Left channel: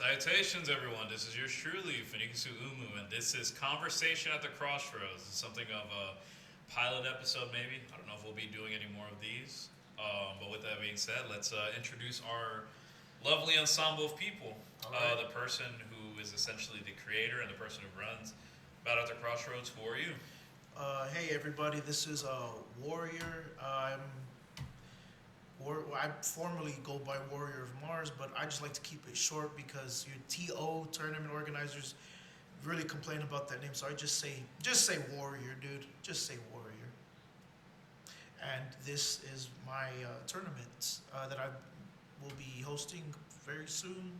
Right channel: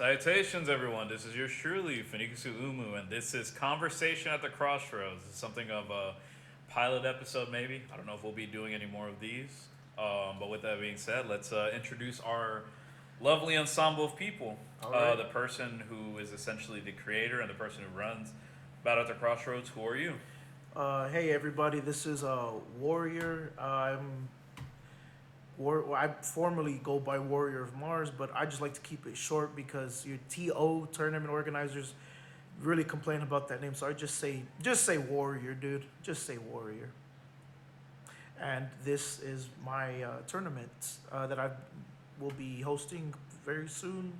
Salutations, everyone. This is yours truly, Finikusu Umu, and this is Conversation at the Crossroads. It's something of a pilot episode, maybe. I don't know if we'll be doing any more of these. But with that being said, let's introduce our lovely ensemble of people. Right. The person who is essentially the creator and the person who runs Battle at the Crossroads. Who are you? Hey everybody, this is Warrior. I formerly go by Warrior of Mars, but I just like to keep it short because your TO tournament organizers really complain about that name. So I just say Warrior, dude. Just say Warrior. And this is my tournament that I will be hosting very soon,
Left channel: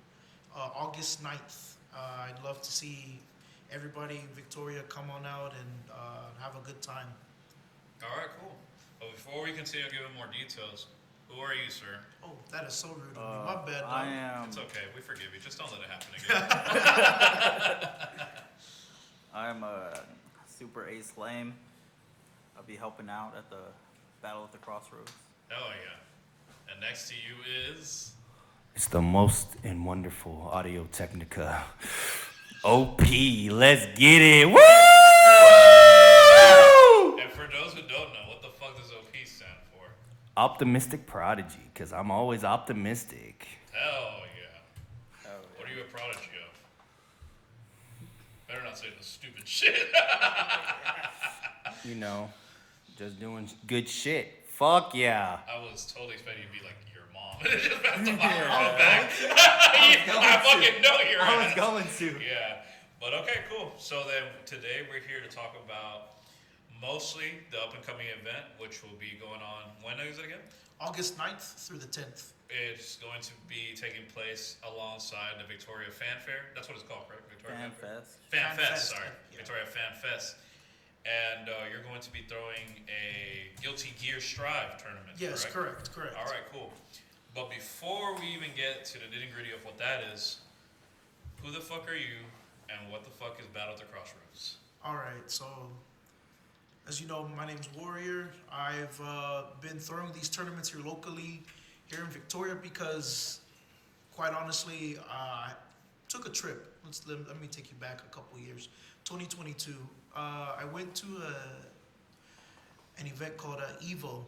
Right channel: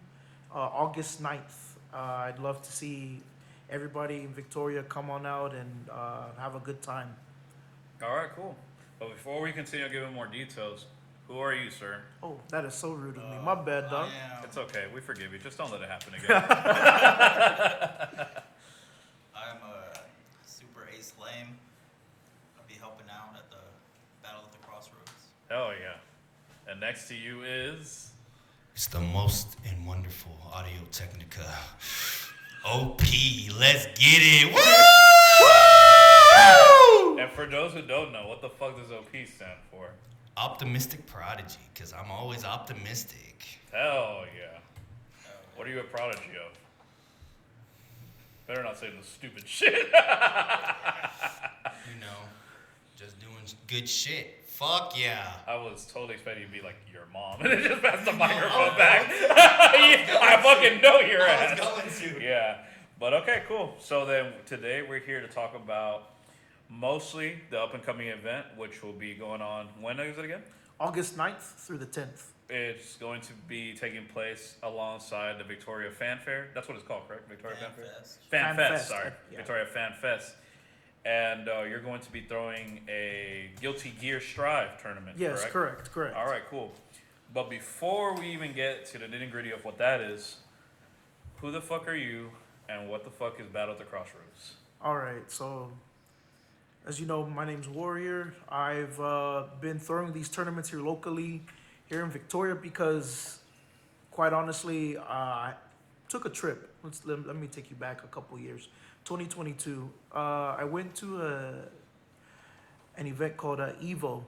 August 9th. I'd love to see everybody in Victoria come on out and have a good time. All right, cool. But before we continue giving more details, who are you, sir? Oh, that is so rude of me. My bad, dog. It's okay. We forgive you. Just don't let it happen again. I'm a super ace lame. I'll be helping out at the Battle at the Crossroads. Hell yeah. And next to you is... It's the most and wonderful Audio Technica. OP, let's get it. Woo! And for those who don't know, what the fuck does OP stand for? Optimistic prodigy, because I'm always optimistic. Hell yeah. What are you a prodigy of? Better not say the stupid shit. You know, just doing good shit. Fuck yeah. I was totally expecting you to be like your mom. And it just passed the microphone back. I fucking know your ass. I was going to. Yeah. But okay, cool. So then today we're here to talk about mostly the up and coming event, which will be going on. When is it again? August 9th through the 10th. It's going to be taking place alongside the Victoria Fan Fair. That's what it's called, correct? Victoria Fan Fair? Fan Fest, sorry. Yeah. Victoria Fan Fest. And you're going to be throwing a Guilty Gear Strive tournament, Yes, correct? correct. All right, cool. But before we even get to the nitty-gritty of what that is, who the fuck are you, and what the fuck is Battle at the Crossroads? All right, so as you know, my name's Warrior. I've been throwing these tournaments here locally, here in Victoria, because quite honestly, I took a trip. Let me take you back a couple years. 2022, I went to an event called Evo,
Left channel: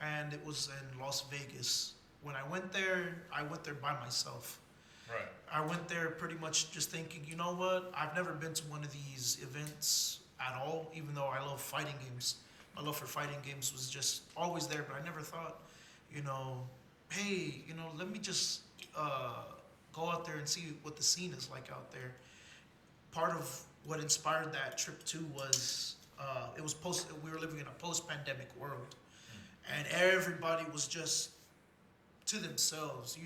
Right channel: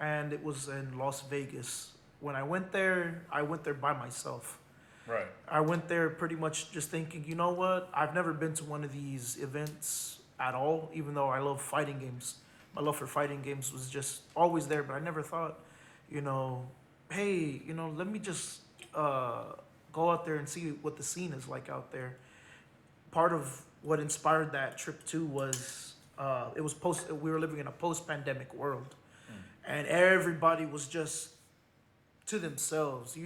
and it was in Las Vegas. When I went there by myself. Right. I went there pretty much just thinking, you know what? I've never been to one of these events at all, even though I love fighting games. My love for fighting games was just always there, but I never thought, hey, let me just go out there and see what the scene is like out there. Part of what inspired that trip too was we were living in a post-pandemic world, and everybody was just to themselves.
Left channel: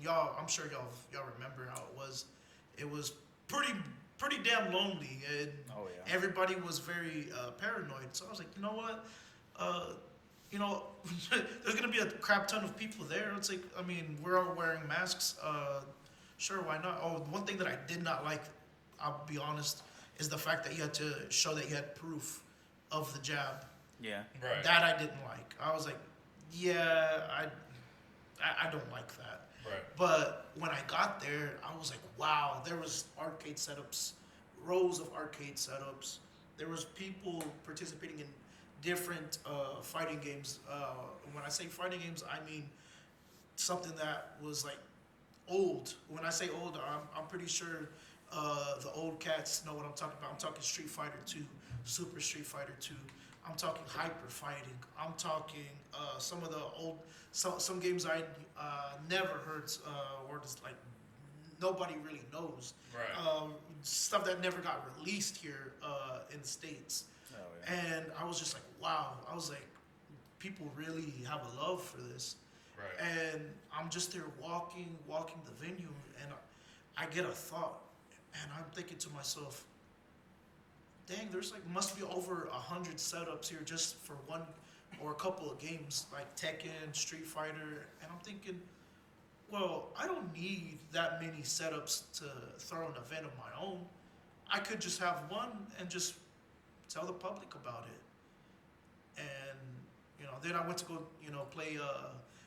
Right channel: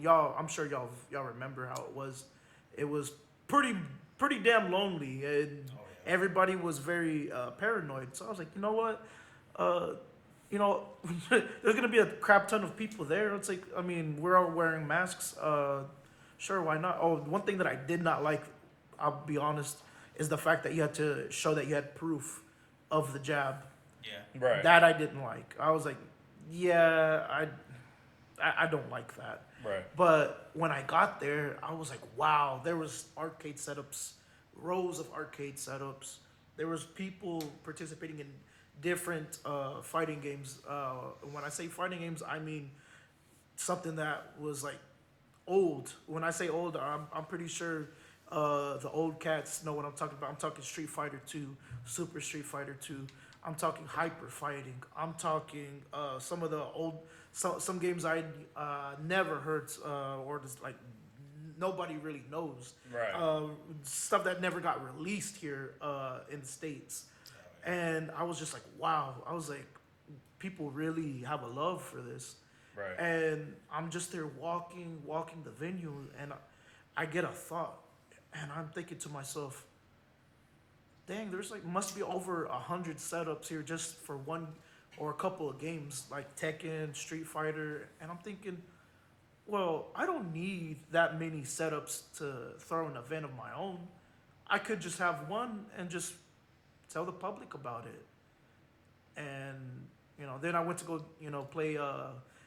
Y'all, I'm sure y'all remember how it was. It was pretty damn lonely, and everybody was very paranoid. So I was like, you know what? There's gonna be a crap ton of people there. It's like, we're all wearing masks. Sure, why not? Oh, one thing that I did not like, I'll be honest, is the fact that you had to show that you had proof of the jab. Yeah. Right. That I didn't like. I was like, yeah, I don't like that. Right. But when I got there, I was like, wow, there was arcade setups, rows of arcade setups. There was people participating in different fighting games. When I say fighting games, I mean something that was like old. When I say old, I'm pretty sure the old cats know what I'm talking about. I'm talking Street Fighter 2, Super Street Fighter 2. I'm talking hyper fighting. I'm talking some of the old, some games I never heard or just like nobody really knows. Right. Stuff that never got released here in the States. Oh, yeah. And I was just like, wow. I was like, people really have a love for this. Right. And I'm just there walking the venue, and I get a thought, and I'm thinking to myself, dang, there's must be over 100 setups here just for one or a couple of games like Tekken, Street Fighter, and I'm thinking, well, I don't need that many setups to throw an event of my own. I could just have one and just tell the public about it. And then I went to go play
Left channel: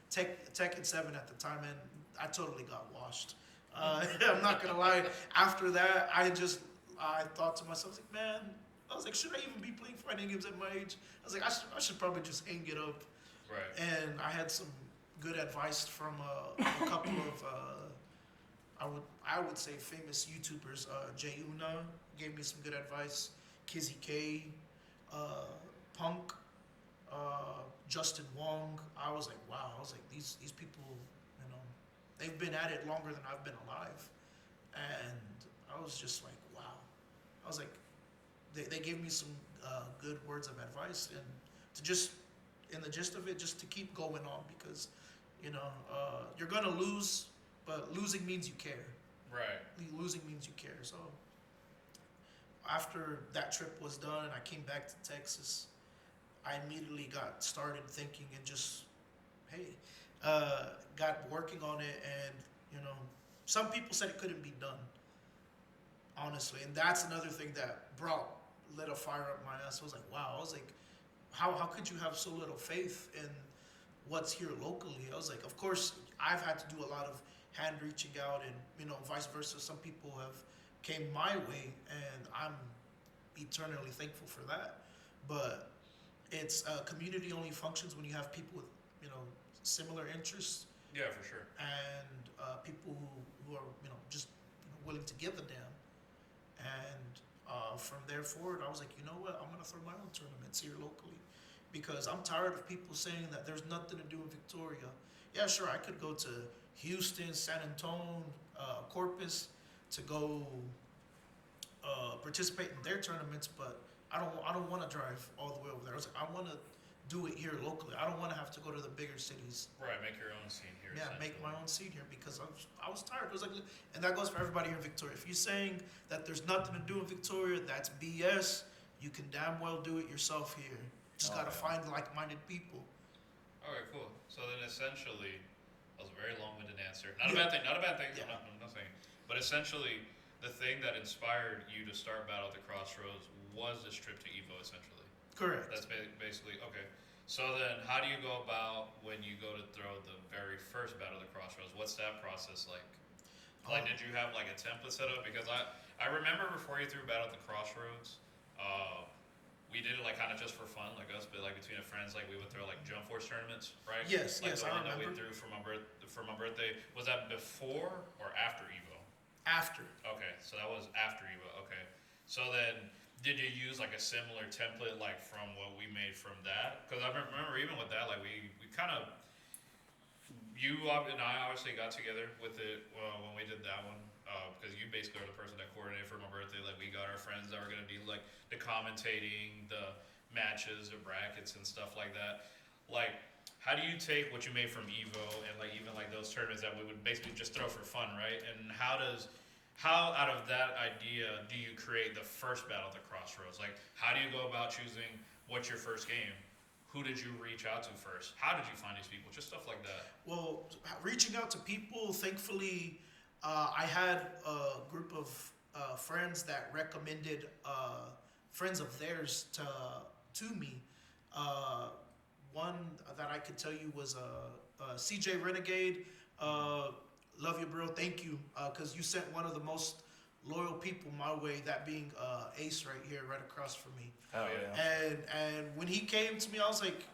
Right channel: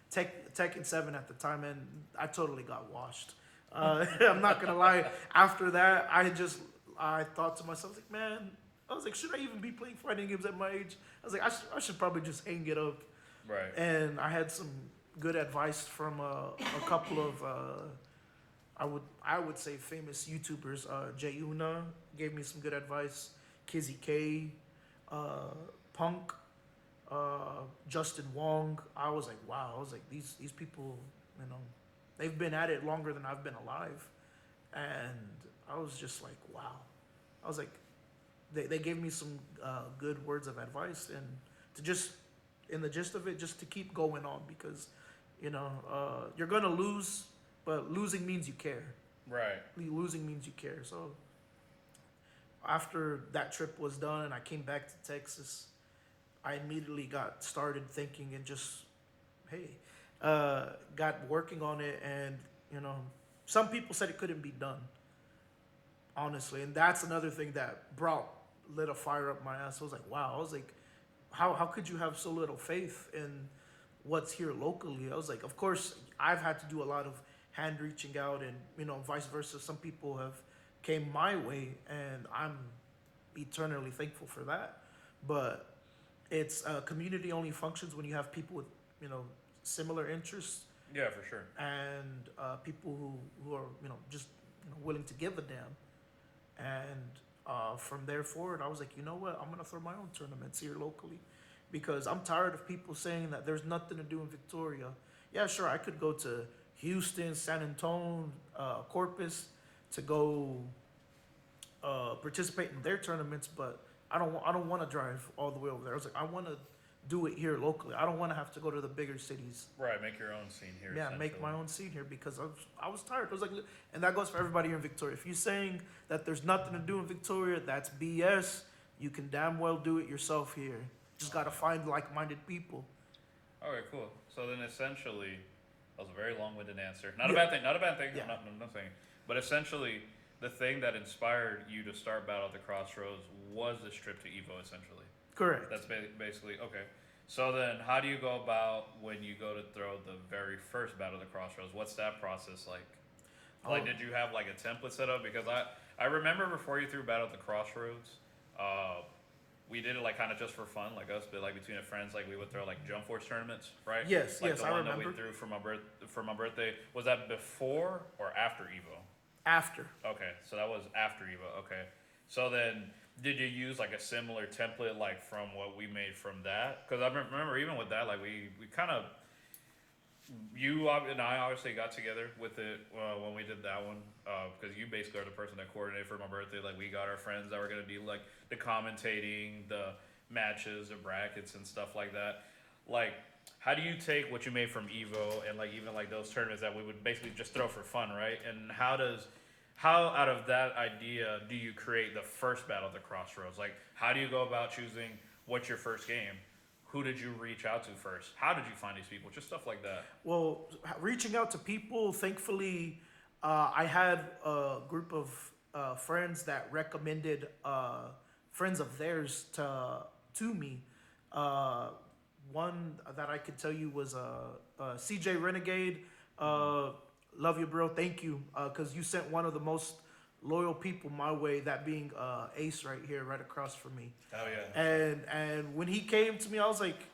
Tekken 7 at the time, and I totally got washed. I'm not gonna lie. After that, I thought to myself, I was like, man, I was like, should I even be playing fighting games at my age? I was like, I should probably just hang it up. Right. And I had some good advice from a couple of I would say famous YouTubers. Jay Una gave me some good advice. Kizzy K, Punk, Justin Wong. I was like, wow. I was like, these people, they've been at it longer than I've been alive, and I was just like, wow. I was like, they gave me some good words of advice, and to just, in the gist of it, just to keep going on, because you're gonna lose, but losing means you care. Right. Losing means you care. So after that trip was done and I came back to Texas, I immediately got started thinking and just, got working on it. And some people said it couldn't be done, honestly, and that's another thing that lit a fire up my ass. I was like, wow. I was like, how could you have so little faith in what's here locally? I was like, of course, I've had to do a lot of hand reaching out, and vice versa. Some people have came my way, and I'm eternally thankful for that. But it's community only functions when you have people with similar interests. Yeah, for sure. And people who are just willing to give a damn. And from there forward, I was like, you know what? I'm gonna throw my own tournaments here locally, because I'm tired of people saying that there's nothing to do in Victoria. Yeah, sure, I could go to Houston, San Antonio, Corpus to go participate in their tournaments, but I don't want to drive all the way over there. I was like, I want to do it here locally. I don't want to have to go to the bigger cities. Right, make your own scene here. Yeah, make my own scene here, because I was tired. I was like, and that goes for everybody here in Victoria. If you're saying that there's nothing to do in Victoria, that's BS. You can damn well do it yourself here. Just gotta find like-minded people. Okay, cool. So then essentially, that was a very long-winded answer. Not a bad thing. Not a bad thing. Yeah. I'm not saying. But essentially, the thing that inspired you to start Battle at the CrossRoads was this trip to Evo, essentially. Correct. That's basically okay. So then, how do you go about when you go to throw the very first Battle at the CrossRoads? What's that process like? Like, did you have like a template set up? Because I remember before you threw Battle at the CrossRoads, we did it like kind of just for fun, like us, but like between the friends, like we would throw like Jump Force tournaments, right? Yes, like yes, the I one remember. that we threw for my birthday. Was that before or after Evo? After. Okay, so that was after Evo. Okay, so then did you use like a similar template like from what we made from that? Because I remember even with that, like we kind of, you and I obviously got together with it when we did that one, because you basically are the person that coordinated for my birthday. Like we got our friends that were gonna do like the commentating, the matches, the brackets, and stuff like that. Like, how do you take what you made from Evo and like even like those tournaments that we would basically just throw for fun, right? And how out of that idea do you create the first Battle at the CrossRoads? Like, how do you go about choosing what's your first game? Who did you reach out to first? How did you find these people? Just stuff like that. Well, reaching out to people, thankfully, I had a group of friends that recommended friends of theirs to me. One that I could tell you was CJ Renegade. Love you, bro. Thank you, because you sent one of the most loyal people my way. That being Ace right here, right across from me. Oh yeah. And when he came to me, I was like,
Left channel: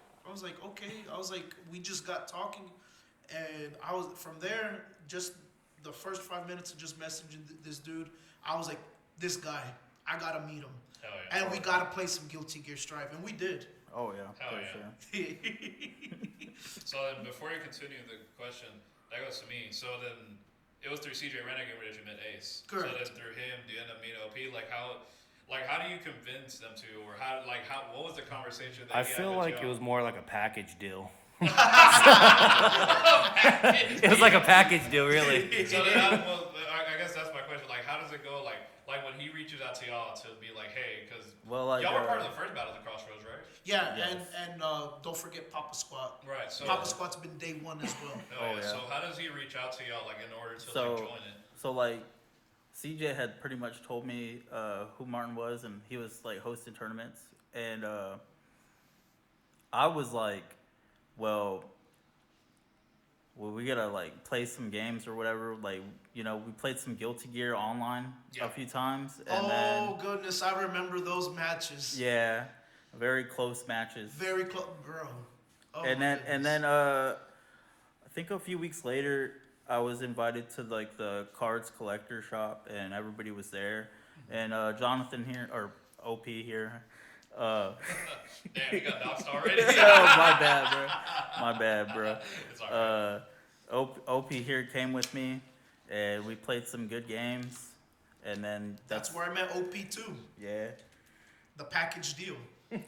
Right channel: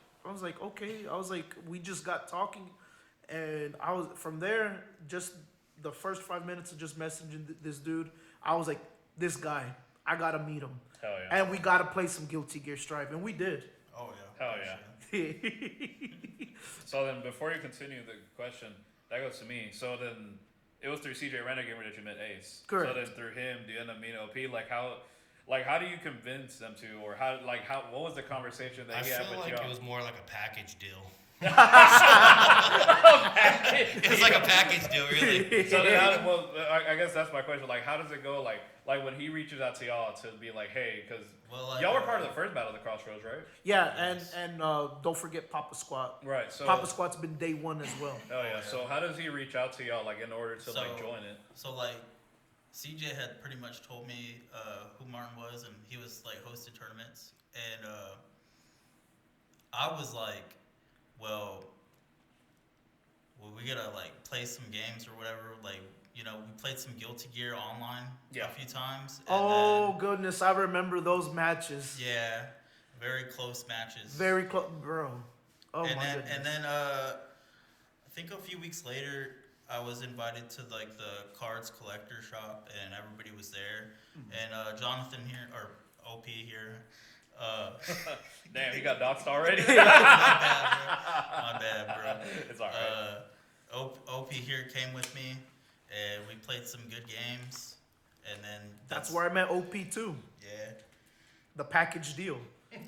okay. I was like, we just got talking, and I was from there. Just the first 5 minutes of just messaging this dude, I was like, this guy, I gotta meet him. Hell yeah. And we gotta play some Guilty Gear Strive, and we did. Oh yeah. Hell for yeah. sure. So then, before you continue the question, that goes to me. So then, it was through CJ Renegade that you met Ace. Correct. So then, through him, do you end up meeting OP? Like how do you convince them to, or what was the conversation that I he had feel with like y'all? it was more like a package deal. It was like a package deal, really. So then, I guess that's my question. Like, how does it go? Like when he reaches out to y'all to be like, hey, because Well, y'all were part of the first Battle at the CrossRoads, right? Yeah, Yes. and don't forget Papa Squat. Right. So Papa Squat's been day one as well. Oh, Oh, yeah. yeah. So how does he reach out to y'all, like, in order to like join it? So like, CJ had pretty much told me who Martin was, and he was like hosting tournaments, and I was like, well, we gotta like play some games or whatever. Like, we played some Guilty Gear online Yeah. a few times. And Oh goodness, I remember those matches. then, yeah, very close matches. Very close, bro. Oh and my then goodness. and then I think a few weeks later I was invited to like the cards collector shop and everybody was there. And Jonathan here or OP here. Damn, you got doxed already. My bad, bro. It's alright. OP here came with me, and we played some good games, and then That's where I met OP too. yeah. The package deal. I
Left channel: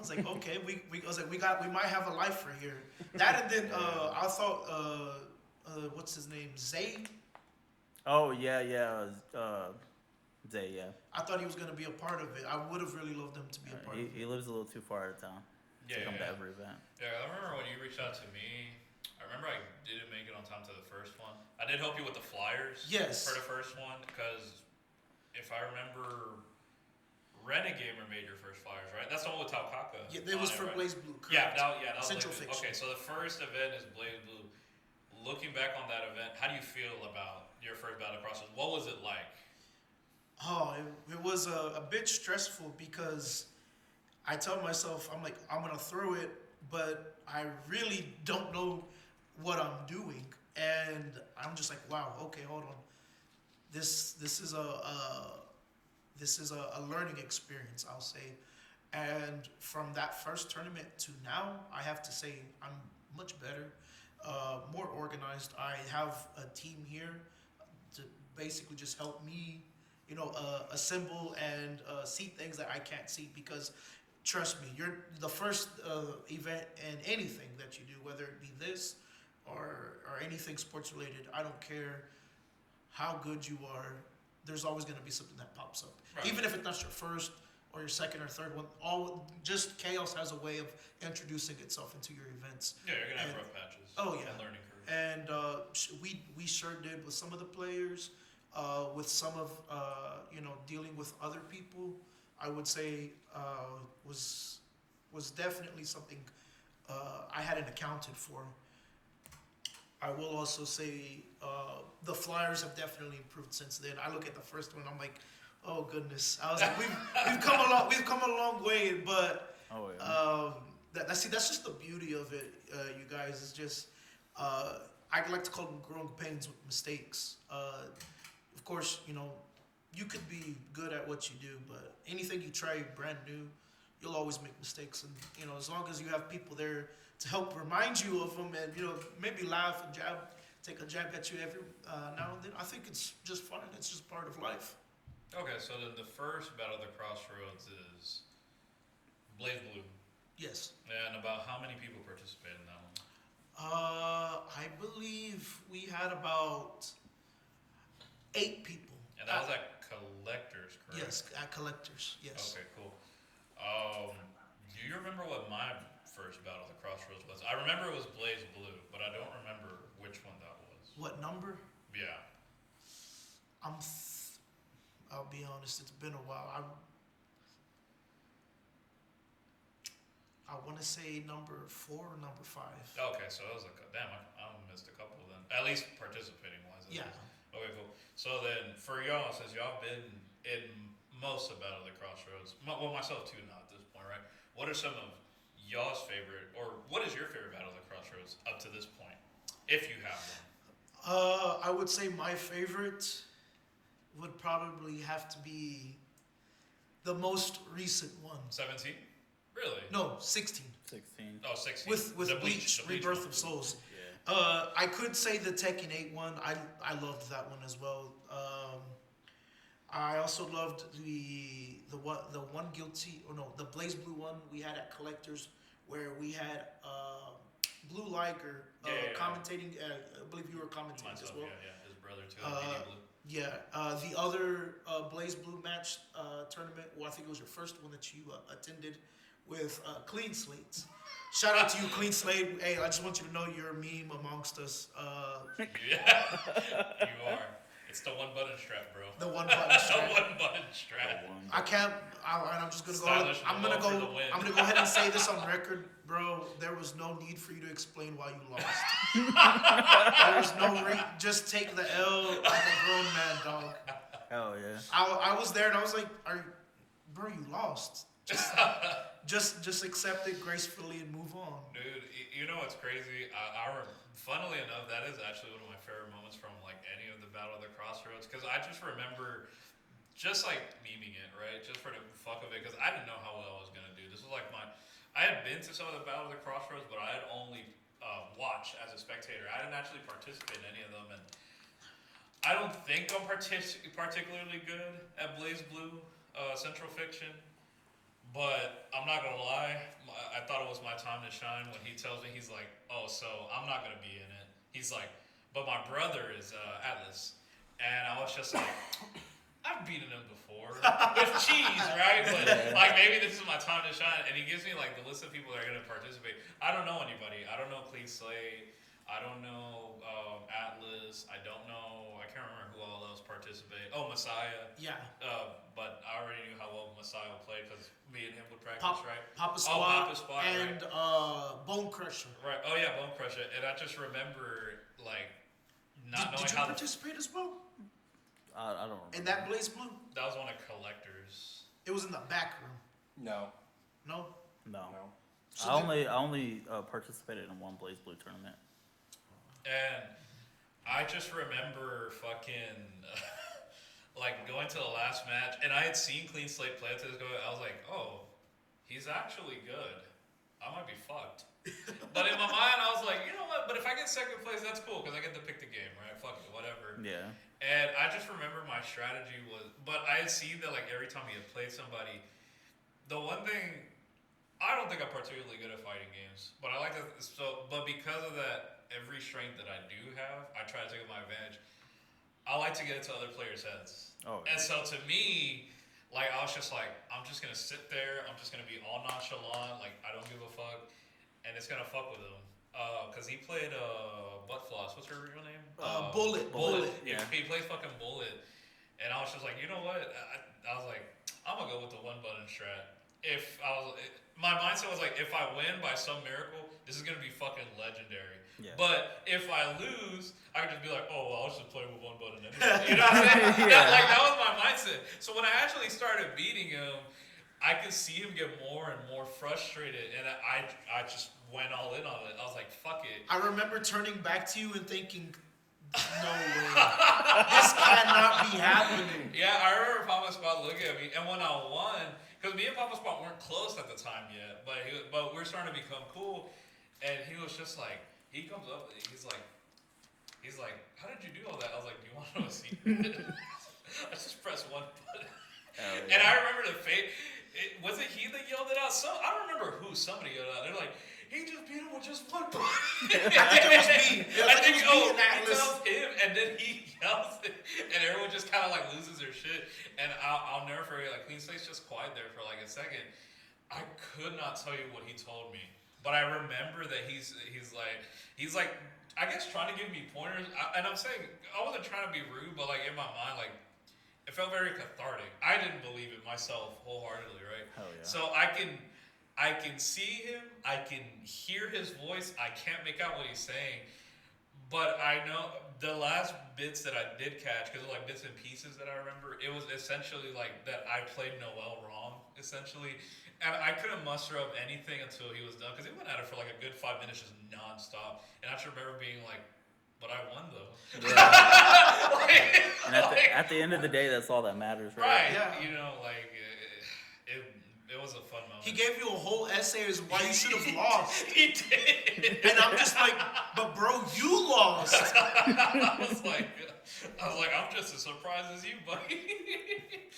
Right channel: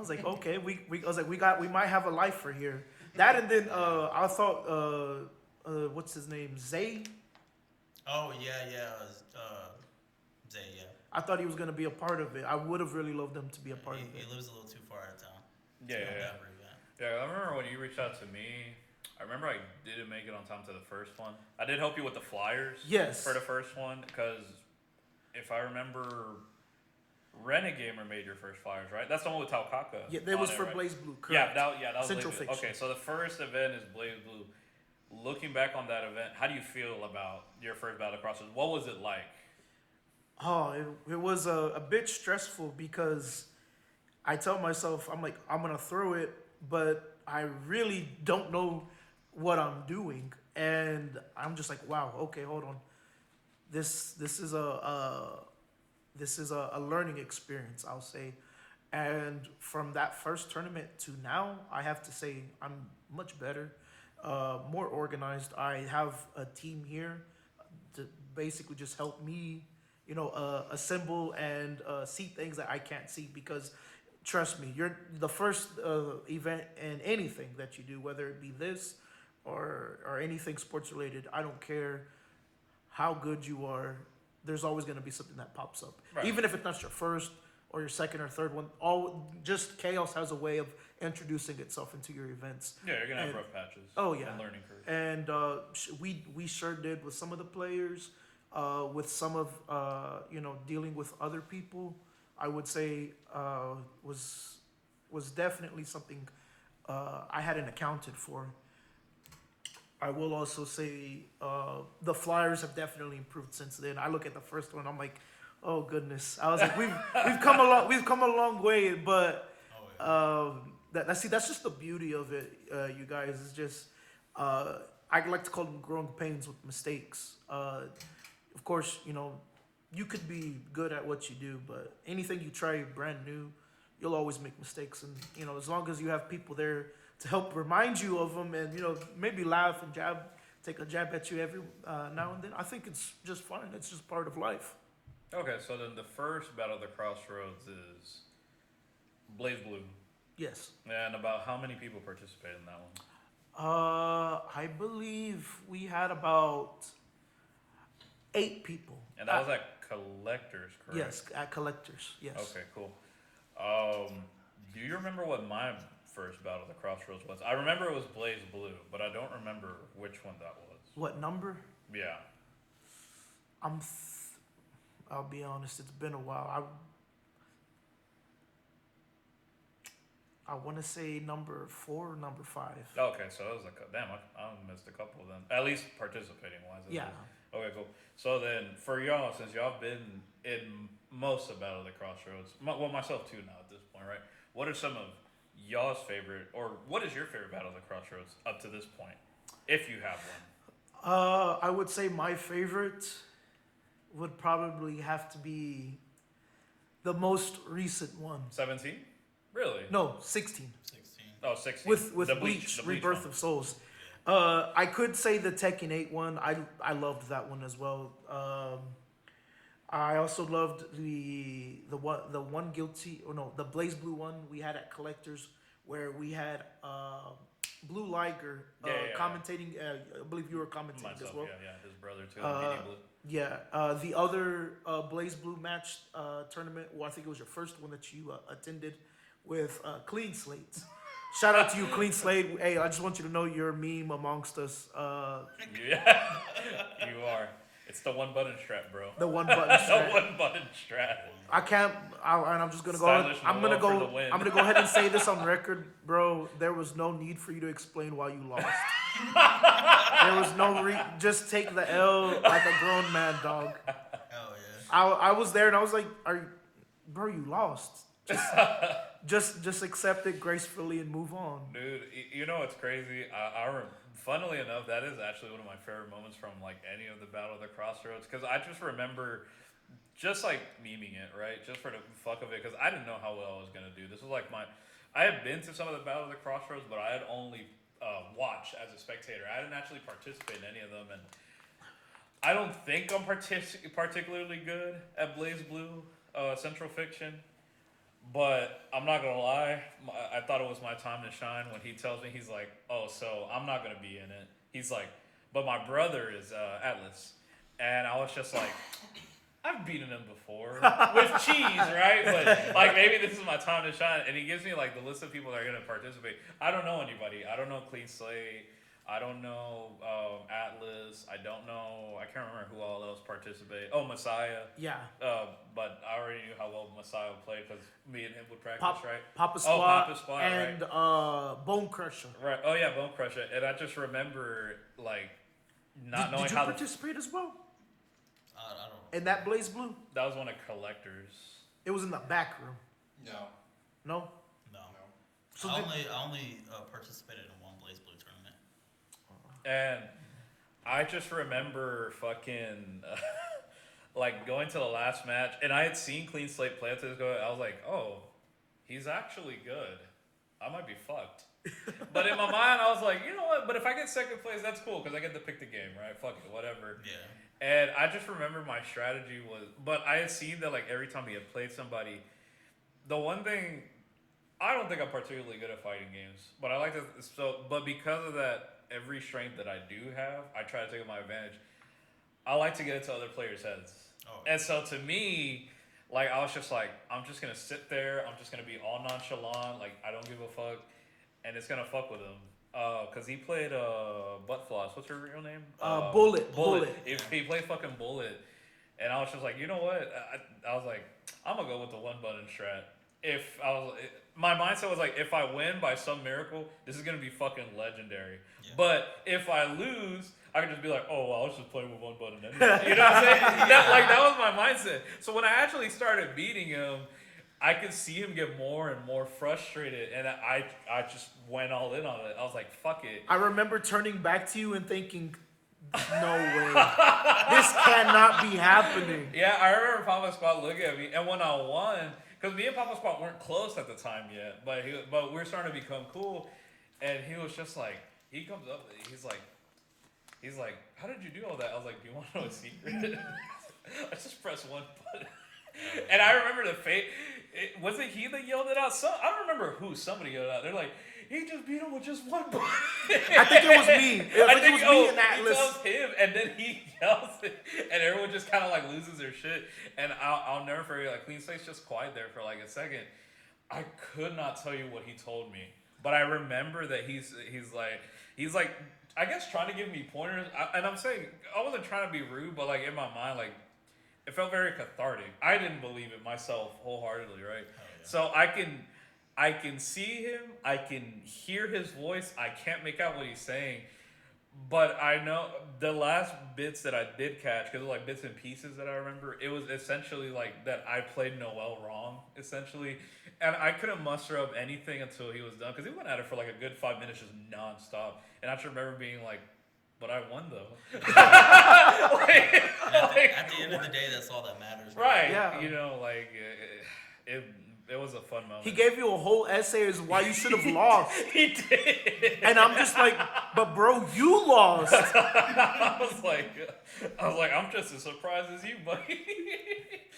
was like, okay, we might have a life for here. That and then I thought what's his name? Zay? Oh yeah. Zay, yeah. I thought he was gonna be a part of it. I would have really loved him to be a part of He it. lives a little too far out of town. Yeah, to come yeah. to every event. Yeah, I remember when you reached out to me. I remember I didn't make it on time to the first one. I did help you with the flyers. Yes. For the first one, because if I remember, Renegamer made your first flyers, right? That's the one with Taukaka. Yeah, that on was it, for right? Blaze Blue. Yeah, Correct. that was Central Blaze Blue. Fiction. Okay, so the first event is Blaze Blue. Looking back on that event, how do you feel about your first Battle At The CrossRoads? What was it like? Oh, it was a bit stressful because I tell myself, I'm like, I'm gonna throw it, but I really don't know what I'm doing, and I'm just like, wow, okay, hold on, this is a learning experience, I'll say, and from that first tournament to now, I have to say I'm much better, more organized. I have a team here to basically just help me, assemble and see things that I can't see, because trust me, you're the first event in anything that you do, whether it be this or anything sports related. I don't care how good you are. There's always going to be something that pops up, Right. even if it's not your first or your second or third one. Just chaos has a way of introducing itself into your events. Yeah, you're gonna have And- rough patches. Oh, yeah. And learning curve. And we sure did with some of the players, with some of dealing with other people. I would say was definitely something I hadn't accounted for. I will also say the flyers have definitely improved since then. I look at the first one, I'm like, oh goodness. I was like, we've come a long way, but Oh yeah. that's just the beauty of it, you guys. It's just I like to call them growing pains with mistakes. Of course, you could be good at what you do, but anything you try brand new, you'll always make mistakes. And as long as you have people there to help remind you of them, and maybe laugh and take a jab at you every now and then, I think it's just fun. It's just part of life. Okay, so then the first Battle at the CrossRoads is Blaze Blue. Yes. And about how many people participated in that one? I believe we had about 8 people. And that was at Collectors, correct? Yes, at Collectors. Yes. Okay, cool. Do you remember what my first Battle at the CrossRoads was? I remember it was Blaze Blue, but I don't remember which one that was. What number? Yeah. I'll be honest. It's been a while. I want to say number 4 or number 5. Okay, so it was damn, I missed a couple then. At least participating wise. at Yeah. least. Okay, cool. So then, for y'all, since y'all been in most of Battle at the CrossRoads, well, myself too now at this point, right? What are some of y'all's favorite, or what is your favorite Battle at the CrossRoads up to this point, if you have one? I would say my favorite would probably have to be the most recent one. 17? Really? No, 16. 16. Oh, 16. With The Bleach, the Rebirth one. of Souls. Yeah. I could say the Tekken 8 one. I loved that one as well. I also loved the Blaze Blue one we had at Collectors, where we had Blue Liger Yeah. commentating. I believe you were commentating Myself, as well. yeah, his brother too. Guinea Blue. Yeah, the other Blaze Blue match tournament, well, I think it was your first one that you attended with Clean Slates. Shout out to you, Clean Slate. Hey, I just want you to know you're a meme amongst us. Yeah, you are. It's the one button strap, bro. The one button The strap. one button strap. I can't. And I'm just gonna go. Stylish I'm gonna Malone go. for the win. I'm gonna go ahead and say this on record, bro. There was no need for you to explain why you lost. There was no just take the L like a grown man, dog. Hell yeah. I was there and I was like, bro, you lost. Just accept it gracefully and move on. Dude, you know what's crazy? Funnily enough, that is actually one of my favorite moments from like any of the Battle of the CrossRoads, because I just remember just like memeing it, right? Just for the fuck of it, because I didn't know how well I was gonna do. This was like I had been to some of the Battle of the CrossRoads, but I had only watched as a spectator. I didn't actually participate in any of them, and I don't think I'm particularly good at Blaze Blue Central Fiction. But I'm not gonna lie, I thought it was my time to shine when he tells me, he's like, oh, so I'm not gonna be in it. He's like, but my brother is Atlas. And I was just like, I've beaten him before with cheese, right? But like maybe this is my time to shine. And he gives me like the list of people that are gonna participate. I don't know anybody. I don't know Clean Slate. I don't know Atlas. I don't know. I can't remember who all else participated. Oh, Messiah. Yeah. But I already knew how well Messiah played because me and him would practice, right? Papa Oh, Squad, Papa Squad, and right. Bone Crusher. Right. Oh yeah, Bone Crusher. And I just remember like not knowing Did you how participate as well I don't. in that Blaze Blue? that was one of collectors. It was in the back room. No. No. No. So I only participated in one Blaze Blue tournament. And I just remember fucking like going to the last match, and I had seen Clean Slate play until this go. I was like, oh, he's actually good. I might be fucked. But in my mind, I was like, you know what? But if I get second place, that's cool because I get to pick the game, right? Fuck it, whatever. Yeah. And I just remember my strategy was, but I had seen that like every time he had played somebody, the one thing, I don't think I'm particularly good at fighting games, but I like to. So, but because of that, every strength that I do have, I try to take my advantage. I like to get into other players' heads. Oh. And so to me, like I was just like, I'm just gonna sit there. I'm just gonna be all nonchalant. Like I don't give a fuck, and it's gonna fuck with him. Cause he played Butt Floss. What's her real name? Bullet. He played fucking Bullet, and I was just like, you know what? I was like, I'm gonna go with the one button strat. My mindset was like, if I win by some miracle, this is gonna be fucking legendary. Yeah. But if I lose, I could just be like, oh, well, I was just playing with one button anyway. You know what I'm saying? That was my mindset. So when I actually started beating him, I could see him get more and more frustrated, and I just went all in on it. I was like, fuck it. I remember turning back to you and thinking, no way. This cannot be happening. Yeah, I remember Papa Squad looking at me, and when I won, because me and Papa Squad weren't close at the time yet, but we were starting to become cool, and he was just like, he comes up, he's like, how did you do all that? I was like, do you want to know a secret? I just pressed one button. Yeah. And I remember the fate. Was it he that yelled it out? I don't remember who. Somebody yelled out. They're like, he just beat him with just one button. I think it was me. It was me and he Atlas. tells him, and then he yells it, and everyone just kind of like loses their shit. And I'll never forget. Like Clean Slate's just quiet there for like a second. I could not tell you what he told me, but I remember that he's like I guess trying to give me pointers. And I'm saying I wasn't trying to be rude, but like in my mind, like it felt very cathartic. I didn't believe it myself wholeheartedly, right? Hell yeah. So I can see him, I can hear his voice, I can't make out what he's saying, but I know the last bits that I did catch, because it was like bits and pieces that I remember, it was essentially like that I played Noel wrong, essentially, and I couldn't muster up anything until he was done, because he went at it for like a good 5 minutes just nonstop, and I just remember being like, but I won though. And at the end of the day, that's all that matters. Right. Yeah. You know, like it was a fun moment. He gave you a whole essay as why you should have lost. He did. And I'm just like, but bro, you lost. I was like, I'm just as surprised as you, buddy.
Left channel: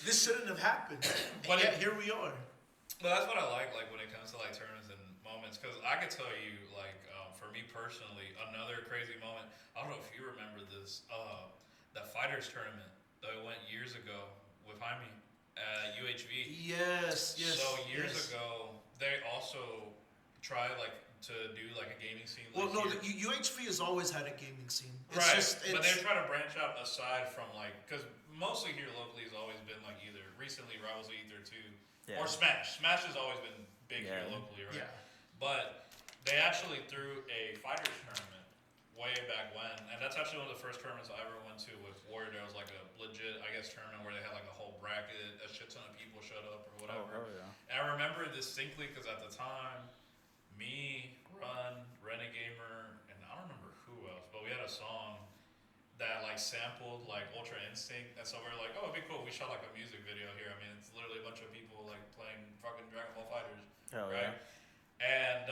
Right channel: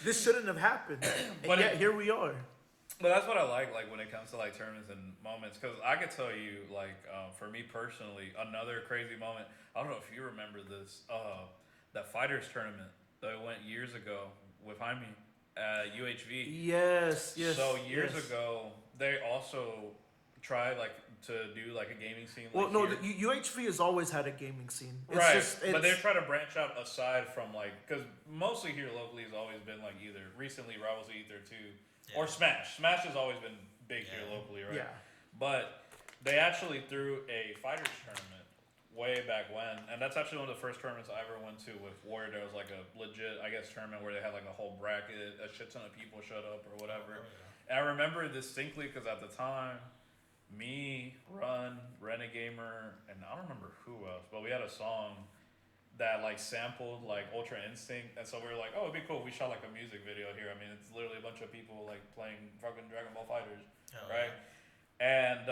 This shouldn't have happened. And But yet here we are. But that's what I like when it comes to like tournaments and moments, because I could tell you, like, for me personally, another crazy moment. I don't know if you remember this, that fighters tournament that went years ago with Jaime at UHV. Yes. So years ago, they also tried like to do like a gaming scene. Well, Like no, here. the UHV has always had a gaming scene. It's Right, just, but they try to branch out aside from like, because mostly here locally has always been like either recently Rivals of Ether 2 or Smash. Smash has always been big here locally, right? Yeah. But they actually threw a fighters tournament way back when, and that's actually one of the first tournaments I ever went to with Warrior. There was like a legit, I guess, tournament where they had like a whole bracket, a shit ton of people showed up or whatever. Oh, yeah. And I remember distinctly because at the time, me, Renegamer, and I don't remember who else, but we had a song that like sampled like Ultra Instinct, and so we were like, oh, it'd be cool. We shot like a music video here. I mean, it's literally a bunch of people like playing fucking Dragon Ball Fighters, Hell right? yeah. And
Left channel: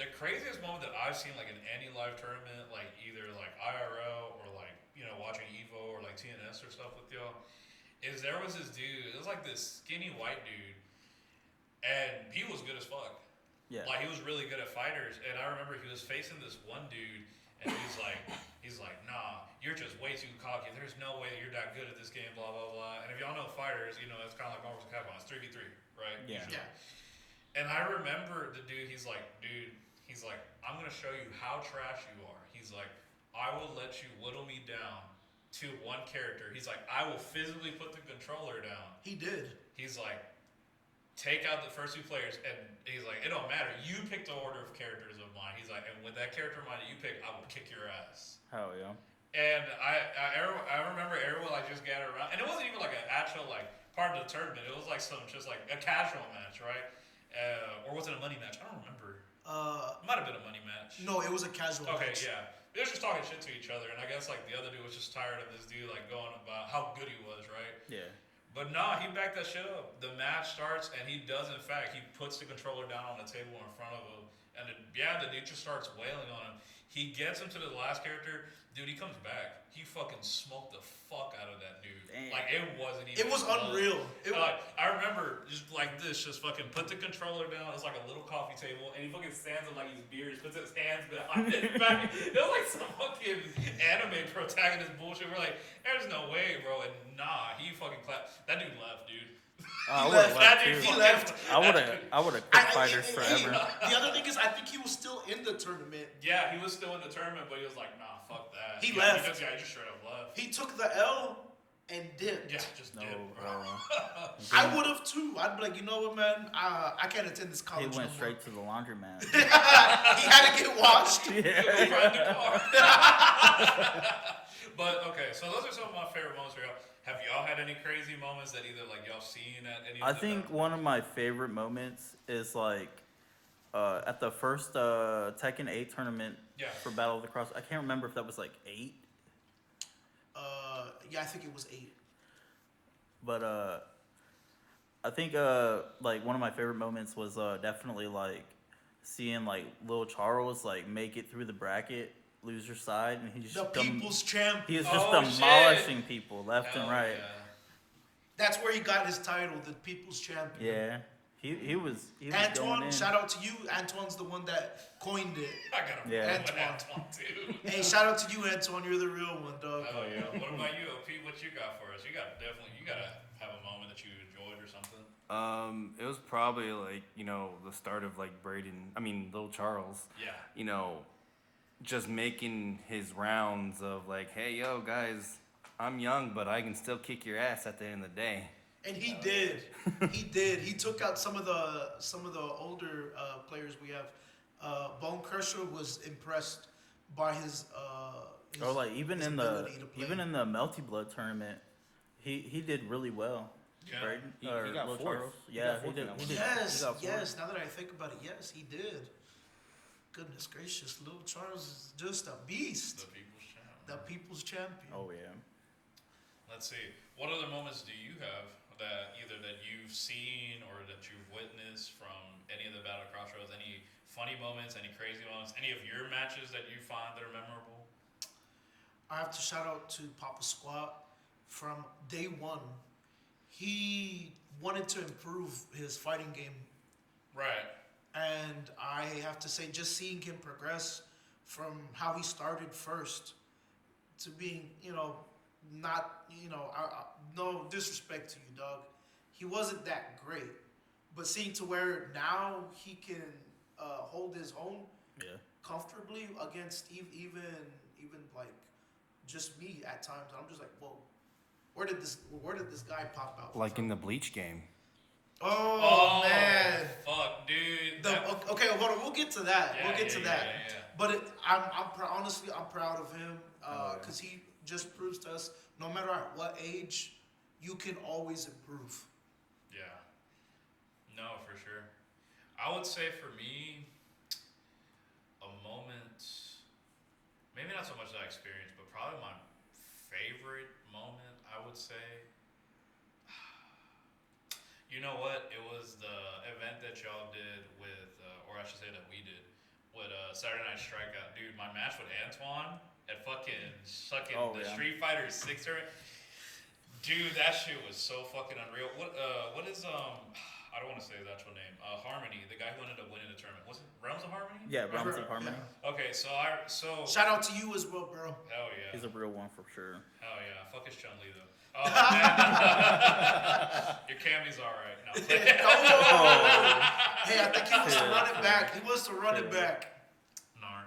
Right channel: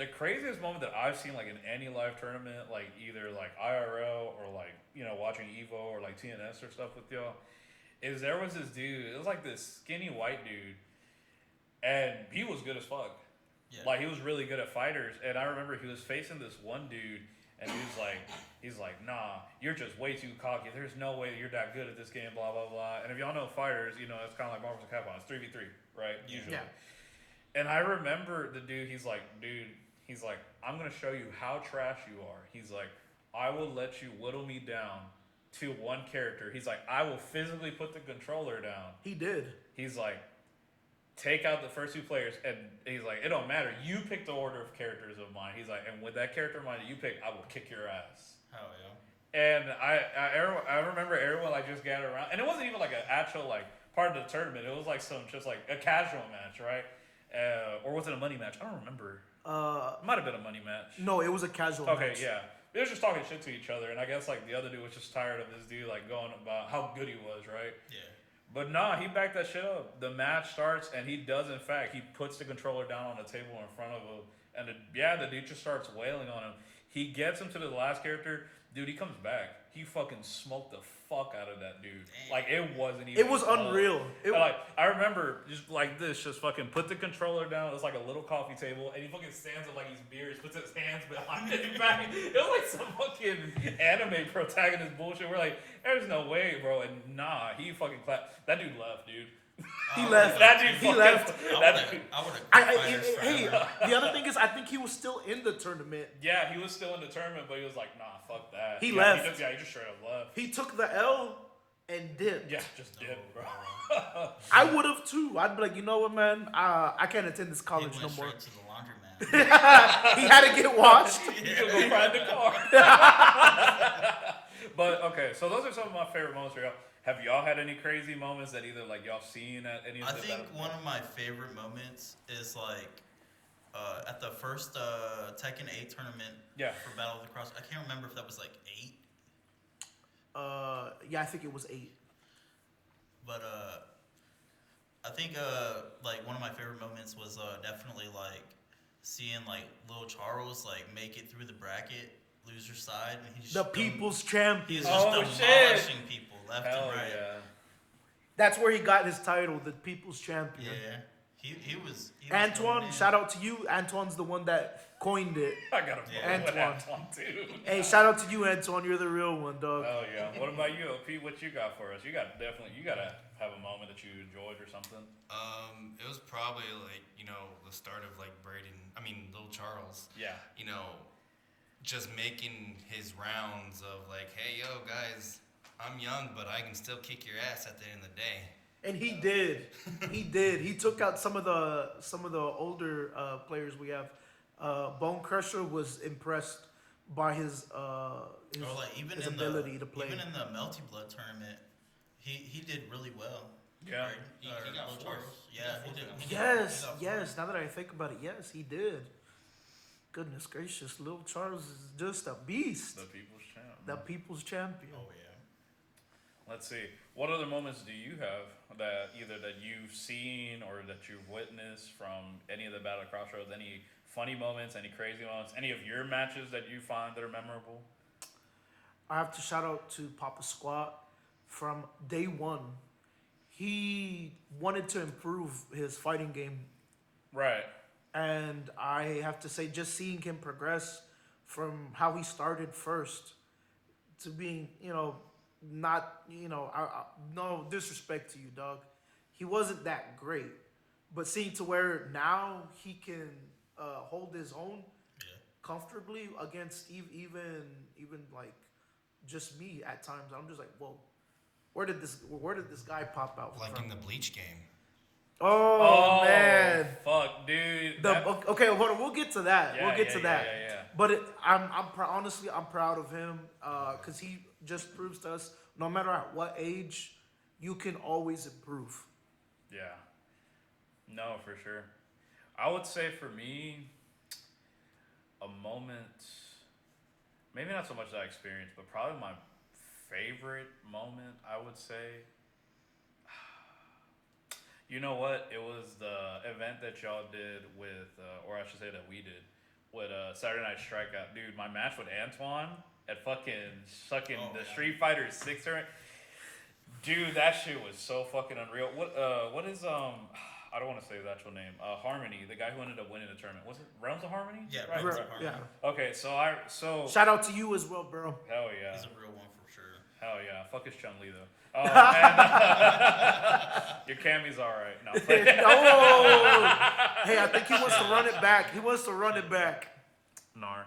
the craziest moment that I've seen like in any live tournament, like either like IRL or like watching Evo or like TNS or stuff with y'all, is there was this dude. It was like this skinny white dude, and he was good as fuck. Yeah. Like he was really good at fighters, and I remember he was facing this one dude, and he's like, nah, you're just way too cocky. There's no way that you're that good at this game, blah blah blah. And if y'all know fighters, it's kind of like Marvel vs. Capcom. It's 3v3, right? Yeah. Usually. Yeah. And I remember the dude. He's like, I'm gonna show you how trash you are. He's like, I will let you whittle me down to one character. He's like, I will physically put the controller down. He did. He's like, take out the first two players, and he's like, it don't matter. You pick the order of characters of mine. He's like, and with that character of mine that you pick, I will kick your ass. Hell yeah. And I remember everyone like just gathered around, and it wasn't even like an actual like part of the tournament. It was like just like a casual match, right? Or was it a money match? I don't remember. It might have been a money match. No, it was a casual Okay, match. yeah. They was just talking shit to each other, and I guess like the other dude was just tired of this dude like going about how good he was, right? Yeah. But nah, he backed that shit up. The match starts, and he does, in fact, he puts the controller down on the table in front of him, and the dude just starts wailing on him. He gets him to the last character. Dude, he comes back. He fucking smoked the fuck out of that dude. Damn. Like, it wasn't even It was close. unreal. I remember just like this, just fucking put the controller down. It's like a little coffee table, and he fucking stands up like he's beers, puts his hands behind his back. It was like some fucking anime protagonist bullshit. We're like, there's no way, bro. And nah, he fucking clapped. That dude left, dude. He left. That dude He fucking left. I would have quit fighters Hey, forever. the other thing is, I think he was still in the tournament. Yeah, he was still in the tournament, but he was like, nah, fuck that. He Yeah, left. He just straight up left. He took the L and dipped. Yeah, just No, did, bro. bro. I would have too. I'd be like, you know what, man? I can't attend this He college went no more. straight to the laundromat. He had to get washed. Go ride the car. But okay, so those are some of my favorite moments for y'all. Have y'all had any crazy moments that either like y'all seen at any? I of the think battles? one of my favorite moments is like at the first Tekken 8 tournament Yeah. for Battle of the Cross. I can't remember if that was like 8, Yeah, I think it was 8. but I think like one of my favorite moments was definitely like seeing like Lil Charles like make it through the bracket, loser side, and he just The people's he champion. is just Oh, shit. demolishing people left Hell and right. yeah. That's where he got his title, the people's champion. Yeah. He was Antoine, shout out to you. Antoine's the one that coined it. I got a Yeah. problem with Antoine too. Hey, shout out to you, Antoine. You're the real one, dog. Oh yeah. What about you, OP? What you got for us? You gotta have a moment that you enjoyed or something. It was probably like, the start of like Lil Charles, Yeah. just making his rounds of like, hey, yo, guys, I'm young, but I can still kick your ass at the end of the day. And he did. He did. He took out some of the older players we have. Bone Crusher was impressed by his or like even his in the ability to play. Melty Blood tournament, he did really well. Yeah. Right? He Or got Lil fourth. Charles. He Yeah, got he fourth did. in that He one. did. Yes, He got yes. fourth. Now that I think about it, yes, he did. Goodness gracious, Lil Charles is just a beast. The people's champ. The people's champion. Oh yeah. Let's see. What other moments do you have that either that you've seen or that you've witnessed from any of the Battle at Crossroads? Any funny moments? Any crazy moments? Any of your matches that you find that are memorable? I have to shout out to Papa Squat from day one. He wanted to improve his fighting game, Right. and I have to say, just seeing him progress from how he started first to being, not, no disrespect to you, dog. He wasn't that great, but seeing to where now he can hold his own Yeah. comfortably against even like just me at times. I'm just like, whoa, where did this guy pop out? Like from? in the Bleach game. Oh, man. Fuck, dude. Okay, we'll get to that. Yeah, we'll get to that. Yeah. But honestly, I'm proud of him because he just proves to us, no matter at what age, you can always improve. Yeah. No, for sure. I would say for me, a moment, maybe not so much that I experienced, but probably my favorite moment, I would say. You know what? It was the event that y'all did with, or I should say that we did, with Saturday Night Strikeout. Dude, my match with Antoine at fucking Street Fighter 6 tournament. Dude, that shit was so fucking unreal. What is I don't want to say his actual name. Harmony, the guy who ended up winning the tournament. Was it Realms of Harmony? Yeah, Right? Realms of Harmony. Yeah. Okay, so Shout out to you as well, bro. hell yeah. He's a real one for sure. Hell yeah. Fuck his Chun-Li though. Oh man. Your Cammy's alright. No, Hey, I think he wants to run it back. He wants to run it back. Nar.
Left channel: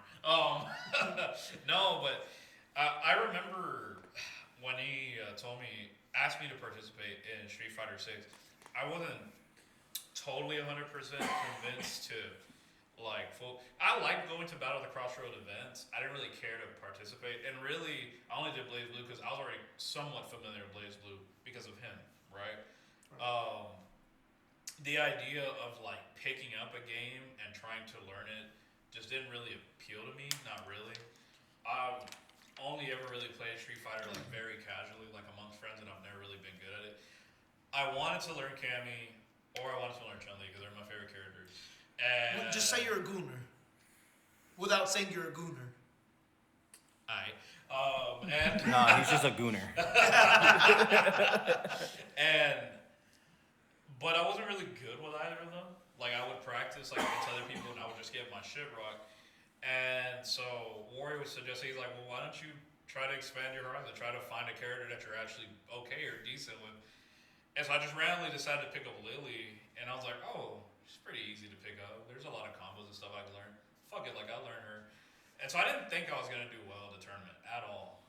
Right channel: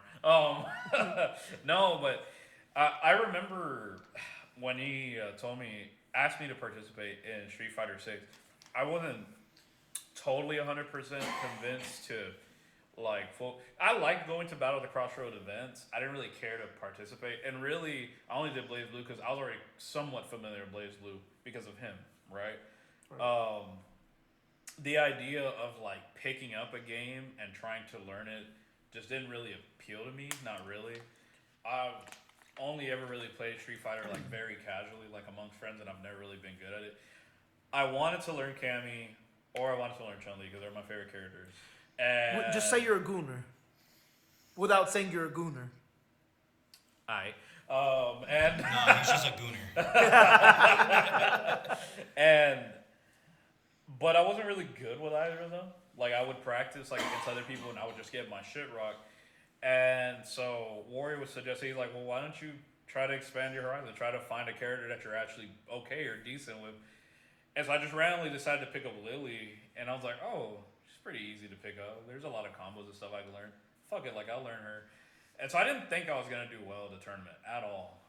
No, but I remember when he asked me to participate in Street Fighter 6. I wasn't totally 100% convinced to I liked going to Battle At The CrossRoads events. I didn't really care to participate, and really I only did Blaze Blue because I was already somewhat familiar with Blaze Blue because of him, right? The idea of like picking up a game and trying to learn it just didn't really appeal to me. Not really. I've only ever really played Street Fighter like very casually, like amongst friends, and I've never really been good at it. I wanted to learn Cammy, or I wanted to learn Chun-Li because they're my favorite characters. And Just say you're a gooner, without saying you're a gooner. Aight. Nah, he's just a gooner. But I wasn't really good with either of them. Like I would practice like against other people, and I would just get my shit rocked. And so Warrior was suggesting, he's like, well, why don't you try to expand your horizon? Try to find a character that you're actually okay or decent with. And so I just randomly decided to pick up Lily, and I was like, oh, she's pretty easy to pick up. There's a lot of combos and stuff I can learn. Fuck it, like I'll learn her. And so I didn't think I was gonna do well at the tournament at all.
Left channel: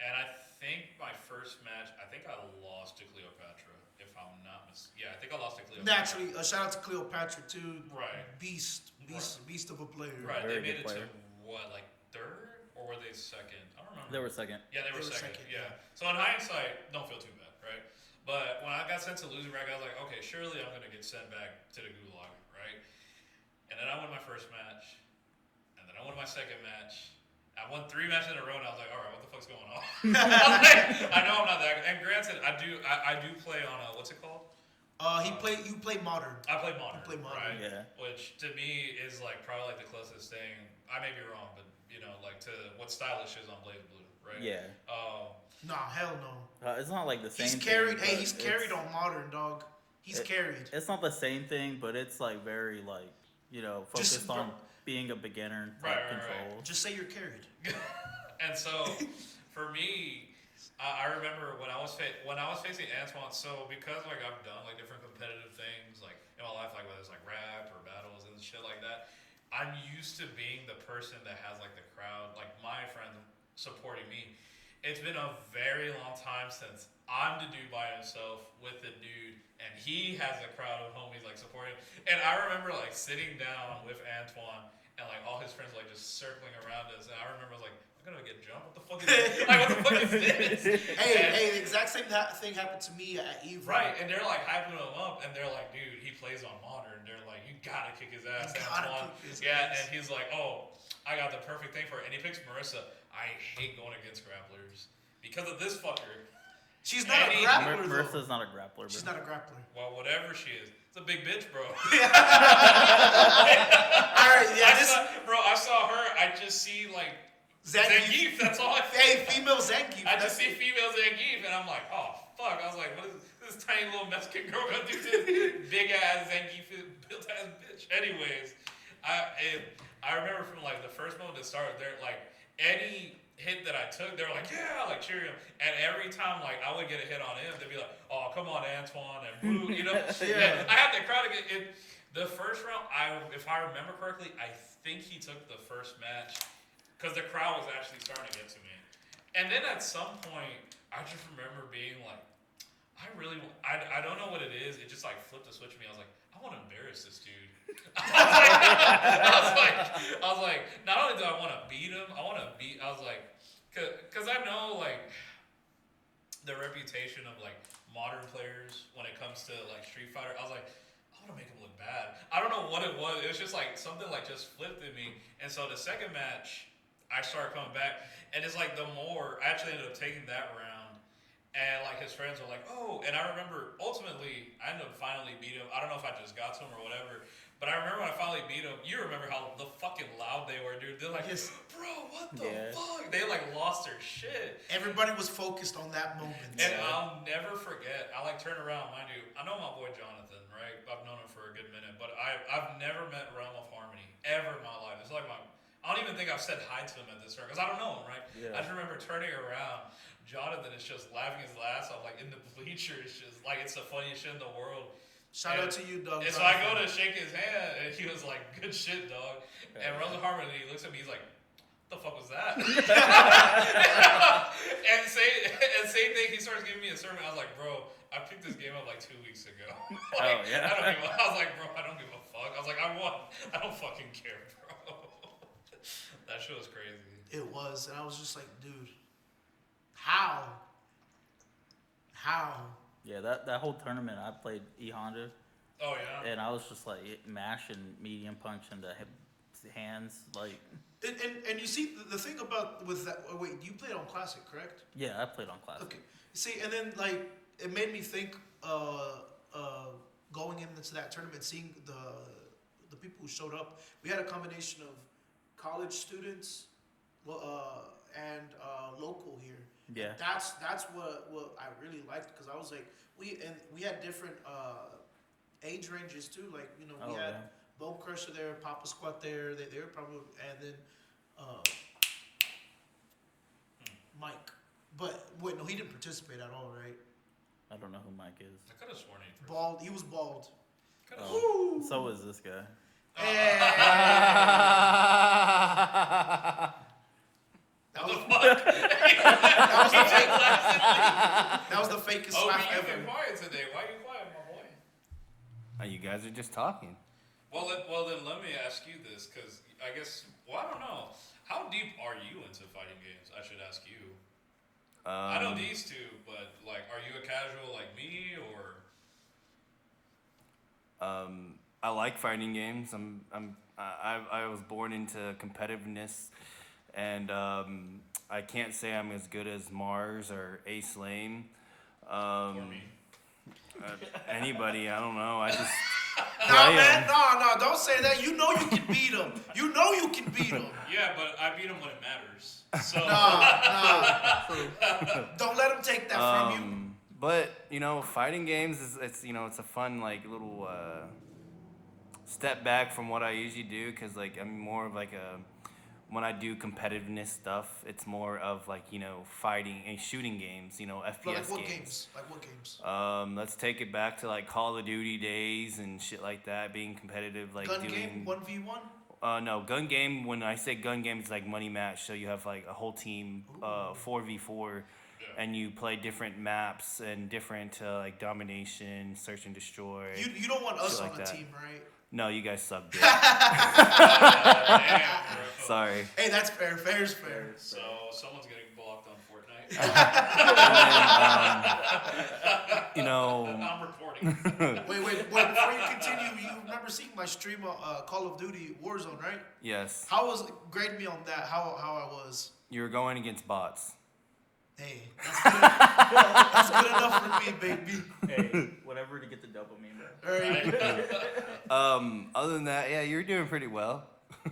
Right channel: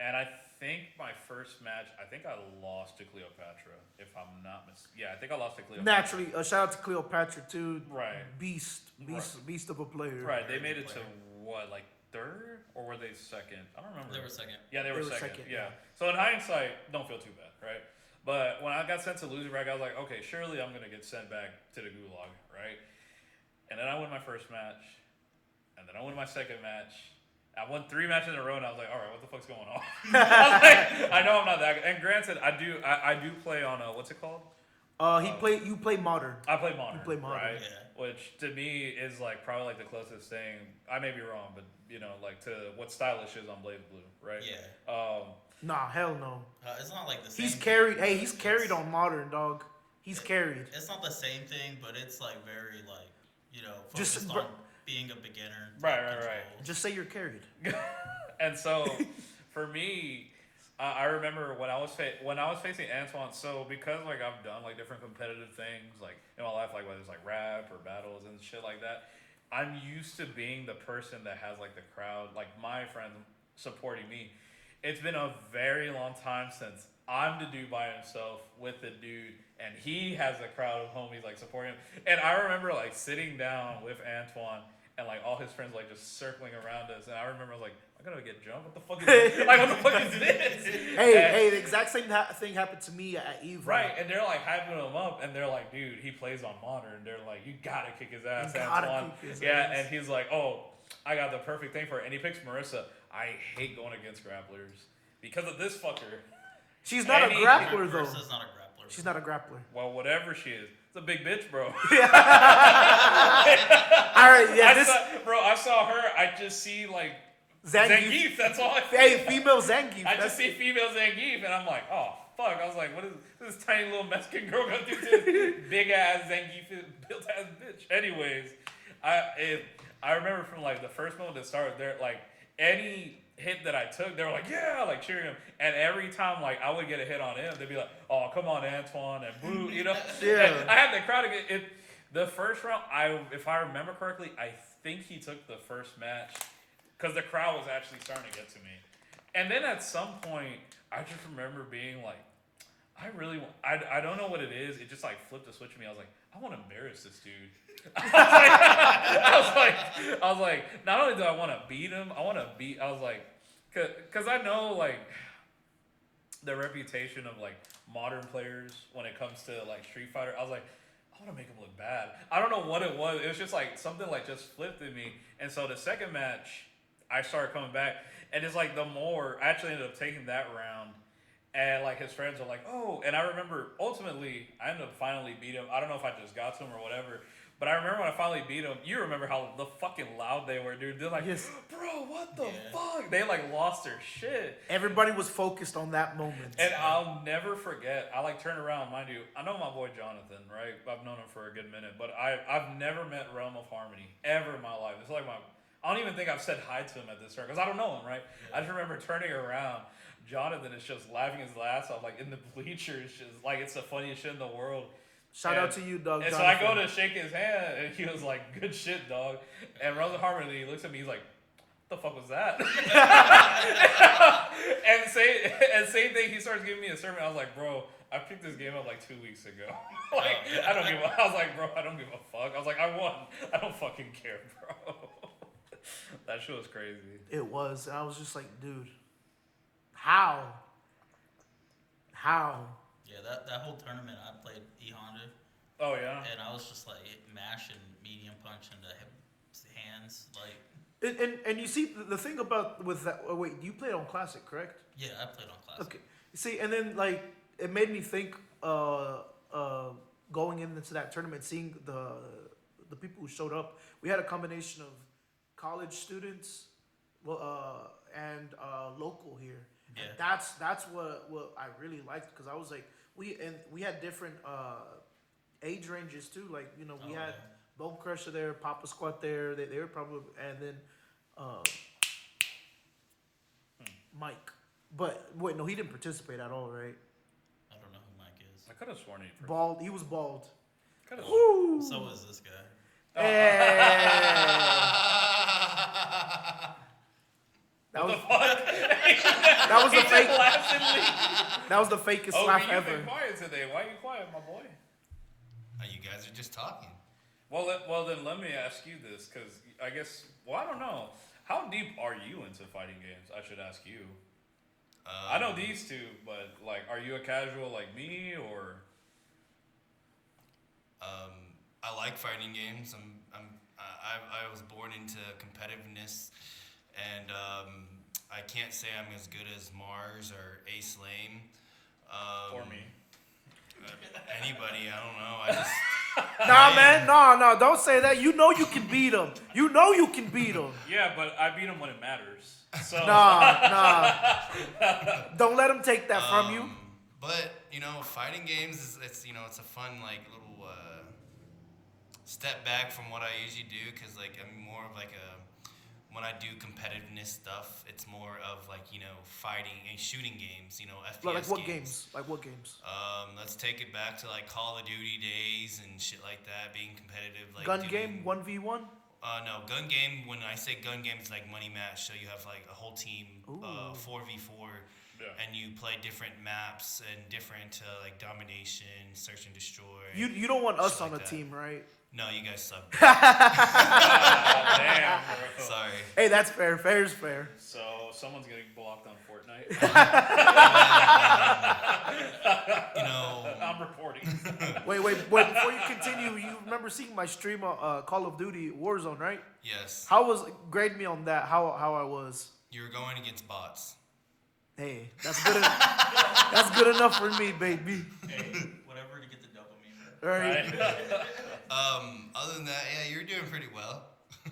And I think my first match, I think I lost to Cleopatra, if I'm not mistaken. Yeah, I think I lost to Cleopatra. Naturally, shout out to Cleopatra too. Right. Beast of a player. Right, they Very made it good to player. what, like third? Or were they second? I don't remember. They were second. Yeah, they were second. second, Yeah. So in hindsight, don't feel too bad, right? But when I got sent to loser bracket, I was like, okay, surely I'm gonna get sent back to the gulag, right? And then I won my first match, and then I won my second match. I won 3 matches in a row, and I was like, all right, what the fuck's going on? I know I'm not that good. And granted, I do play on what's it called? You play modern. I play modern. You play modern, right? yeah. Which to me is like probably like the closest thing. I may be wrong, but you know, like to what Stylish is on Blaze Blue, right? Yeah. Nah, hell no. It's not like the same. He's thing, carried. but Hey, he's it's- carried on modern, dog. He's carried. It's not the same thing, but it's like very like Just focused on being a beginner. Right, type right. control. Just say you're carried. And so, for me, I remember when I was facing Antoine. So because like I've done like different competitive things like in my life, like whether it's like rap or battles and shit like that, I'm used to being the person that has like the crowd, like my friends supporting me. It's been a very long time since I'm the dude by himself with the dude, and he has a crowd of homies like supporting him. And I remember like sitting down with Antoine and like all his friends like just circling around us, and I remember I was like, I'm gonna get jumped. What the fuck is this? Like, what the fuck is this? Hey, the exact same thing happened to me at Eve. Right, and they're like hyping him up, and they're like, dude, he plays on modern. They're like, you gotta kick his ass, You gotta Antoine. kick his Yeah, ass. and he's like, oh, I got the perfect thing for it. And he picks Marissa. I hate going against grapplers because of this fucker. She's not a Any- grappler Marissa's though. not a grappler. She's bro. not a grappler. Well, whatever she is, it's a big bitch, bro. All right, yeah. I saw her. I just see like Zangief. Zangief. That's all I see. Hey, female Zangief. I just see female Zangief, and I'm like, oh fuck. I was like, what is this tiny little Mexican girl gonna do to this big ass Zangief built ass bitch? Anyways, I remember from like the first moment that started, there like any hit that I took, they were like, yeah, like cheering him. And every time like I would get a hit on him, they'd be like, oh come on Antoine and boo, you know. Yeah. I had the crowd to get it. The first round, if I remember correctly, I think he took the first match because the crowd was actually starting to get to me. And then at some point, I just remember being like, I don't know what it is. It just like flipped a switch for me. I was like, I want to embarrass this dude. I was like, not only do I want to beat him, I was like, cause I know like the reputation of like modern players when it comes to like Street Fighter. I was like, I want to make him look bad. I don't know what it was. It was just like something like just flipped in me. And so the second match, I started coming back, and it's like the more I actually ended up taking that round. And like his friends were like, oh, and I remember ultimately I ended up finally beat him. I don't know if I just got to him or whatever, but I remember when I finally beat him. You remember how the fucking loud they were, dude. They're like, Yes. bro, what the fuck? They like lost their shit. Everybody was focused on that moment. And I'll never forget. I like turn around, mind you. I know my boy Jonathan, right? I've known him for a good minute, but I've never met Realm of Harmony ever in my life. It's like I don't even think I've said hi to him at this turn because I don't know him, right? Yeah. I just remember turning around. Jonathan is just laughing his ass off, like in the bleachers, just like it's the funniest shit in the world. Shout out to you, dog. And so I go to shake his hand, and he was like, "Good shit, dog." And Rosa Harmon, he looks at me, he's like, "What the fuck was that?" and same thing. He starts giving me a sermon. I was like, "Bro, I picked this game up like 2 weeks ago. Like, I don't give. I was like, bro, I don't give a fuck. I was like, I won. I don't fucking care, bro." That shit was crazy. It was, and I was just like, dude, how? Yeah, that whole tournament I played E Honda, Oh yeah. and I was just like mashing medium punch into hands, like. And you see the thing about with that. Oh, wait, you played on Classic, correct? Yeah, I played on Classic. Okay. See, and then like it made me think. Going into that tournament, seeing the people who showed up, we had a combination of college students, and local here. Yeah. And that's what I really liked because I was like we had different age ranges too. Like we had Bone Crusher there, Papa Squat there. They were probably and then Mike. But wait, no, he didn't participate at all, right? I don't know who Mike is. I could have sworn he. Bald. He was bald. Oh, so is this guy. That was, fuck? that was the fake. That was the fakest laugh you've ever. been quiet today. Why are you quiet, my boy? You guys are just talking. Well, then let me ask you this, because I guess, I don't know. How deep are you into fighting games? I should ask you. I know these two, but like, are you a casual like me, or? I like fighting games. I was born into competitiveness, and I can't say I'm as good as Mars or Ace Lame. For me. Anybody, I don't know. I just. Nah, man, no, don't say that. You know you can beat him. You know you can beat him. Yeah, but I beat him when it matters. So. Nah. Don't let him take that from you. But fighting games it's a fun like little step back from what I usually do because like I'm more of like when I do competitiveness stuff, it's more of like fighting and shooting games, FPS Like what games? Like what games? Let's take it back to like Call of Duty days and shit like that, being competitive, like Gun game 1v1. No, gun game. When I say gun game, it's like money match. So you have like a whole team, 4v4, and you play different maps and different like domination, search and destroy. You don't want us like on a that. team, right? No, you guys suck. Damn, bro. Sorry. Hey, that's fair. Fair is fair. So someone's getting blocked on Fortnite. I'm reporting. Wait. Before you continue, you remember seeing my stream of Call of Duty Warzone, right? Yes. How was grade me on that? How I was? You were going against bots. Hey, that's good. That's good enough for me, baby. Hey, whatever to get the dopamine, bro. All right. Other than that, yeah, you're doing pretty well.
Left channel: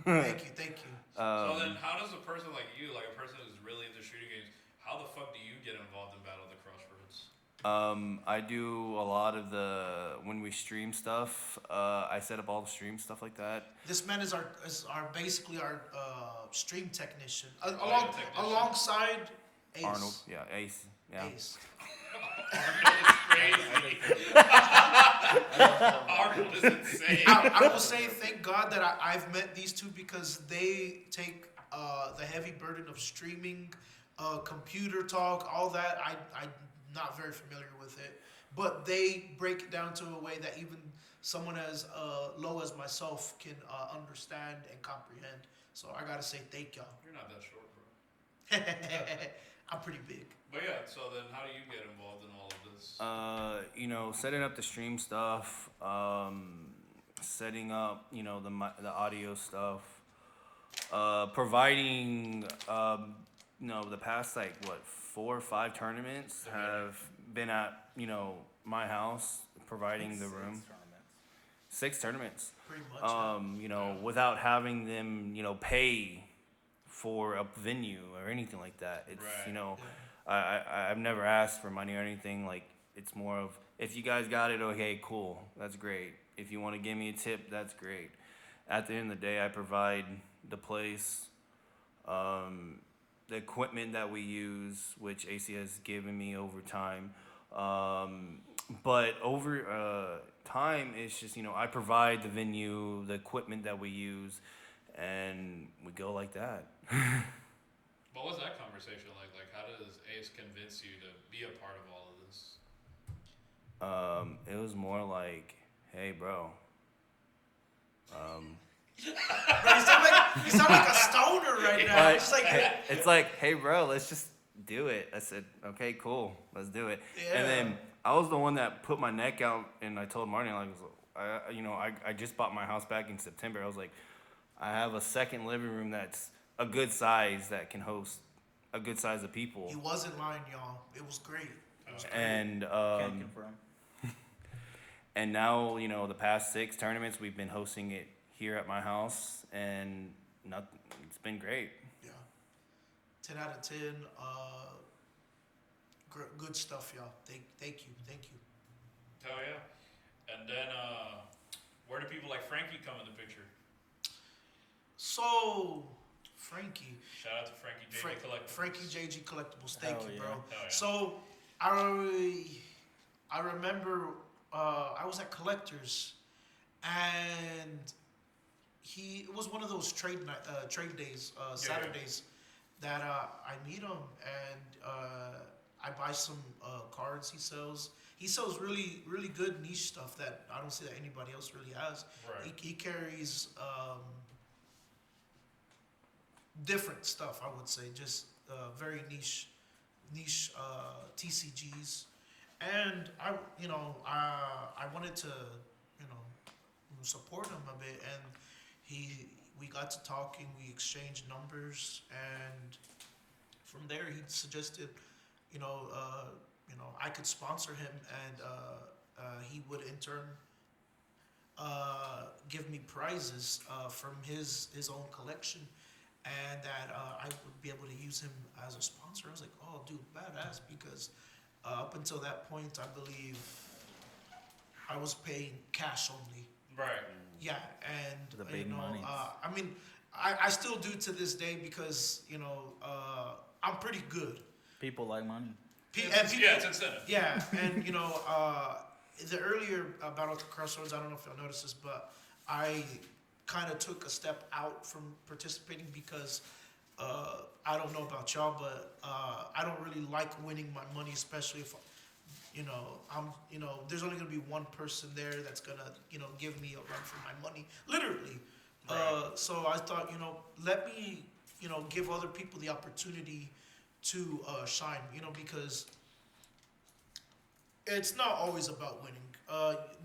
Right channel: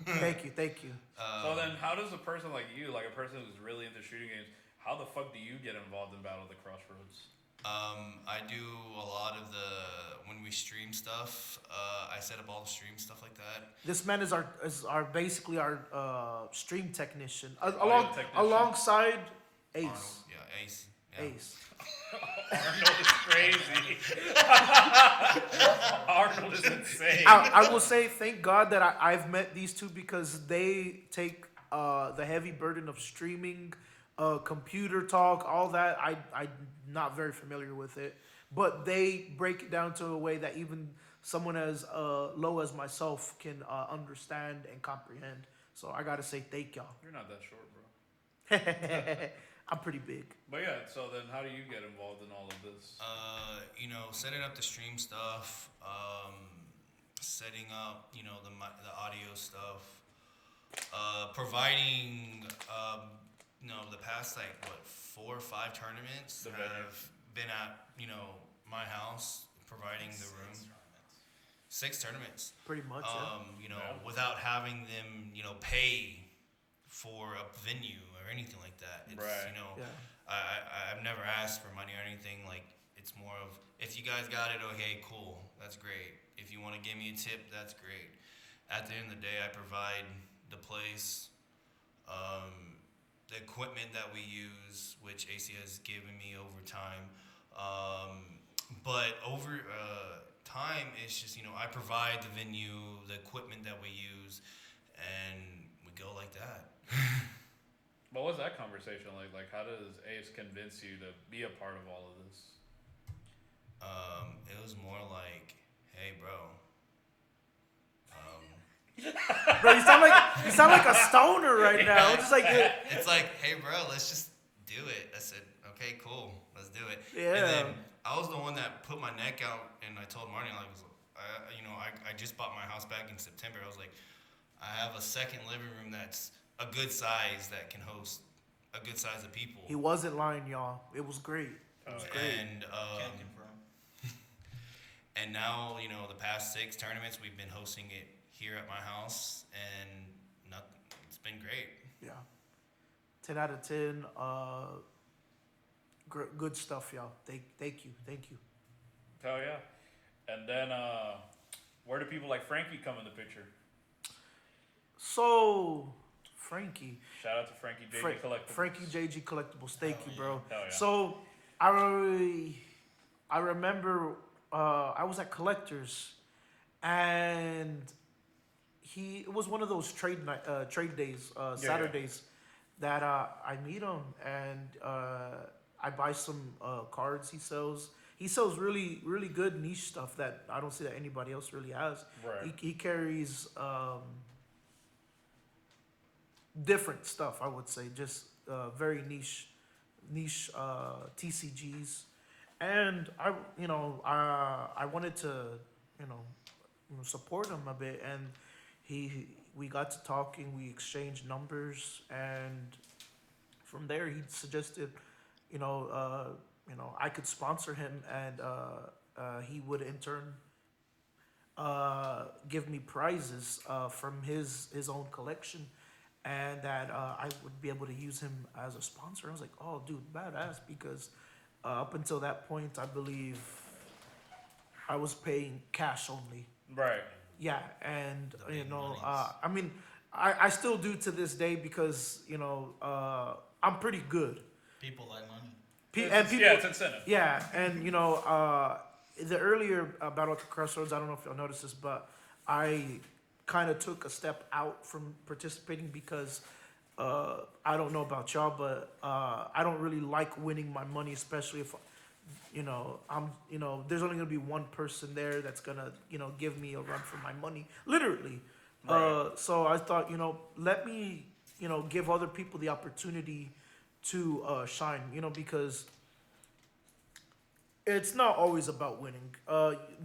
Thank you. So then, how does a person like you, like a person who's really into shooting games, how the fuck do you get involved in Battle at the CrossRoads? I do a lot of when we stream stuff. I set up all the stream stuff like that. This man is basically our stream technician, technician. alongside Ace. Arnold. Yeah, Ace. Yeah. Ace. Arnold is crazy. Arnold is insane. I will say thank God that I've met these two because they take the heavy burden of streaming, computer talk, all that. I'm not very familiar with it, but they break it down to a way that even someone as low as myself can understand and comprehend. So I gotta say thank y'all. You're not that short, bro. I'm pretty big. But yeah, so then how do you get involved in all of this? You know, setting up the stream stuff, setting up, you know, the audio stuff, providing, you know, the past like what 4 or 5 tournaments The have been at, you know, my house, providing the room. 6 tournaments. Pretty much. You know, Yeah. without having them, you know, pay for a venue or anything like that. It's Right. you know, Yeah. I've never asked for money or anything. Like it's more of if you guys got it, okay, cool, that's great. If you want to give me a tip, that's great. At the end of the day, I provide the place, the equipment that we use, which AC has given me over time. But over time, it's just, you know, I provide the venue, the equipment that we use, and we go like that. But what's that conversation like? Like, how does Ace convince you to be a part of all of this? It was more like, hey, bro. Bro, you sound like a stoner right now. It's just like It's like, hey, bro, let's just do it. I said, okay, cool, let's do it. Yeah. And then I was the one that put my neck out, and I told Martin, like, I just bought my house back in September. I was like, I have a second living room that's a good size that can host a good size of people. he wasn't lying, y'all. It was great. It was great. And Can't confirm. and now, you know, the past 6 tournaments we've been hosting it here at my house, and it's been great. Yeah. 10 out of 10. Good stuff, y'all. Thank you. Hell yeah. And then, where do people like Frankie come in the picture? So, Frankie. Shout out to Frankie JJ Collectibles. Frankie JG Collectibles. Thank Hell you, bro. Hell yeah. So, I remember I was at Collectors, and it was one of those trade days, Saturdays, that I meet him, and I buy some cards he sells. He sells really, really good niche stuff that I don't see that anybody else really has. Right. He carries different stuff, I would say, just very niche TCGs, and I wanted to support him a bit, and we got to talking, we exchanged numbers, and from there he suggested I could sponsor him, and he would in turn give me prizes from his own collection, and that I would be able to use him as a sponsor. I was like, oh, dude, badass, because up until that point, I believe I was paying cash only. Right. Yeah, and The big monies. I mean, I still do to this day because I'm pretty good. People like money. It's incentive. Yeah, and the earlier Battle at the CrossRoads, I don't know if y'all noticed this, but I kind of took a step out from participating because I don't know about y'all, but I don't really like winning my money, especially if there's only gonna be one person there that's gonna give me a run for my money, literally. Right. So I thought let me give other people the opportunity to shine, because it's not always about winning.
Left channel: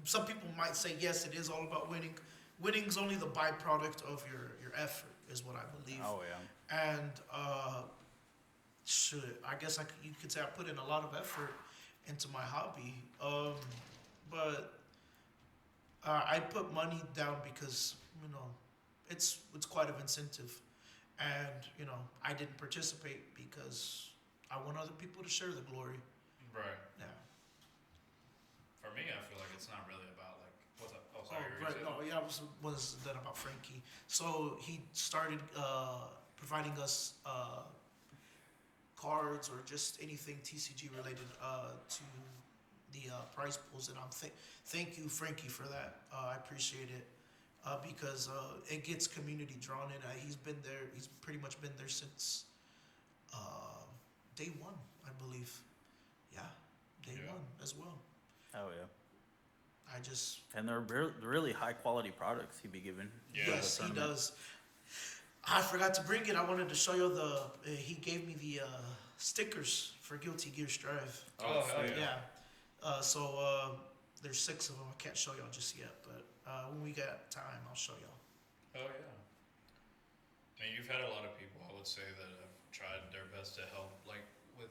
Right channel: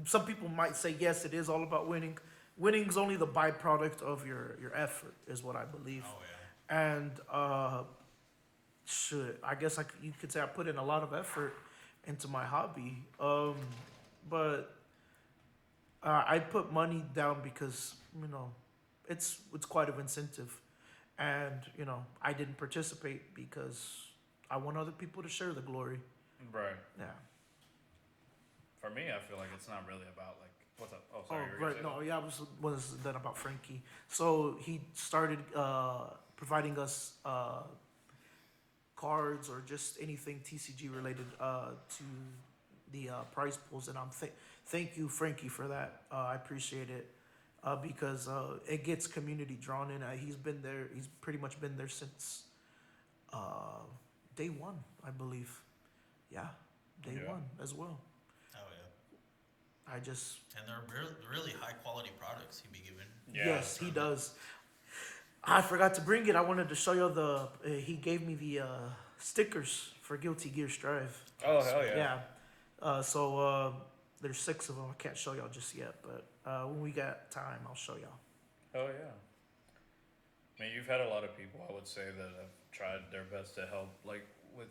Some people might say, yes, it is all about winning. Winning's only the byproduct of your effort, is what I believe. Oh yeah. And I guess you could say I put in a lot of effort into my hobby. But I put money down because it's quite an incentive, and I didn't participate because I want other people to share the glory. Right. Yeah. For me, I feel like it's not really about like what's up. Oh, sorry. Oh, you were right. gonna No, say yeah, was that about Frankie. So he started providing us cards or just anything TCG related to the prize pools, and thank you, Frankie, for that. I appreciate it because it gets community drawn in. He's been there. He's pretty much been there since day one, I believe. Yeah, day one as well. Oh yeah. And they're really high quality products he be giving. Yeah, Yes, he does. I forgot to bring it. I wanted to show you he gave me the stickers for Guilty Gear Strive. Oh, hell yeah. Yeah. So there's 6 of them. I can't show y'all just yet, but when we got time, I'll show y'all. Oh yeah. I mean, you've had a lot of people, I would say, that have tried their best to help, like with,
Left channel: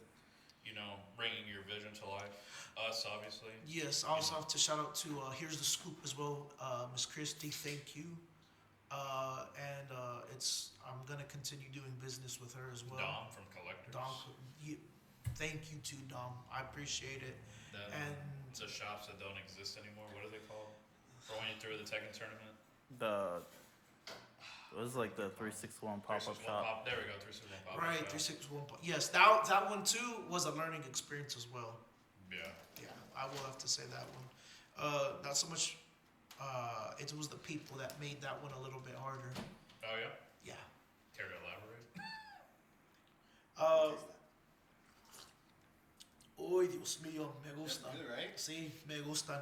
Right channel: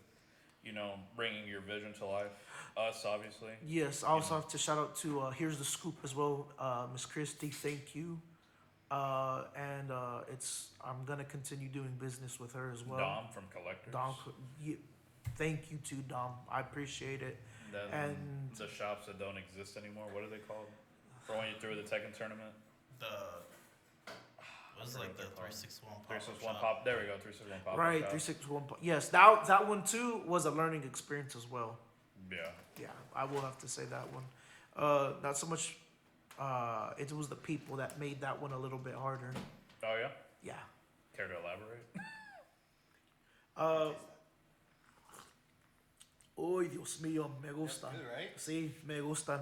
bringing your vision to life. Us, obviously. Yes, I also have to shout out to Here's the Scoop as well, Miss Christy. Thank you. And I'm gonna continue doing business with her as well. Dom from Collectors. Dom, thank you to Dom. I appreciate it. Then And the shops that don't exist anymore. What are they called? For when you threw the Tekken tournament. It was like the 361 pop-up 361 shop. pop. There we go. 361 pop. right, 361. Yes, that one too was a learning experience as well. Yeah. Yeah, I will have to say that one. Not so much. It was the people that made that one a little bit harder. Oh yeah. Yeah. Care to elaborate? Uy, Dios mío, me gustan. That's good, right? Sí, me gustan.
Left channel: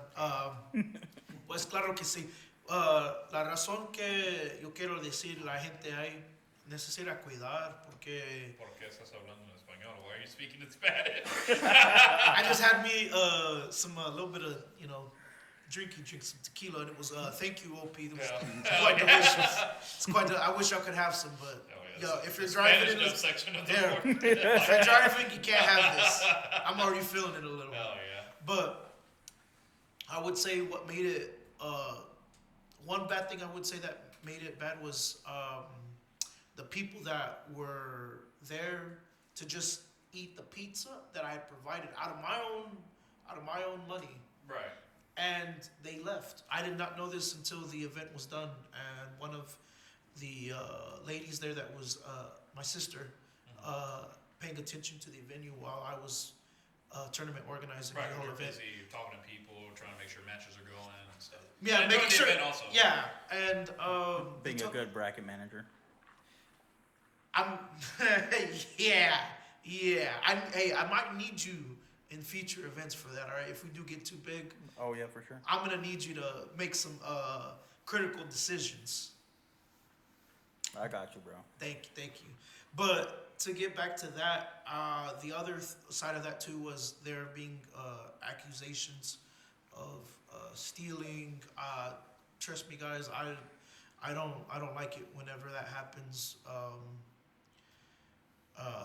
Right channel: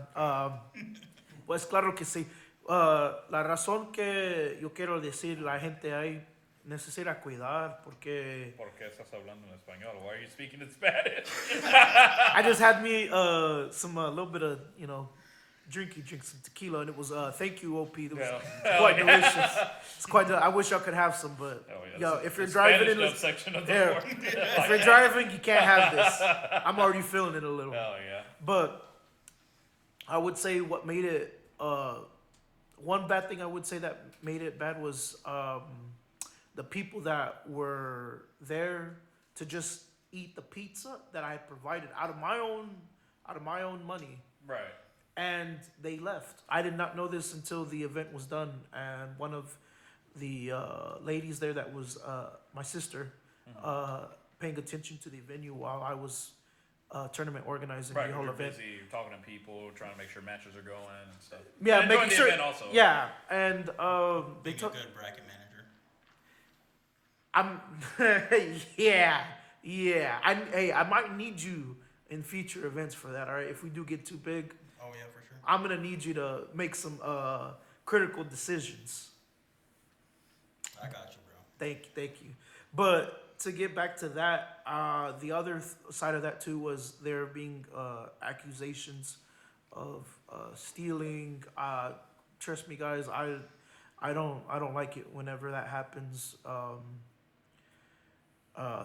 Pues claro que sí. La razón que yo quiero decir la gente ahí necesita cuidar porque ¿Por qué estás hablando en español? Why are you speaking in Spanish? I just had me some little bit of drink some tequila, and it was thank you OP. It was quite delicious. It's quite. I wish y'all could have some, but if you're driving in the section of the there, board. if you're driving, you can't have this. I'm already feeling it a little. Oh yeah. But I would say what made it one bad thing I would say that made it bad was the people that were there to just eat the pizza that I had provided out of my own money. Right. And they left. I did not know this until the event was done, and one of the ladies there that was my sister paying attention to the venue while I was tournament organizing Right. the whole You're event. busy talking to people, trying to make sure matches are going and stuff. Yeah, and making enjoying sure. the event also. Yeah, and they Being took. a good bracket manager. I'm. yeah. I might need you in future events for that. All right, if we do get too big, Oh yeah, for sure. I'm gonna need you to make some critical decisions. I got you, bro. Thank you. But to get back to that, the other side of that too was there being accusations of stealing. Trust me, guys, I don't like it whenever that happens.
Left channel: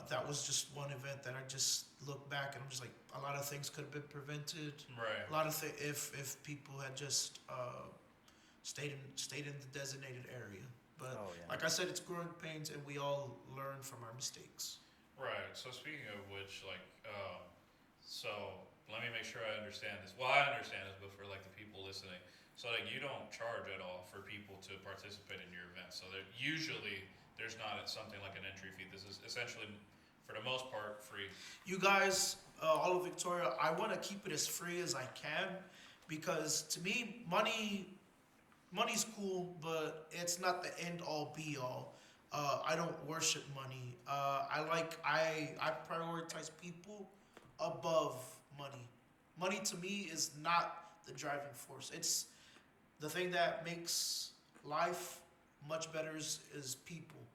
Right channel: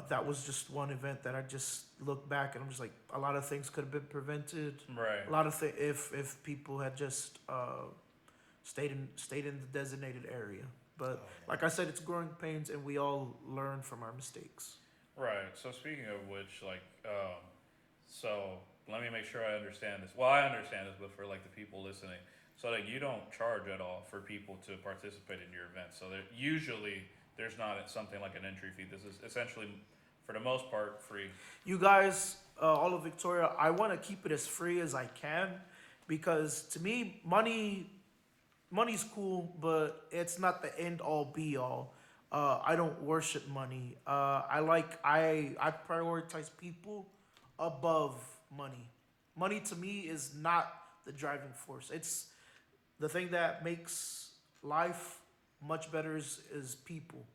That was just one event that I just look back and I'm just like, a lot of things could have been prevented. Right. A lot of things if people had just stayed in the designated area. But like I said, it's growing pains, and we all learn from our mistakes. Right. So speaking of which, so let me make sure I understand this. Well, I understand this, but for the people listening, so you don't charge at all for people to participate in your event. So there's not something like an entry fee. This is essentially, for the most part, free. You guys, all of Victoria, I want to keep it as free as I can, because to me, money's cool, but it's not the end all be all. I don't worship money. I prioritize people above money. Money to me is not the driving force. It's the thing that makes life much better is people,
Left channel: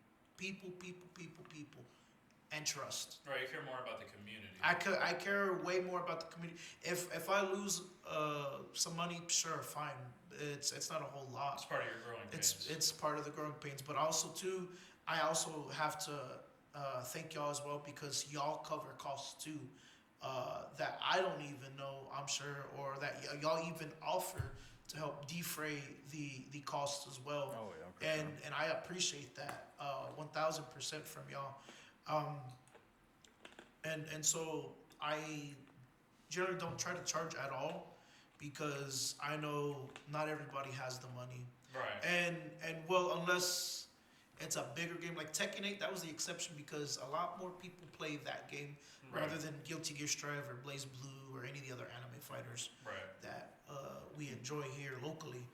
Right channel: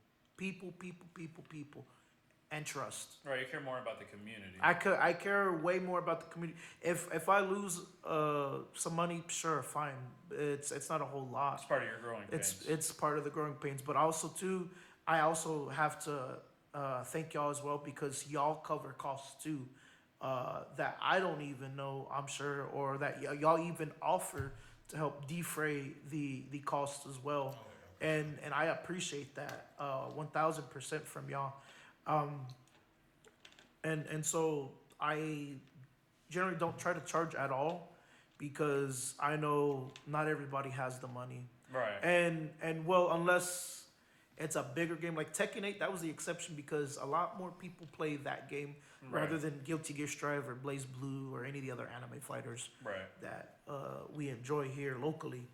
and trust. Right. You care more about the community. I care way more about the community. If I lose some money, sure, fine. It's not a whole lot. It's part of your growing pains. It's part of the growing pains, but also too, I also have to thank y'all as well, because y'all cover costs too that I don't even know, I'm sure, or that y'all even offer to help defray the costs as well. Oh yeah. And I appreciate that 1,000% from y'all. And so I generally don't try to charge at all, because I know not everybody has the money. Right. And well, unless it's a bigger game. Like Tekken 8, that was the exception because a lot more people play that game rather than Guilty Gear Strive or Blaze Blue or any of the other anime fighters that we enjoy here locally.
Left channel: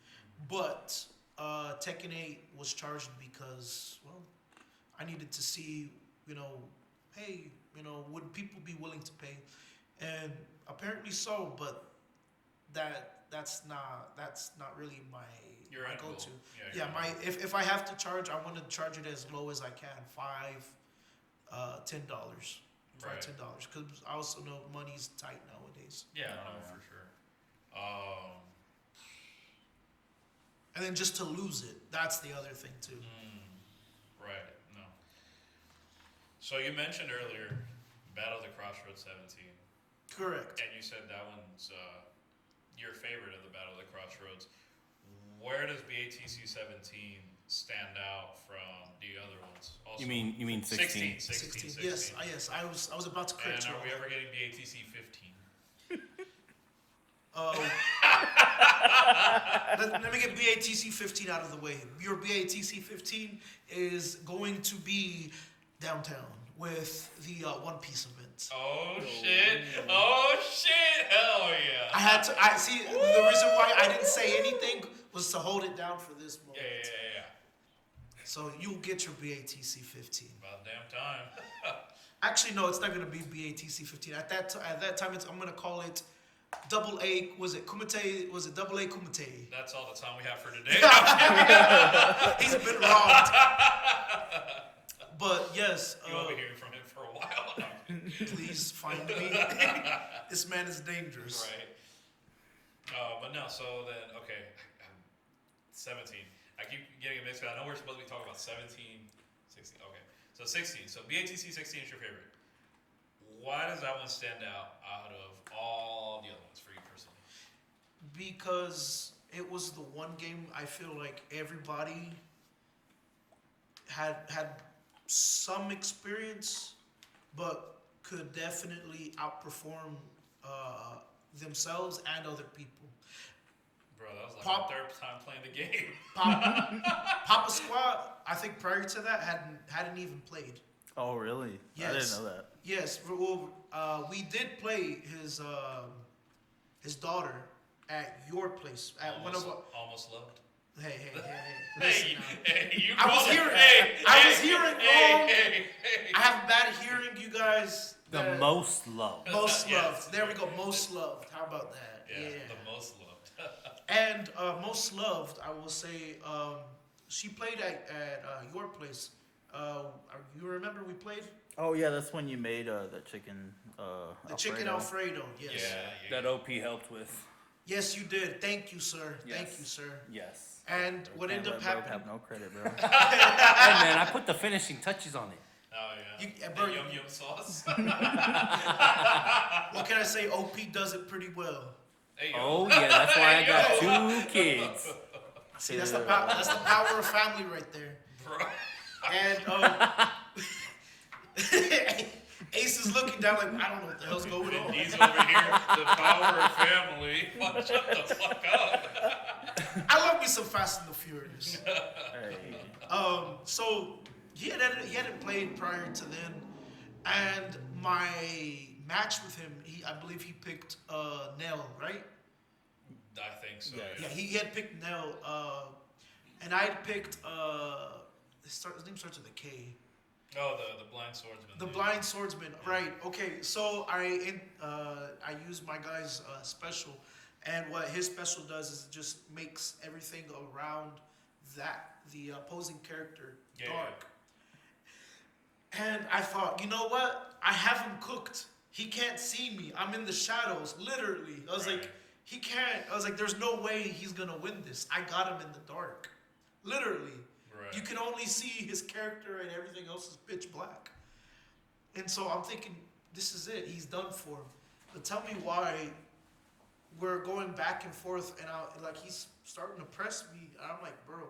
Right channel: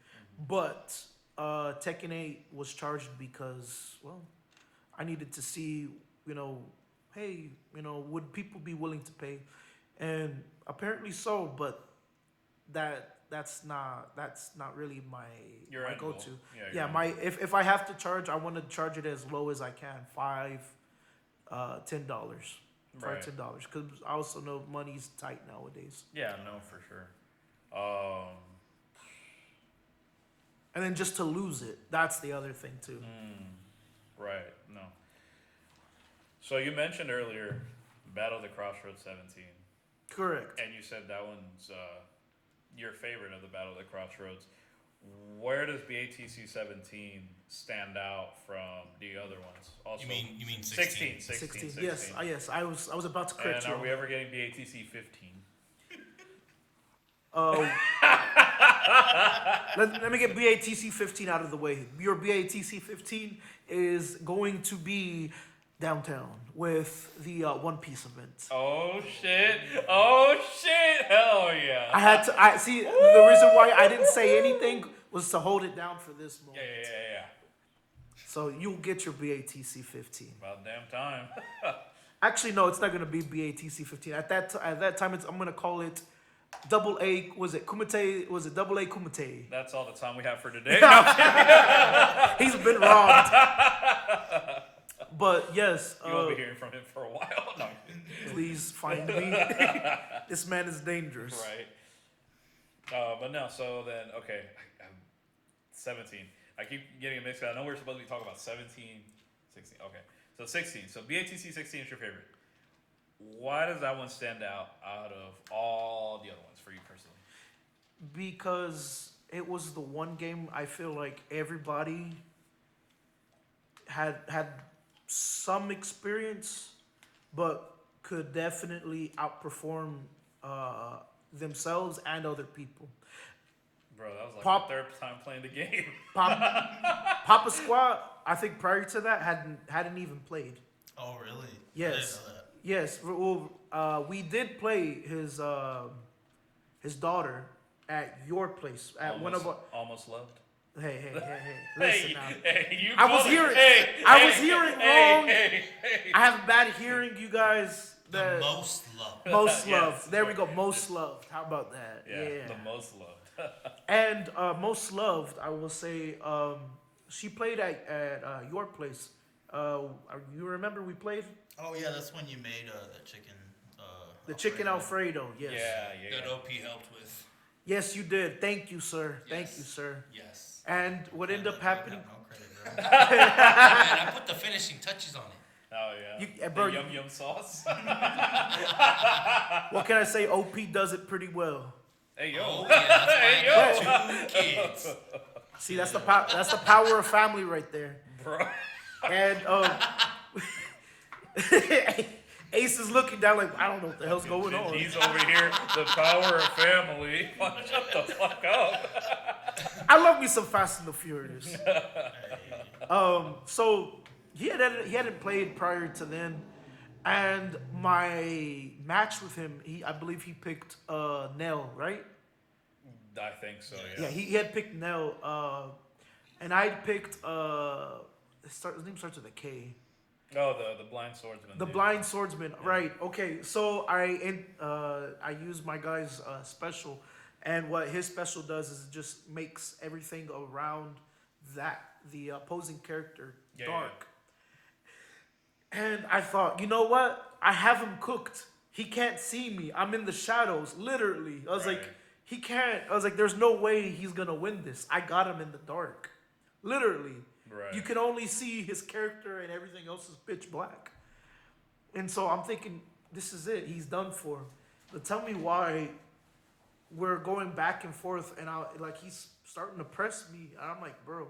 But Tekken 8 was charged because, well, I needed to see, hey, would people be willing to pay? And apparently so, but that's not really my go-to. Yeah, if I have to charge, I want to charge it as low as I can, $10. $10 because I also know money's tight nowadays. Yeah, no, for sure. And then just to lose it, that's the other thing too. Right. No. So you mentioned earlier Battle at the CrossRoads 17. Correct. And you said that one's your favorite of the Battle at the CrossRoads. Where does BATC 17 stand out from the other ones? Also, You mean 16? 16. Yes, I was about to correct and you. are we ever getting BATC 15? Let me get BATC 15 out of the way. Your BATC 15 is going to be downtown with the One Piece event. Oh shit! Oh shit! Hell yeah! I see. The reason why I didn't say anything was to hold it down for this moment. Yeah. So you'll get your BATC 15. About damn time. Actually, no, it's not gonna be BATC 15. At that time, I'm gonna call it Double A. Was it Kumite? Was it Double A Kumite? That's all the time we have for today. He's been robbed. But yes, You won't be hearing from him for a while. No. please find me. This man is dangerous. Right. But no. So then, okay, 17. I keep getting a mix. I know we're supposed to be talking about 17, 16. Okay, so 16. So BATC 16 is your favorite. Why does that one stand out of all the other ones for you personally? Because it was the one game I feel like everybody had some experience, but could definitely outperform themselves and other people. Bro, that was like the third time playing the game. Papa Squad, I think prior to that hadn't even played. Oh, really? Yes. I didn't know that. Yes, well, we did play his daughter at your place at one of our. Almost loved. Hey, listen now. Hey, I was hearing wrong. I have bad hearing, you guys. The most loved. Most loved. There we go. Most loved. How about that? Yeah. The most loved. And most loved, I will say, she played at your place. You remember we played? Oh yeah, that's when you made the chicken. Chicken Alfredo. Yes. Yeah. That OP helped with. Yes, you did. Thank you, sir. Yes. Thank you, sir. Yes. And what ended up happening? Have no credit, bro. Hey man, I put the finishing touches on it. Oh yeah. Bro, the yum sauce. what can I say? OP does it pretty well. Hey, yo. Oh yeah, that's why I got 2 kids. See, that's the power of family right there. Bro. And Ace is looking down like, I don't know what the hell's going on. He's over here, the power of family. Shut the fuck up. I love me some Fast and the Furious. Hey. So he hadn't played prior to then, and my match with him, I believe he picked Nell, right? I think so. Yeah, he had picked Nell, and I picked his name starts with a K. Oh, the blind swordsman. The blind swordsman, right? Okay, so I use my guy's special, and what his special does is it just makes everything around the opposing character dark. And I thought, you know what? I have him cooked. He can't see me. I'm in the shadows, literally. I was like, he can't. I was like, there's no way he's gonna win this. I got him in the dark, literally. Right. You can only see his character and everything else is pitch black. And so I'm thinking, this is it. He's done for. But tell me why we're going back and forth, and he's starting to press me. And I'm like, bro,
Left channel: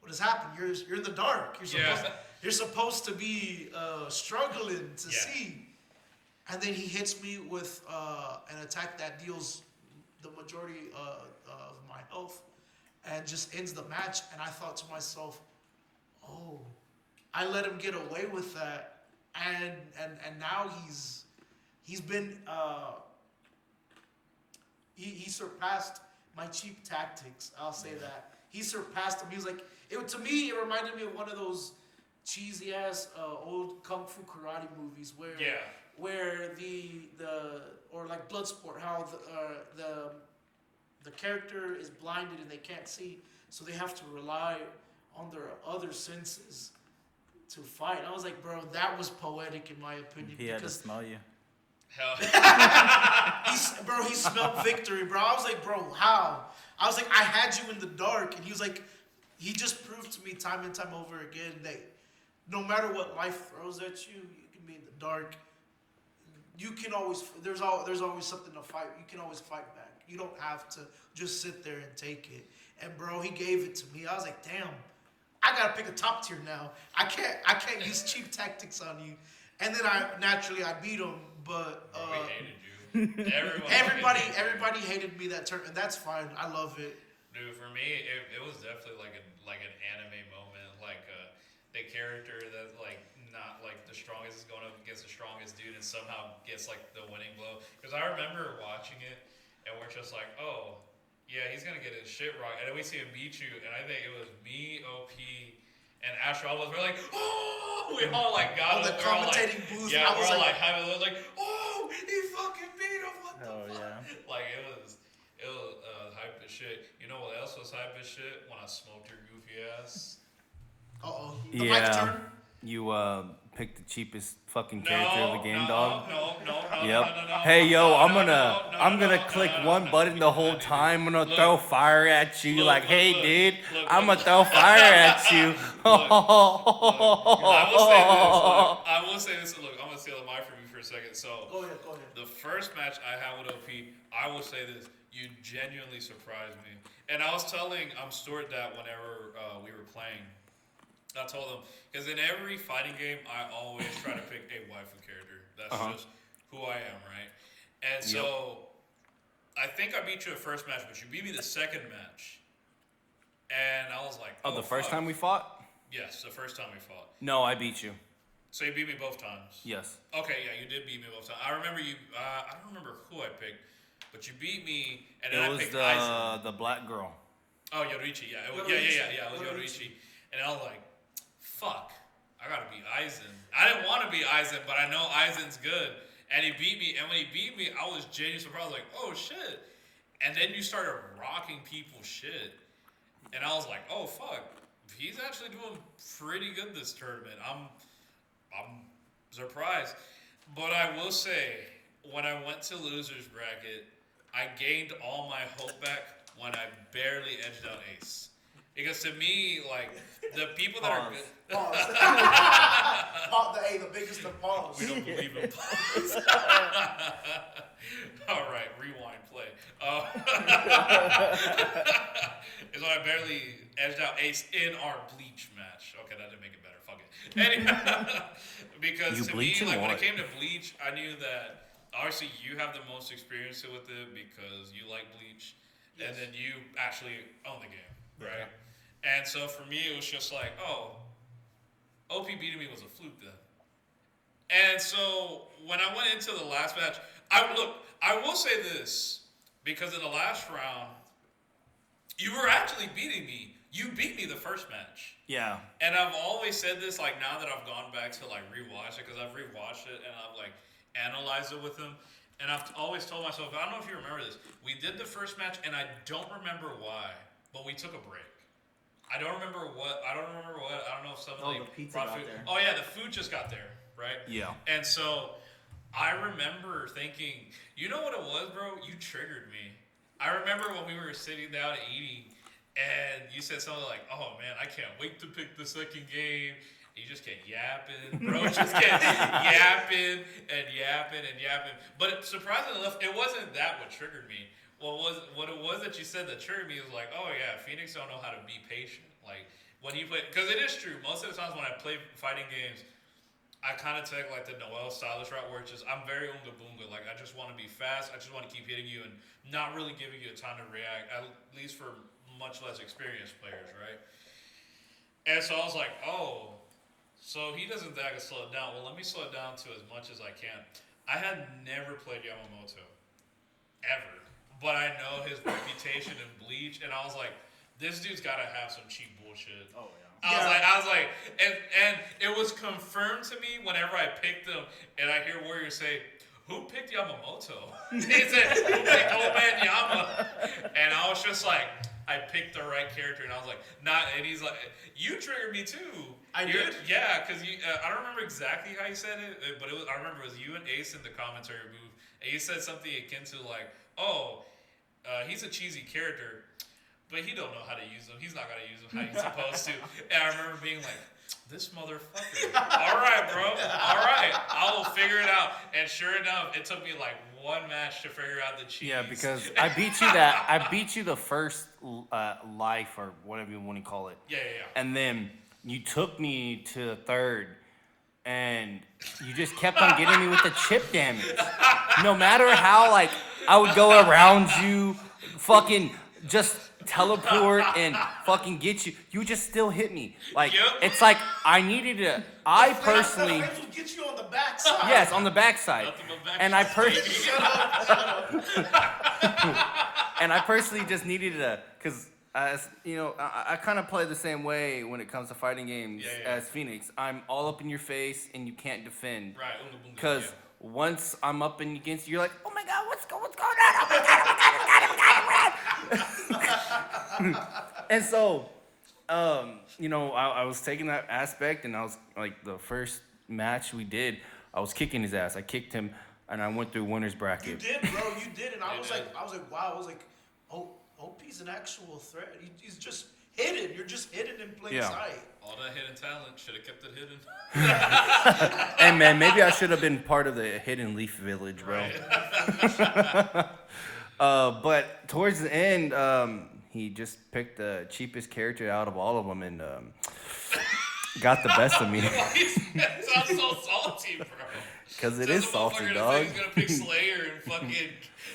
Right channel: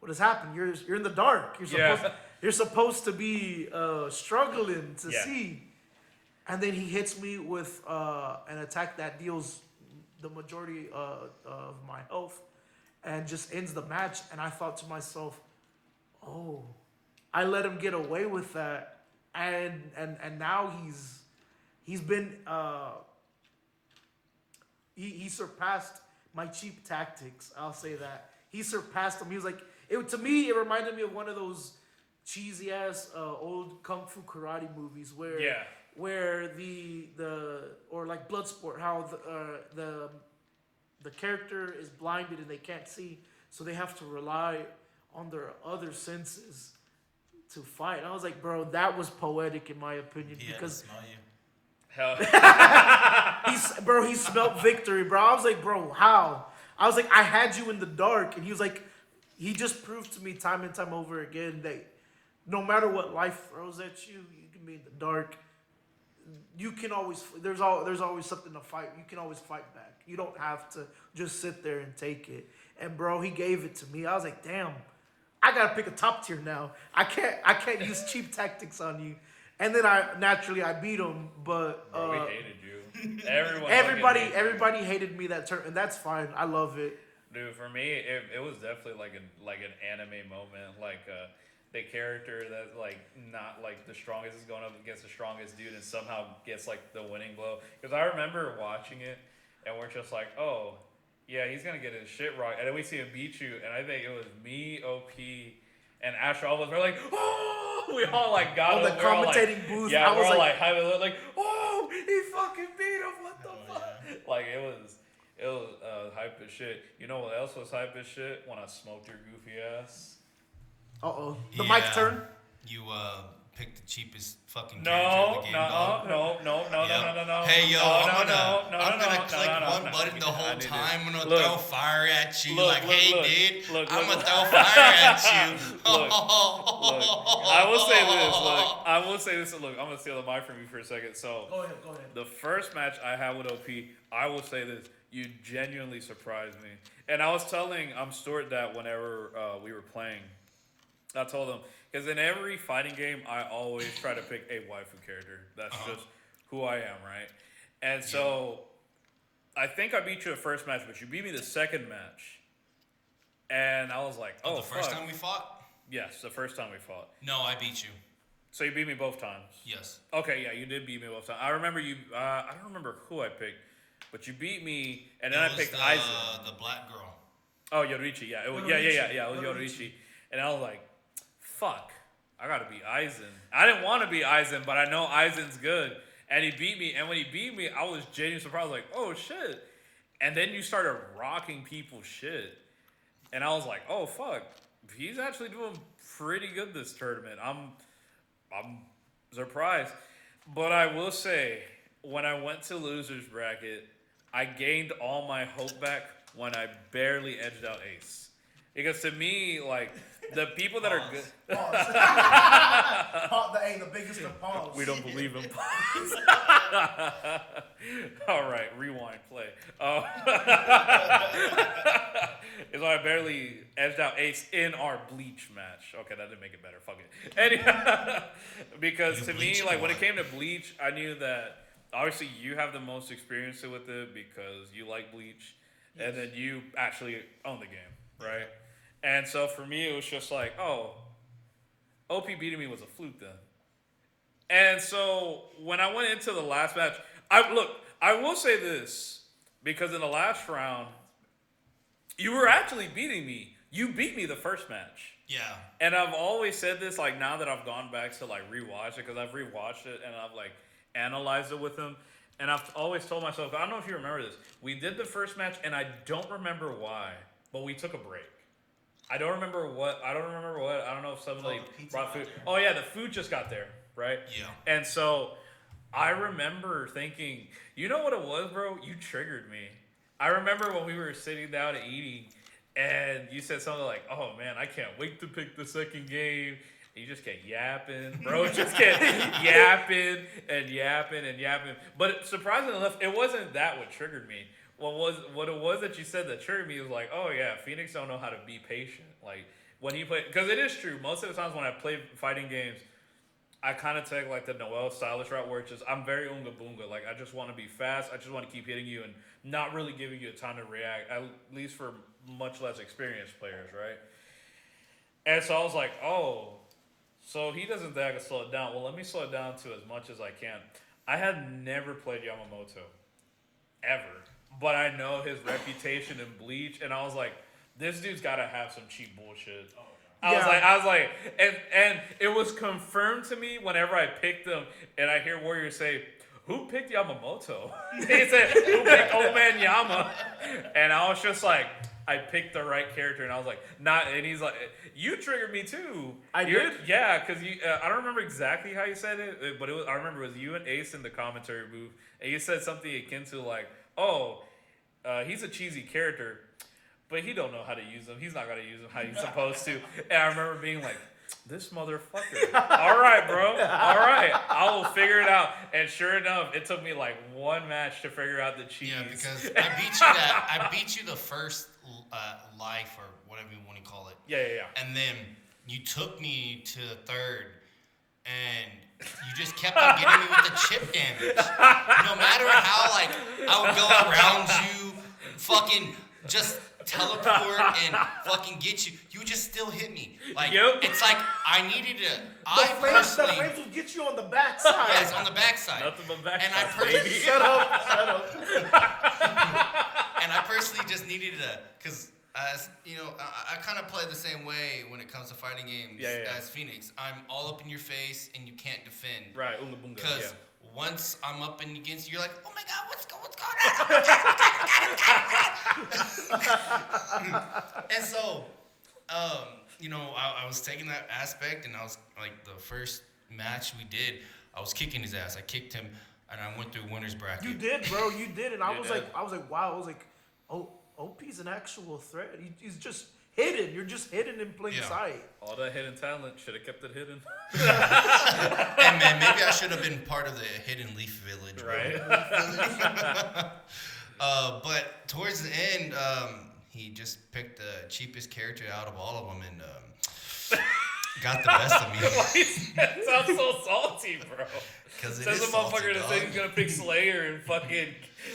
what has happened? You're in the dark. You're supposed to be struggling to see. And then he hits me with an attack that deals the majority of my health and just ends the match. And I thought to myself, oh, I let him get away with that, and now he's been he surpassed my cheap tactics. I'll say that he surpassed them. He was like, to me, it reminded me of one of those cheesy ass old kung fu karate movies where the or like Bloodsport, how the character is blinded and they can't see, so they have to rely on their other senses to fight. And I was like, bro, that was poetic in my opinion. He had to because smell you. Hell. he smelled victory, bro. I was like, bro, how? I was like, I had you in the dark, and he was like, he just proved to me time and time over again that no matter what life throws at you, you can be in the dark. You can always there's always something to fight. You can always fight back. You don't have to just sit there and take it. And bro, he gave it to me. I was like, damn, I gotta pick a top tier now. I can't use cheap tactics on you. And then I beat him, but Bro, we hated you. Everybody hated me that turn, and that's fine. I love it. Dude, for me, it was definitely like an anime moment, like the character that like not like the strongest is going up against the strongest dude and somehow gets like the winning blow. Because I remember watching it, and we're just like, oh, yeah, he's gonna get his shit right, and then we see him beat you, and I think it was me, OP, and Asher. All of us were like, oh, we all like got on the commentating booth. Yeah, I was we're all like, like, oh, he fucking beat him. What the fuck? Yeah. Like it was hype as shit. You know what else was hype as shit? When I smoked your goofy ass. The mic turn. You picked the cheapest fucking character of the game, dog. No. Hey, yo, I'm gonna click one button the whole time. I'm gonna throw fire at you. Dude, I'm gonna throw fire at you. I will say this. Look, I'm gonna steal the mic from you for a second. So Go ahead. the first match I had with OP, I will say this: you genuinely surprised me. And I was telling Stuart that whenever we were playing, I told him because in every fighting game, I always try to pick a waifu character. That's just who I am, right? And so I think I beat you the first match, but you beat me the second match. And I was like, the first time we fought? Yes, the first time we fought. No, I beat you. So you beat me both times? Yes. Okay, yeah, you did beat me both times. I remember you, I don't remember who I picked, but you beat me, and then I picked Aizen. The black girl. Oh, Yoriichi, yeah. It was, yeah, it was Yoriichi. And I was like, fuck, I gotta beat Aizen. I didn't want to beat Aizen, but I know Aizen's good. And he beat me, and when he beat me, I was genuinely surprised. I was like, oh, shit. And then you started rocking people's shit. And I was like, oh, fuck. He's actually doing pretty good this tournament. I'm surprised. But I will say, when I went to losers bracket, I gained all my hope back when I barely edged out Ace. Because to me, like, the people that are good... The biggest of pause. We don't believe in pause. All right, rewind, play. Is when I barely edged out Ace in our Bleach match. Okay, that didn't make it better. Fuck it. Anyway, because to me, like when it came to Bleach, I knew that obviously you have the most experience with it because you like Bleach, and then you actually own the game, right? Yeah. And so for me, it was just like, oh, OP beating me was a fluke then. And so when I went into the last match, I will say this, because in the last round, you were actually beating me. You beat me the first match. Yeah. And I've always said this, like now that I've gone back to like rewatch it, because I've rewatched it and I've like analyzed it with him. And I've always told myself, I don't know if you remember this, we did the first match and I don't remember why, but we took a break. I don't remember what. I don't know if something like brought food. Oh yeah, the food just got there, right? Yeah. And so I remember thinking, you know what it was, bro? You triggered me. I remember when we were sitting down and eating, and you said something like, "Oh man, I can't wait to pick the second game." And you just kept yapping, bro. Just kept yapping. But surprisingly enough, it wasn't that what triggered me. What it was that you said that triggered me was like, oh yeah, Phoenix don't know how to be patient. Like when you play, because it is true. Most of the times when I play fighting games, I kind of take like the Noel stylish route where it's just I'm very unga boonga. Like I just want to be fast. I just want to keep hitting you and not really giving you time to react. At least for much less experienced players, right? And so I was like, oh, So he doesn't think I can slow it down. Well, let me slow it down to as much as I can. I had never played Yamamoto, ever. But I know his reputation in Bleach, and I was like, this dude's got to have some cheap bullshit. Oh, I was like, and it was confirmed to me whenever I picked him, and I hear Warrior say, "Who picked Yamamoto?" He said, "Who picked Old Man Yama?" And I was just like, I picked the right character, and I was like, not. And he's like, "You triggered me too." I did? Yeah, because you. I don't remember exactly how you said it, but it was. I remember it was you and Ace in the commentary booth, and you said something akin to like, "Oh, he's a cheesy character." But he don't know how to use them. He's not gonna use them how he's supposed to. And I remember being like, "This motherfucker." All right, bro. All right, I will figure it out. And sure enough, it took me like one match to figure out the cheese. Yeah, because I beat you that. I beat you the first life or whatever you want to call it. Yeah. And then you took me to the third, and you just kept on getting me with the chip damage. No matter how like I would go around you, fucking just teleport and fucking get you. You just still hit me. Like it's like I needed to. I personally. The flames would get you on the backside. Yes, on the backside. Nothing but back And I personally. Shut up. And I personally just needed to, because you know, I kind of play the same way when it comes to fighting games as Phoenix. I'm all up in your face and you can't defend. Right. Because once I'm up and against you, you're like, oh my god, what's going on? Oh my god. And so, you know, I was taking that aspect, and I was like, the first match we did, I was kicking his ass. I kicked him, and I went through winner's bracket. You did, bro. You did, and I was like, wow. I was like, oh, OP's an actual threat. He's just hidden. You're just hidden in plain sight. All that hidden talent, should have kept it hidden. And man, maybe I should have been part of the Hidden Leaf Village, bro. Right. But towards the end, he just picked the cheapest character out of all of them and got the best of me. That sounds so salty, bro. Because it is salty, to dog. say he's gonna pick Slayer and fucking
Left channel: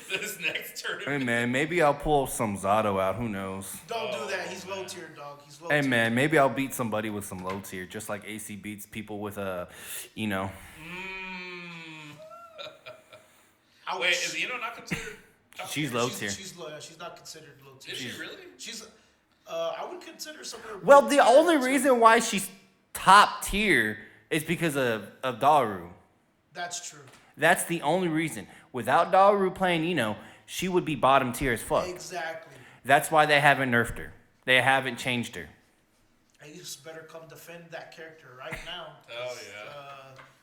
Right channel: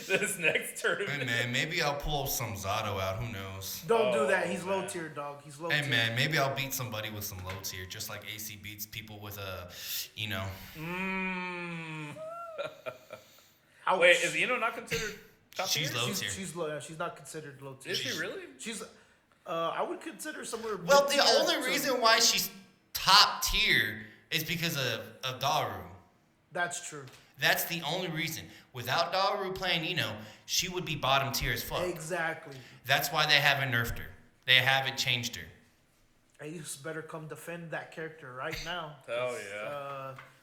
this next tournament. Hey man, maybe I'll pull some Zato out. Who knows? Don't do that. He's low tier, dog. He's low Hey tier. man, maybe I'll beat somebody with some low tier, just like AC beats people with a, you know. Ouch. Wait, is Ino not considered? Top She's tier? low tier. She's low. She's not considered low tier. Is she really? She's. I would consider somewhere. Well, the mid-tier only to- reason why she's top tier is because of Daru. That's true. That's the only reason. Without Daru playing Ino, she would be bottom tier as fuck. Exactly. That's why they haven't nerfed her. They haven't changed her. Ace better come defend that character right now. Hell yeah.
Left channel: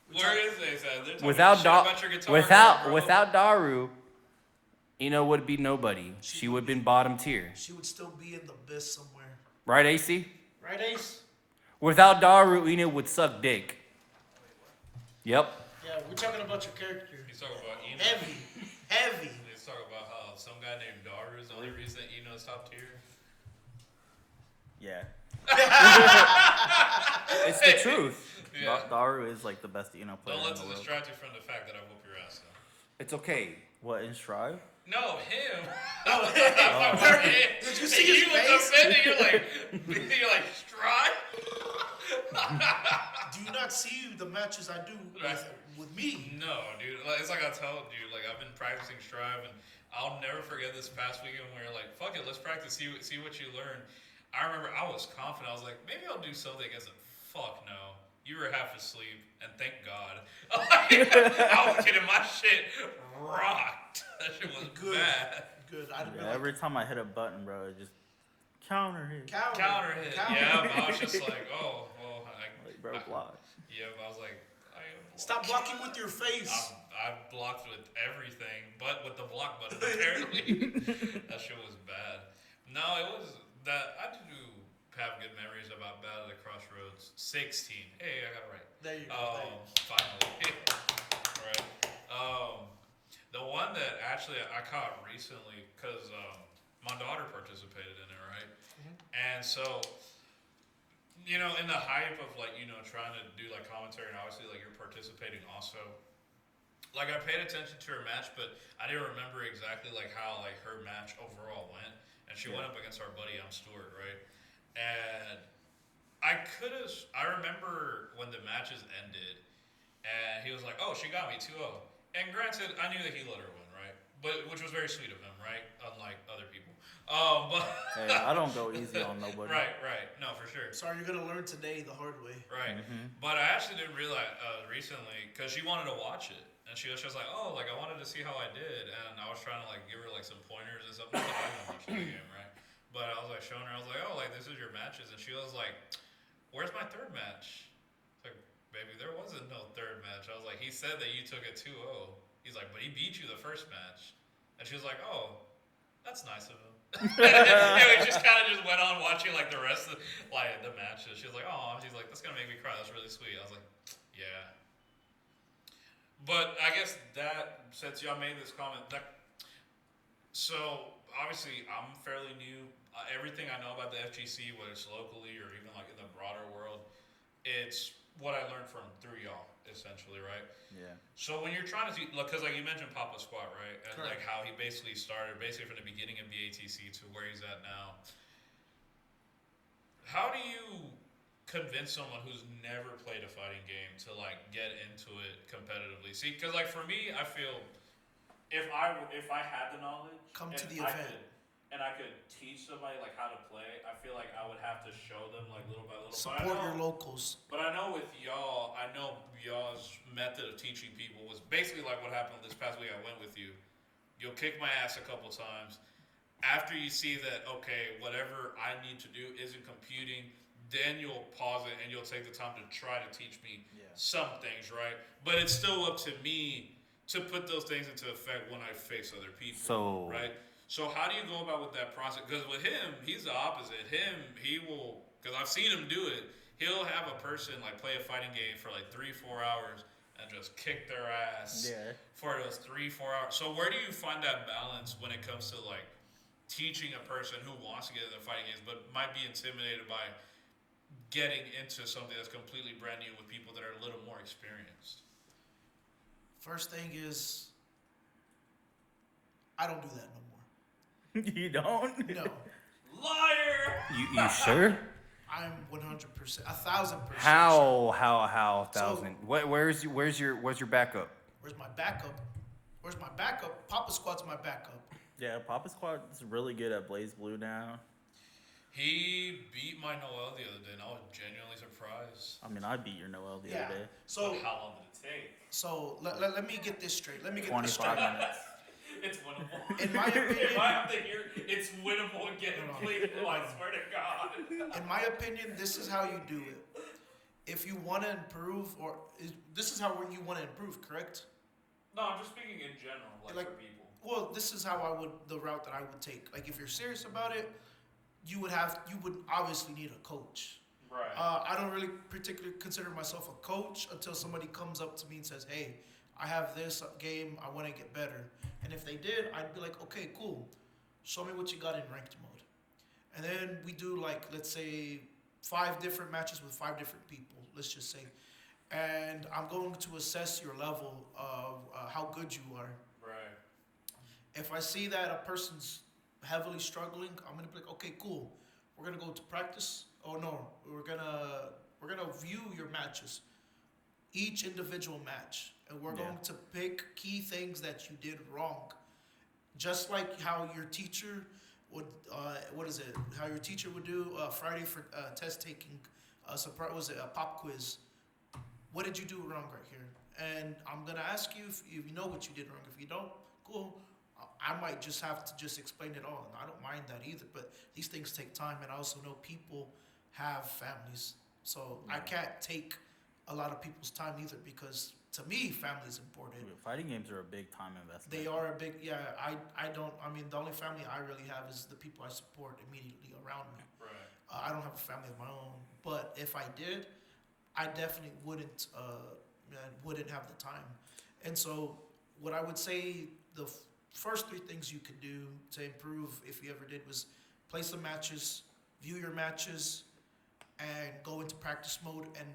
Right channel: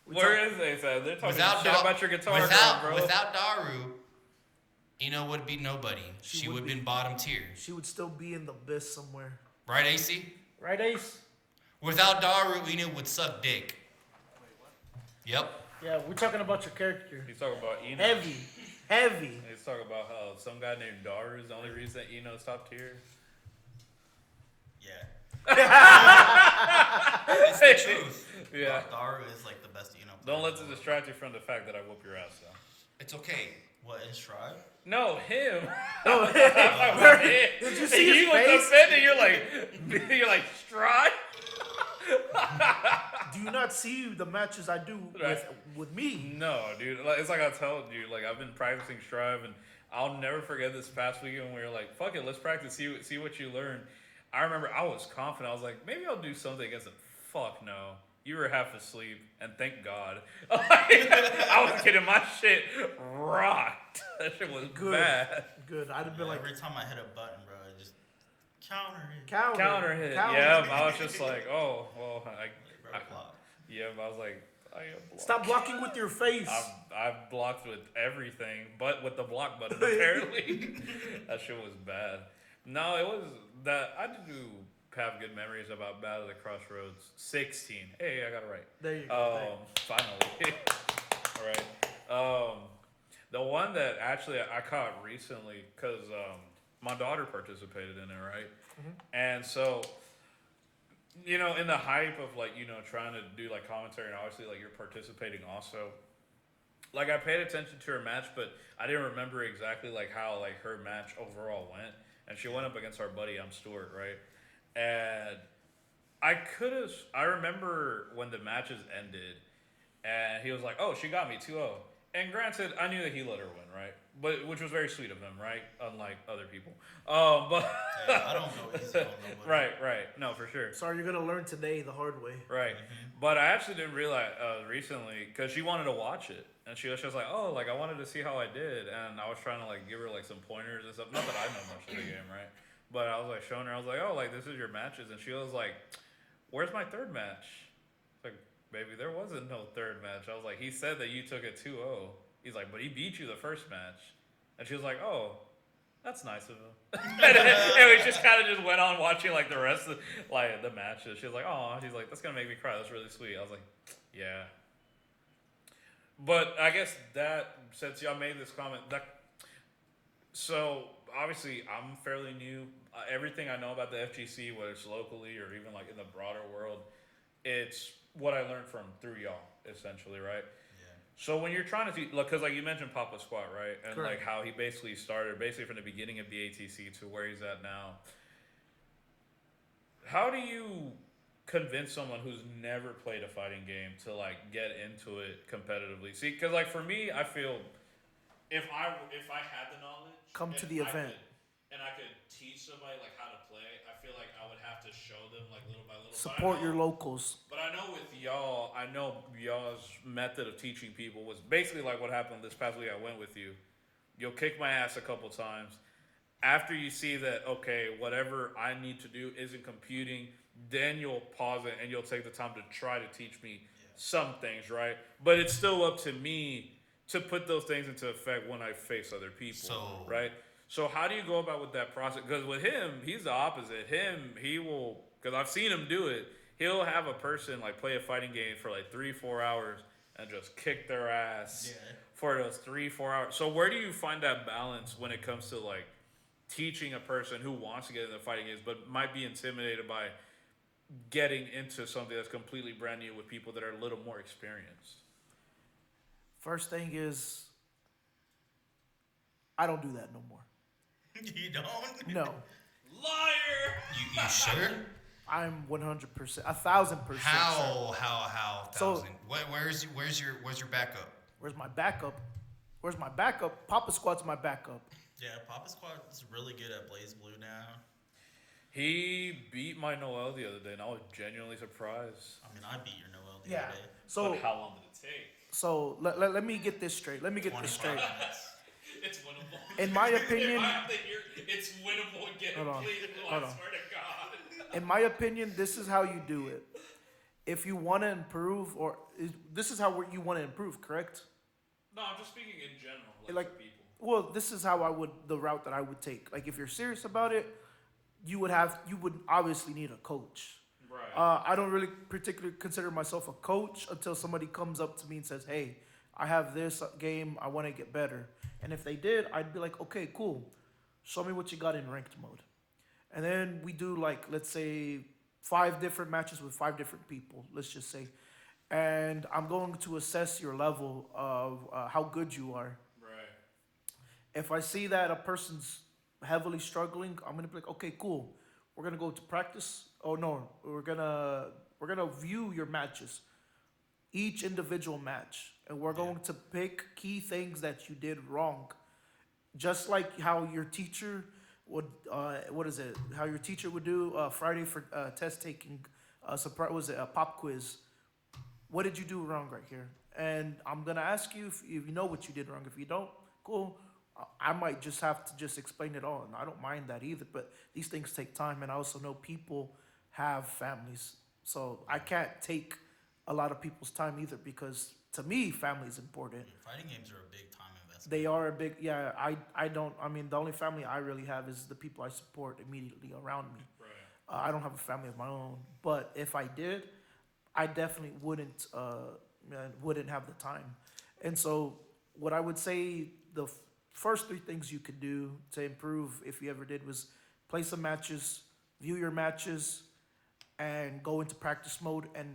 We Where talk- is Ace at? They're talking Without shit Da- about your guitar. bro. without Daru, Ino would be nobody. She would have been bottom tier. She would still be in the abyss somewhere. Right, AC? Right, Ace? Without Daru, Ino would suck dick. Yep. Yeah, we're talking about your character. He's talking about Ino. Heavy. He's talking about how some guy named Daru is the only reason that Ino is top tier. Yeah. It's the truth. Yeah. Daru is like the best Eno player. Don't let in the it world. distract you from the fact that I whoop your ass, though. It's okay. What, in Strive? No, him. Did you see his You was face? offended. You're like, Stride? Do you not see the matches I do Right. with me? No, dude. Like, it's like I told you. Like, I've been practicing Strive, and I'll never forget this past weekend when we were like, fuck it, let's practice, see what you learn. I remember I was confident. I was like, maybe I'll do something against him. Fuck no. You were half asleep, and thank God. I was getting my shit rocked. That shit was Good. bad. Good. I'd have Yeah, been like, every time I hit a button, bro, it just counter hit. Counter hit. Yeah, but I was just like, oh, well, Like, bro, block. yeah, but I was like, I am blocked. Stop blocking with your face. I've blocked with everything, but with the block button, apparently. That shit was bad. No, it was that. I do have good memories about Battle at the CrossRoads 16. Hey, I got it right. There you go. Finally. All right. The one that actually I caught recently, because my daughter participated in it, right? And so, you know, in the hype of like, you know, trying to do like commentary, and obviously like you're participating also. Like I paid attention to her match, but I didn't remember exactly like how like her match overall went. And she went up against our buddy Stuart, right? And I remember when the matches ended, and he was like, "Oh, she got me 2-0." And granted, I knew that he let her win, right? But which was very sweet of him, right? Unlike other people. But Hey, I don't go easy on nobody. right. No, for sure. Sorry, you're gonna learn today the hard way. Right. But I actually didn't realize recently because she wanted to watch it, and she was just like, "Oh, like I wanted to see how I did," and I was trying to like give her like some pointers and stuff. Not that I know much of the game, right? But I was like showing her. I was like, "Oh, like this is your matches," and she was like, "Where's my third match?" It's like, "Baby, there wasn't no third match." I was like, "He said that you took it 2-0." He's like, "But he beat you the first match," and she was like, "Oh, that's nice of him." And we just kind of just went on watching like the rest of like the matches. She was like, "Oh," she's like, "That's gonna make me cry. That's really sweet." I was like, "Yeah." But I guess that since y'all made this comment, so obviously I'm fairly new. Everything I know about the FGC, whether it's locally or even like in the broader world, it's what I learned from through y'all, essentially, right? Yeah. So when you're trying to see, because like you mentioned Papa Squat, right, and like Correct. how he basically started, basically from the beginning of the ATC to where he's at now. How do you convince someone who's never played a fighting game to like get into it competitively? See, because like for me, I feel if I had the knowledge, Come to and the event. and I could teach somebody like how to play, I feel like I would have to show them like little by little. Support your locals. But I know with y'all, I know y'all's method of teaching people was basically like what happened this past week. I went with you. You'll kick my ass a couple times. After you see that, okay, whatever I need to do isn't computing, then you'll pause it and you'll take the time to try to teach me some things, right? But it's still up to me to put those things into effect when I face other people, So- right? So how do you go about with that process? Because with him, he's the opposite. He will, because I've seen him do it. He'll have a person like play a fighting game for like 3-4 hours and just kick their ass for those 3-4 hours. So where do you find that balance when it comes to like teaching a person who wants to get into fighting games but might be intimidated by getting into something that's completely brand new with people that are a little more experienced? First thing is, I don't do that no more. You don't? No, Liar! You sure? I'm 100%, 1,000%. Sure. How So- thousand? Where's your backup? Where's my backup? Where's my backup? Papa Squat's my backup. Yeah, Papa Squad is really good at Blaze Blue now. He beat my Noel the other day, and I was genuinely surprised. I mean, I beat your Noel the Yeah. other day. So, But how long did it take? so let me get this straight. Let me get this 25 straight. minutes. It's winnable. In my opinion- if I have to hear it's winnable again, Hold on. please, I Hold on. swear to God. In my opinion, this is how you do it. If you want to improve, this is how you want to improve, correct? No, I'm just speaking in general, Like- for people. Well, this is how the route that I would take. Like, if you're serious about it, you would obviously need a coach. Right. I don't really particularly consider myself a coach until somebody comes up to me and says, "Hey, I have this game. I want to get better." And if they did, I'd be like, "Okay, cool. Show me what you got in ranked mode." And then we do like, let's say, 5 different matches with 5 different people. Let's just say, and I'm going to assess your level of how good you are. Right. If I see that a person's heavily struggling, I'm gonna be like, okay, cool. We're gonna go to practice. Oh no, we're gonna view your matches, each individual match, and we're going to pick key things that you did wrong, just like how your teacher would. How your teacher would do Friday for test taking. Surprise, was it a pop quiz? What did you do wrong right here? And I'm gonna ask you if you know what you did wrong. If you don't, cool. I might just have to just explain it all, and I don't mind that either. But these things take time, and I also know people have families, so I can't take a lot of people's time either. Because to me, family is important. Dude, fighting games are a big time investment. They are a big, yeah. I don't. I mean, the only family I really have is the people I support immediately around me. Right. I don't have a family of my own, but if I did, I definitely wouldn't have the time. And so, what I would say the first 3 things you could do to improve, if you ever did, was play some matches, view your matches, and go into practice mode, and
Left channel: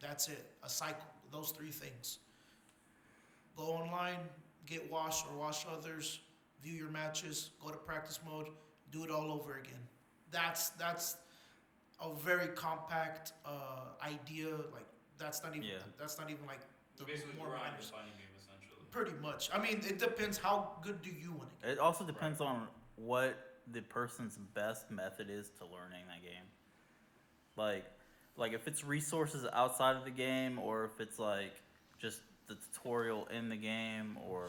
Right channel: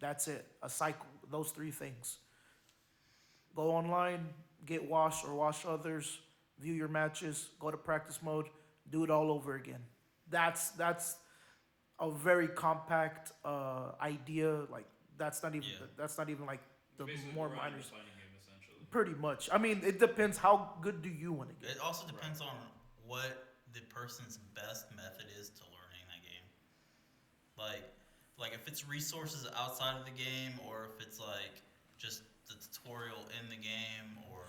that's it. A cycle. Those 3 things. Go online, get washed or wash others, view your matches, go to practice mode, do it all over again. That's a very compact idea. Like that's not even Yeah. like the Basically, more grind minor the stuff. fighting game essentially. Pretty much. I mean, it depends how good do you want to get. It also depends on what the person's best method is to learning that game. Like if it's resources outside of the game, or if it's like just the tutorial in the game, or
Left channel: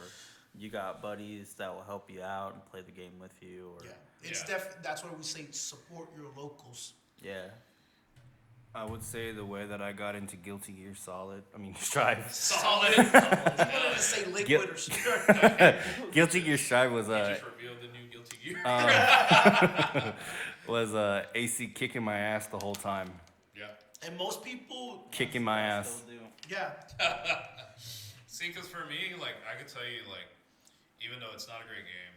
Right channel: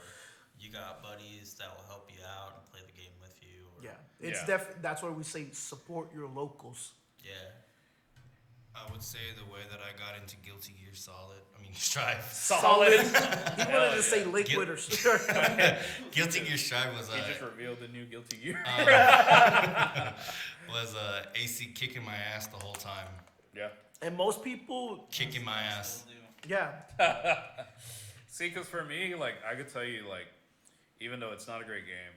you got buddies that will help you out and play the game with you. Or, Yeah, it's Yeah. that's why we say support your locals. Yeah. I would say the way that I got into Guilty Gear Solid. I mean, Strive. Solid. You wanted to say liquid or something. Guilty Gear Strive was He just revealed the new Guilty Gear. was AC kicking my ass the whole time. Yeah. And most people, Kicking my ass. yeah, See, because for me, like, I could tell you, like, even though it's not a great game,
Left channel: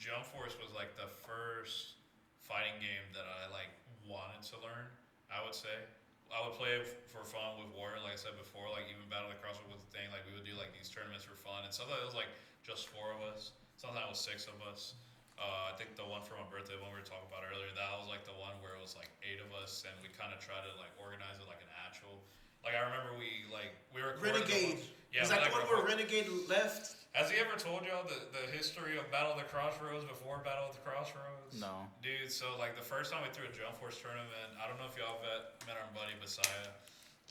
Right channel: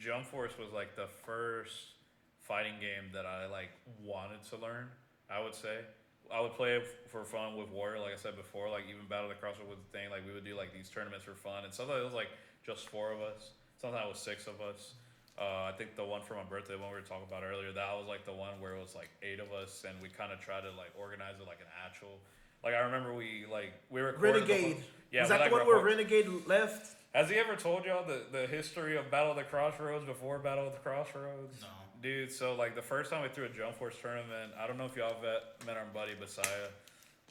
Jump Force was, like, the first fighting game that I, like, wanted to learn, I would say. I would play it for fun with Warrior, like I said before, like, even Battle at the CrossRoads was the thing. Like, we would do, like, these tournaments for fun. And sometimes it was, like, just 4 of us. Sometimes it was 6 of us. I think the one for my birthday, one we were talking about earlier, that was, like, the one where it was, like, 8 of us. And we kind of tried to, like, organize it like an actual. Like, I remember we recorded Renegade. Yeah, was that the one where Renegade left? Has he ever told y'all the history of Battle at the CrossRoads before Battle at the CrossRoads? No. Dude, so like the first time we threw a Jump Force tournament, I don't know if y'all met our buddy Messiah,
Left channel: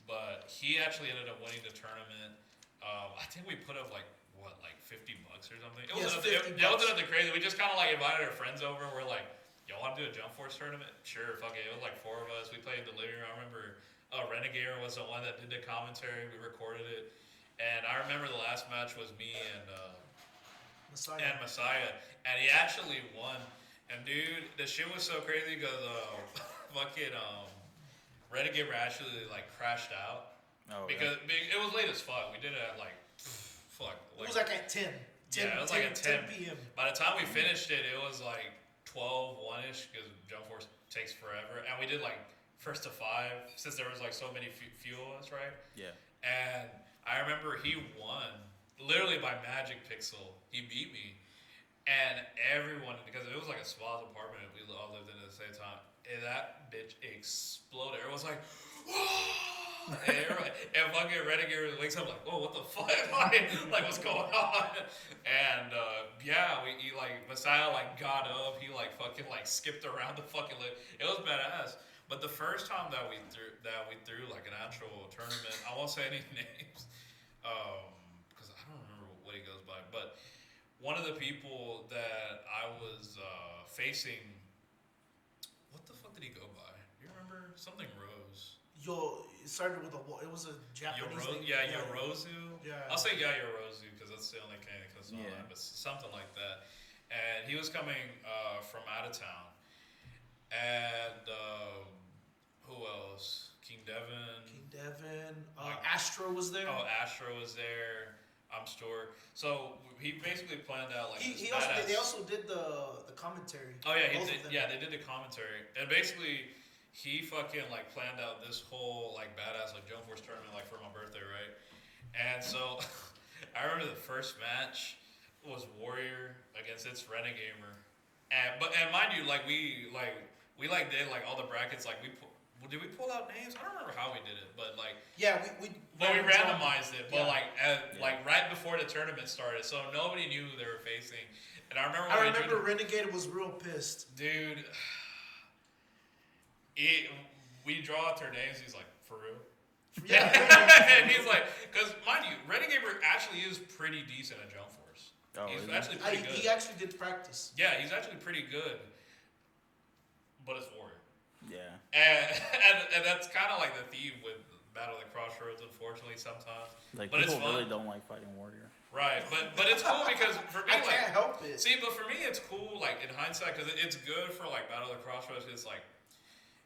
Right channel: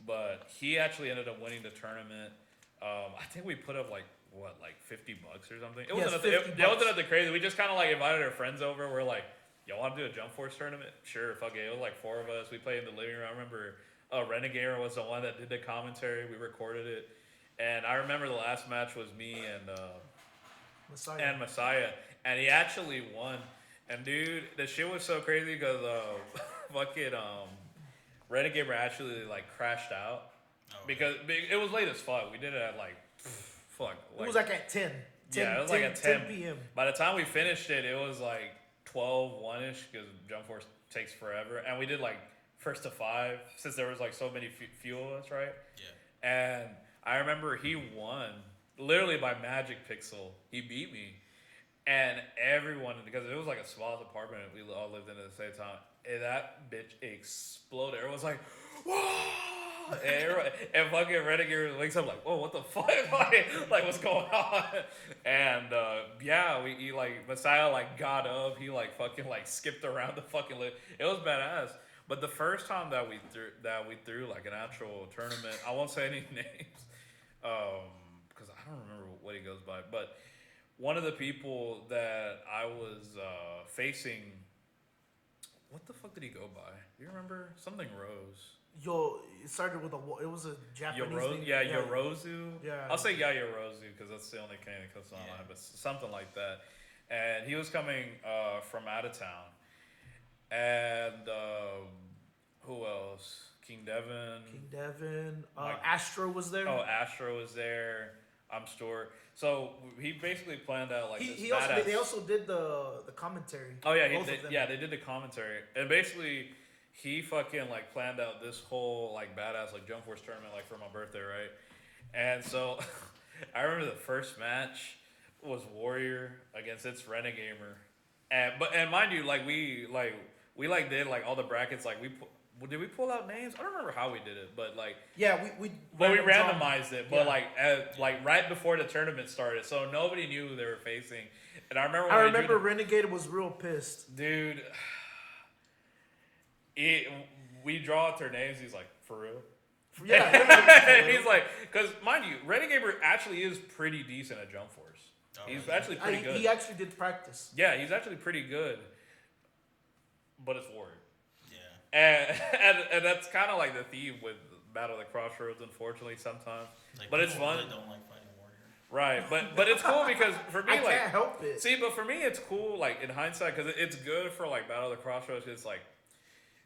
but he actually ended up winning the tournament. I think we put up like $50 or something. It wasn't $50. nothing crazy. We just kind of like invited our friends over. We're like, y'all want to do a Jump Force tournament? Sure, fuck it. It was like 4 of us. We played in the living room. I remember Renegade was the one that did the commentary. We recorded it. And I remember the last match was me and Messiah, and he actually won. And dude, the shit was so crazy because fucking Renegade actually like crashed out because it was late as fuck. We did it at like It was like at 10. Yeah, it was like at 10 p.m. By the time we finished it, it was like 12-1-ish because Jump Force takes forever, and we did like first to 5 since there was like so many few of us, right? Yeah. And I remember he won literally by magic pixel. He beat me, and everyone, because it was like a small apartment we all lived in at the same time, and that bitch exploded. Everyone was like, "Whoa!" and fucking Renegade wakes up like, "Whoa, what the fuck? like what's going on?" And he like Messiah like got up. He like fucking like skipped around the fucking. It was badass. But the first time that we threw like an actual tournament, I won't say any names, because I don't remember what he goes by. But one of the people that I was facing, what the fuck did he go by? Do you remember? Something Rose. It started with it was a Japanese name. Yorozu. Yeah. I'll say Yorozu because that's the only kind that comes to mind, but something like that. And he was coming from out of town. And who else? King Devin. Astro was there. Oh, Astro was there. I'm Stuart. So he basically planned out like they also did the commentary. Oh yeah, Both of them. they did the commentary, and basically he fucking like planned out this whole like badass like Jump Force tournament like for my birthday, right? And so I remember the first match was Warrior against its Renegamer, and mind you, like we did like all the brackets, like did we pull out names? I don't remember how we did it, but like we randomized it, but like right before the tournament started, so nobody knew who they were facing. And I remember Renegade was real pissed, dude. We draw out their names. He's like, for real? Yeah. And he's like, because mind you, Renegade actually is pretty decent at Jump Force. He's actually pretty good. He actually did practice. Yeah, he's actually pretty good. But it's Warrior. Yeah. And that's kind of like the theme with Battle at the CrossRoads, unfortunately, sometimes. Like, but it's fun. Really don't like fighting Warrior. Right, but it's cool because for me, I can't help it. See, but for me, it's cool, like, in hindsight, because it's good for, like, Battle at the CrossRoads. It's like,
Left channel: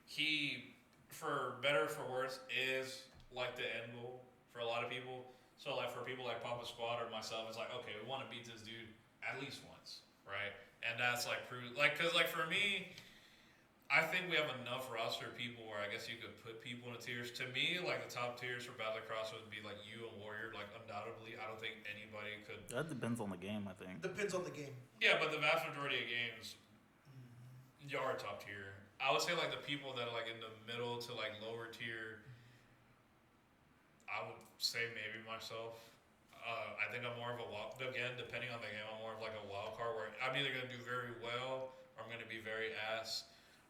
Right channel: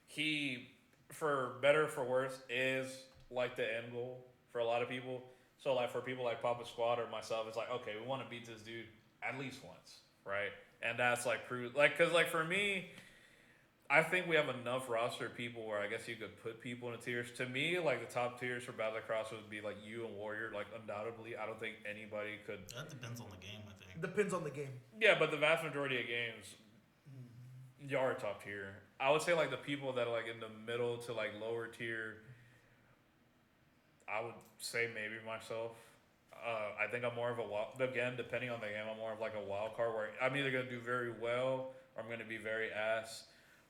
he, for better or for worse, is, like, the end goal for a lot of people. So, like, for people like Papa Squad or myself, it's like, okay, we want to beat this dude at least once, right? And that's, like, like, because, like, for me, I think we have enough roster of people where I guess you could put people in the tiers. To me, like, the top tiers for Battle at the CrossRoads would be, like, you and Warrior, like, undoubtedly. I don't think anybody could. That depends on the game, I think. Depends on the game. Yeah, but the vast majority of games, y'all are top tier. I would say like the people that are like in the middle to like lower tier. I would say maybe myself. I think I'm more of a wild, again, depending on the game, I'm more of like a wild card where I'm either gonna do very well or I'm gonna be very ass.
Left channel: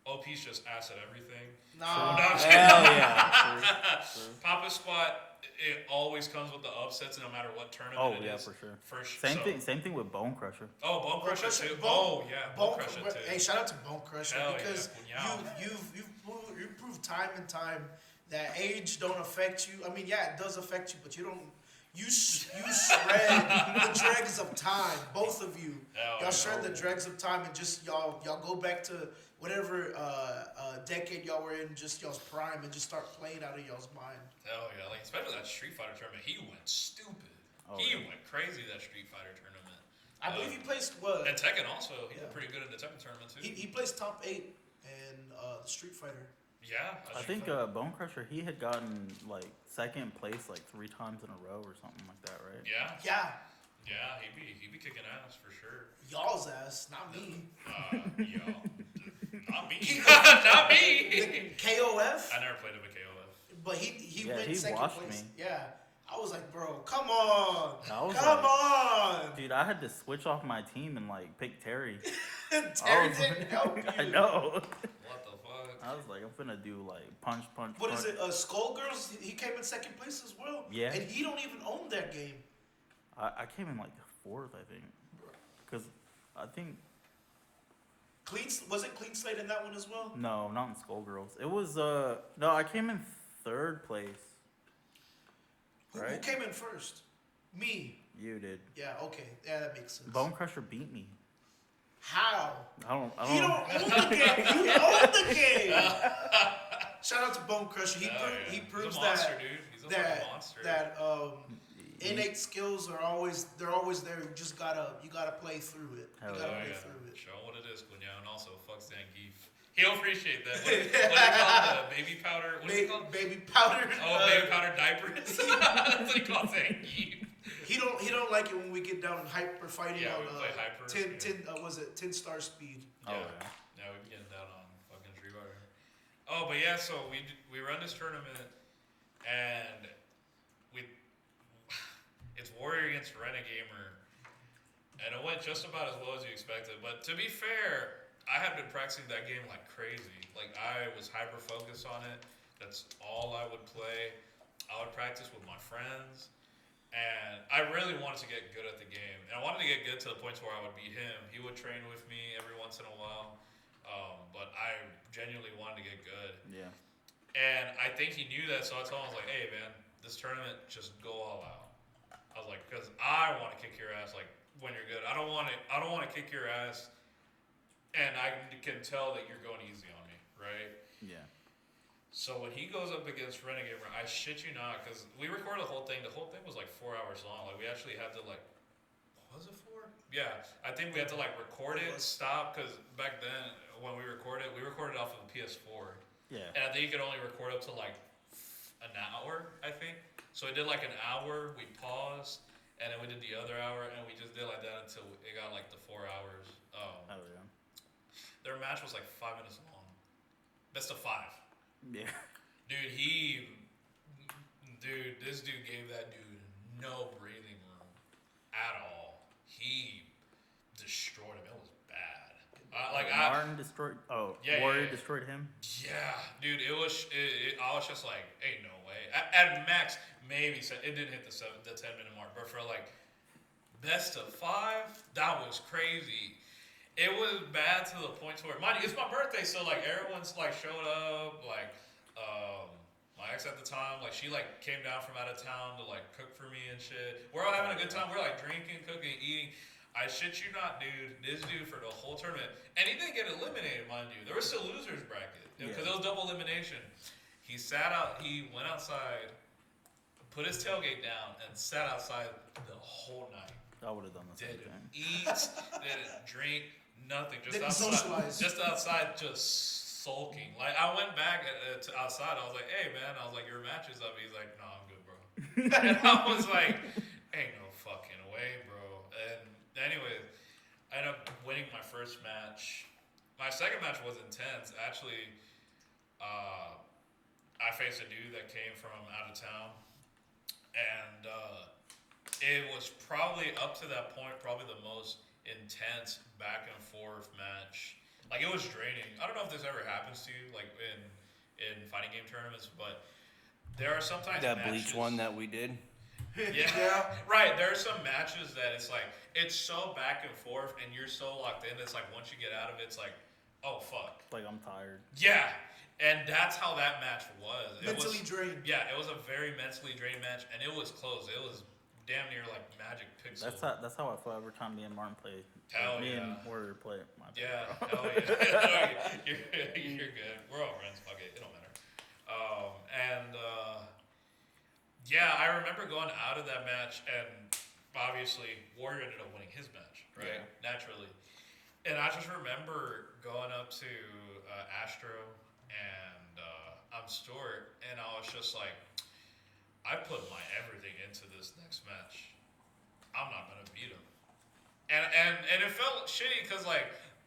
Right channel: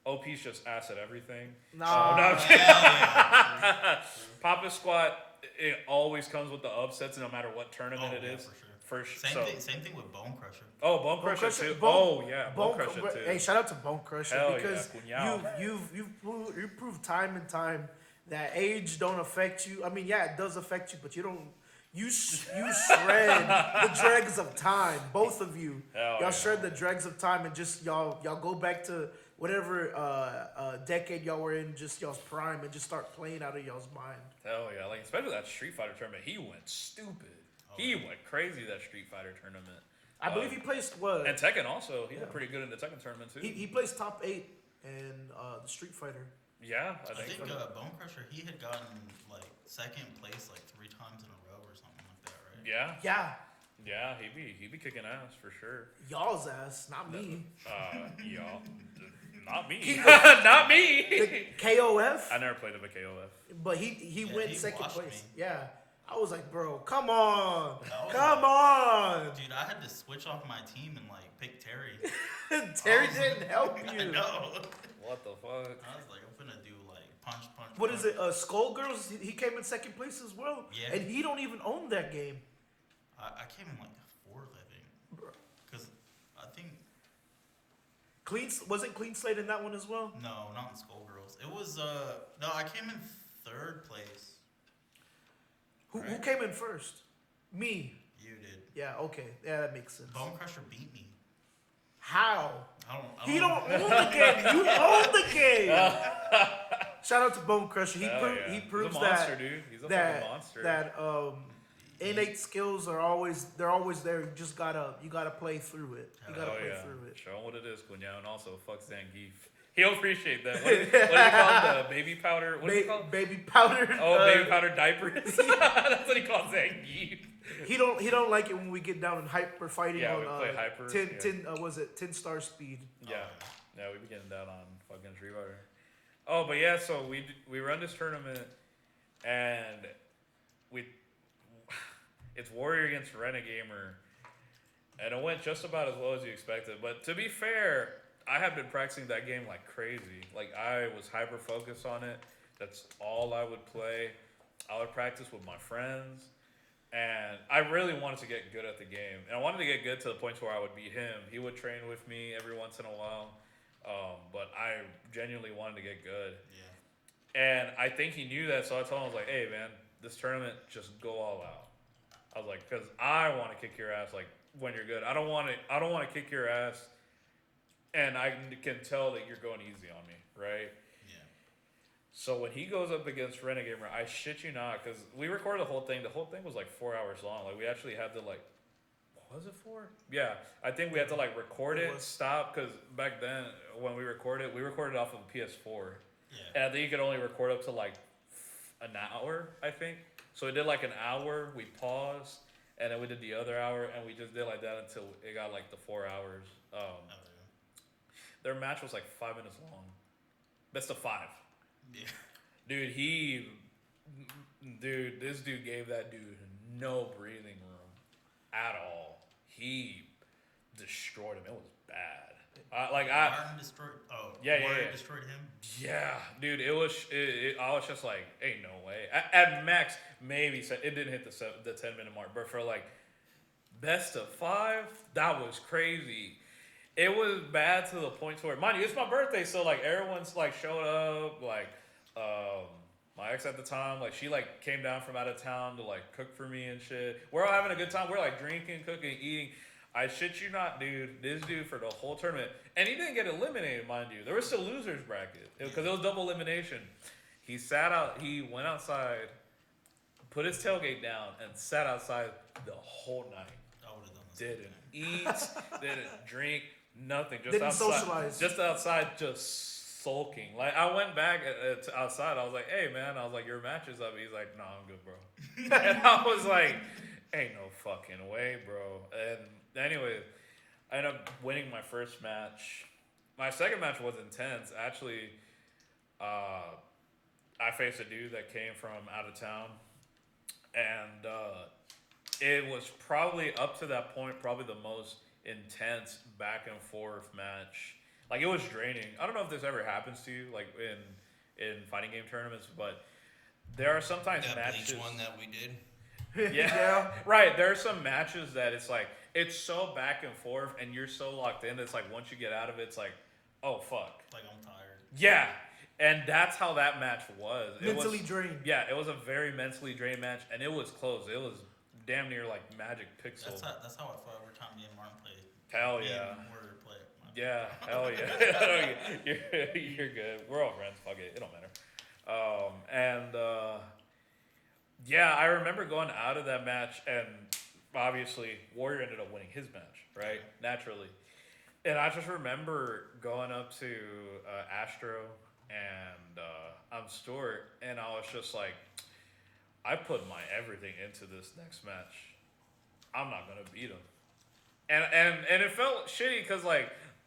OP's just ass at everything. No, No, I'm Hell kidding. yeah. Papa Squad, it always comes with the upsets, no matter what tournament Oh it yeah, is. for sure. So- Same thing with Bone Crusher. Oh, Bone Crusher too. Oh yeah, Bone Crusher too. Hey, shout out to Bone Crusher Hell yeah, because Cunhao. you've proved time and time that age don't affect you. I mean, yeah, it does affect you, but you don't. You shred the dregs of time. Both of you, Hell y'all yeah. shred the dregs of time and just y'all go back to whatever decade y'all were in, just y'all's prime, and just start playing out of y'all's mind. Hell yeah, like especially that Street Fighter tournament, he went stupid. Oh, He yeah. went crazy that Street Fighter tournament. I believe he placed what? And Tekken also, he Yeah. did pretty good in the Tekken tournament too. He placed top 8 in the Street Fighter. Yeah, I think Bone Crusher, he had gotten like second place like 3 times in a row or something like that, right? yeah, Yeah, he'd be kicking ass for sure. y'all's ass, not me. Y'all, not me, not me. The KOF. I never played him at KOF. But he Yeah, went he second washed place. me. Yeah. I was like, bro, come on. I was Come like- on. Dude, I had to switch off my team and like pick Terry. Terry I was- didn't help you. I know. What the fuck? I was like, I'm finna do like punch. What is it? Skullgirls, he came in second place as well. Yeah. And he don't even own that game. I came in like 4th, I think. Because I think, Was it Clean Slate in that one as well? no, not in Skullgirls. It was, no, I came in 3rd place. Who Right. came in first? Me. You did. Yeah, okay. Yeah, that makes sense. Bone Crusher beat me. How? I don't He know. don't own the game. You own the game. Shout out to Bone Crusher. He Hell yeah. he proves He's a monster, that dude. He's a that fucking monster. that innate skills are always there. You just gotta play through it. Hell You gotta Oh play yeah, through it. show him what it is, Cunhao, and also fuck Zangief. He'll appreciate that. What do you call it? The baby powder? What is it called? Baby powder. Oh, baby powder diapers. That's what he calls Zangief. He don't like it when we get down in hyper fighting Yeah, on we play hyper, 10 star speed. Yeah, yeah, we be getting down on fucking Street Fighter. Oh, but yeah, so we run this tournament, and it's Warrior against Renegamer, and it went just about as well as you expected. But to be fair, I have been practicing that game like crazy. Like I was hyper focused on it. That's all I would play. I would practice with my friends, and I really wanted to get good at the game. And I wanted to get good to the point where I would beat him. He would train with me every once in a while, but I genuinely wanted to get good. Yeah. And I think he knew that, so I told him, I was like, hey, man, this tournament, just go all out. I was like, because I want to kick your ass, like, when you're good. I don't want to kick your ass, and I can tell that you're going easy on me, right? Yeah. So when he goes up against Renegamer, I shit you not, because we recorded the whole thing. The whole thing was like 4 hours long. Like, we actually had to, like, what was it for? Yeah, I think we had to, like, record it, stop, because back then, when we recorded off of a PS4. Yeah. And I think you could only record up to like an hour, I think. So we did like an hour, we paused, and then we did the other hour, and we just did like that until it got like the 4 hours. Oh yeah. Their match was like 5 minutes long. Best of 5. Yeah. This dude gave that dude no breathing room at all. He destroyed him. It was bad. Martin destroyed. Oh, Yeah, Warrior yeah. destroyed him. Yeah, dude, it was. I was just like, ain't no way. At max, maybe it didn't hit the 10-minute mark, but for like best of 5, that was crazy. It was bad to the point where, mind you, it's my birthday, so like everyone's like showed up. Like, my ex at the time, like she like came down from out of town to like cook for me and shit. We're all having a good time. We're like drinking, cooking, eating. I shit you not, dude. This dude for the whole tournament, and he didn't get eliminated, mind you. There was still losers bracket because it was double elimination. He went outside, put his tailgate down, and sat outside the whole night. I would have done the same Didn't thing. eat, didn't drink, nothing. Just Didn't outside, socialize. just outside, just sulking. Like I went back outside. I was like, "Hey, man," I was like, "Your match is up." He's like, "No, I'm good, bro." And I was like, "Ain't no fucking way, bro." And anyway, I ended up winning my first match, my second match was intense. Actually, I faced a dude that came from out of town, and it was probably up to that point, probably the most intense back and forth match. Like it was draining. I don't know if this ever happens to you, like in fighting game tournaments, but there are sometimes That matches, Bleach one that we did. Yeah. Right. There are some matches that it's like it's so back and forth, and you're so locked in. It's like once you get out of it, it's like, oh fuck. Like I'm tired. Yeah, and that's how that match was. Mentally drained. Yeah, it was a very mentally drained match, and it was close. It was damn near like Magic Pixel. That's how I feel every time me and Martin play. Hell me yeah. and Warrior play. Yeah, hell yeah. you're good. We're all friends. Fuck it. It don't matter. Yeah, I remember going out of that match, and obviously Warrior ended up winning his match, right? Yeah. Naturally. And I just remember going up to Astro and I'm Stuart, and I was just like, I put my everything into this next match. I'm not gonna beat him. And it felt shitty because like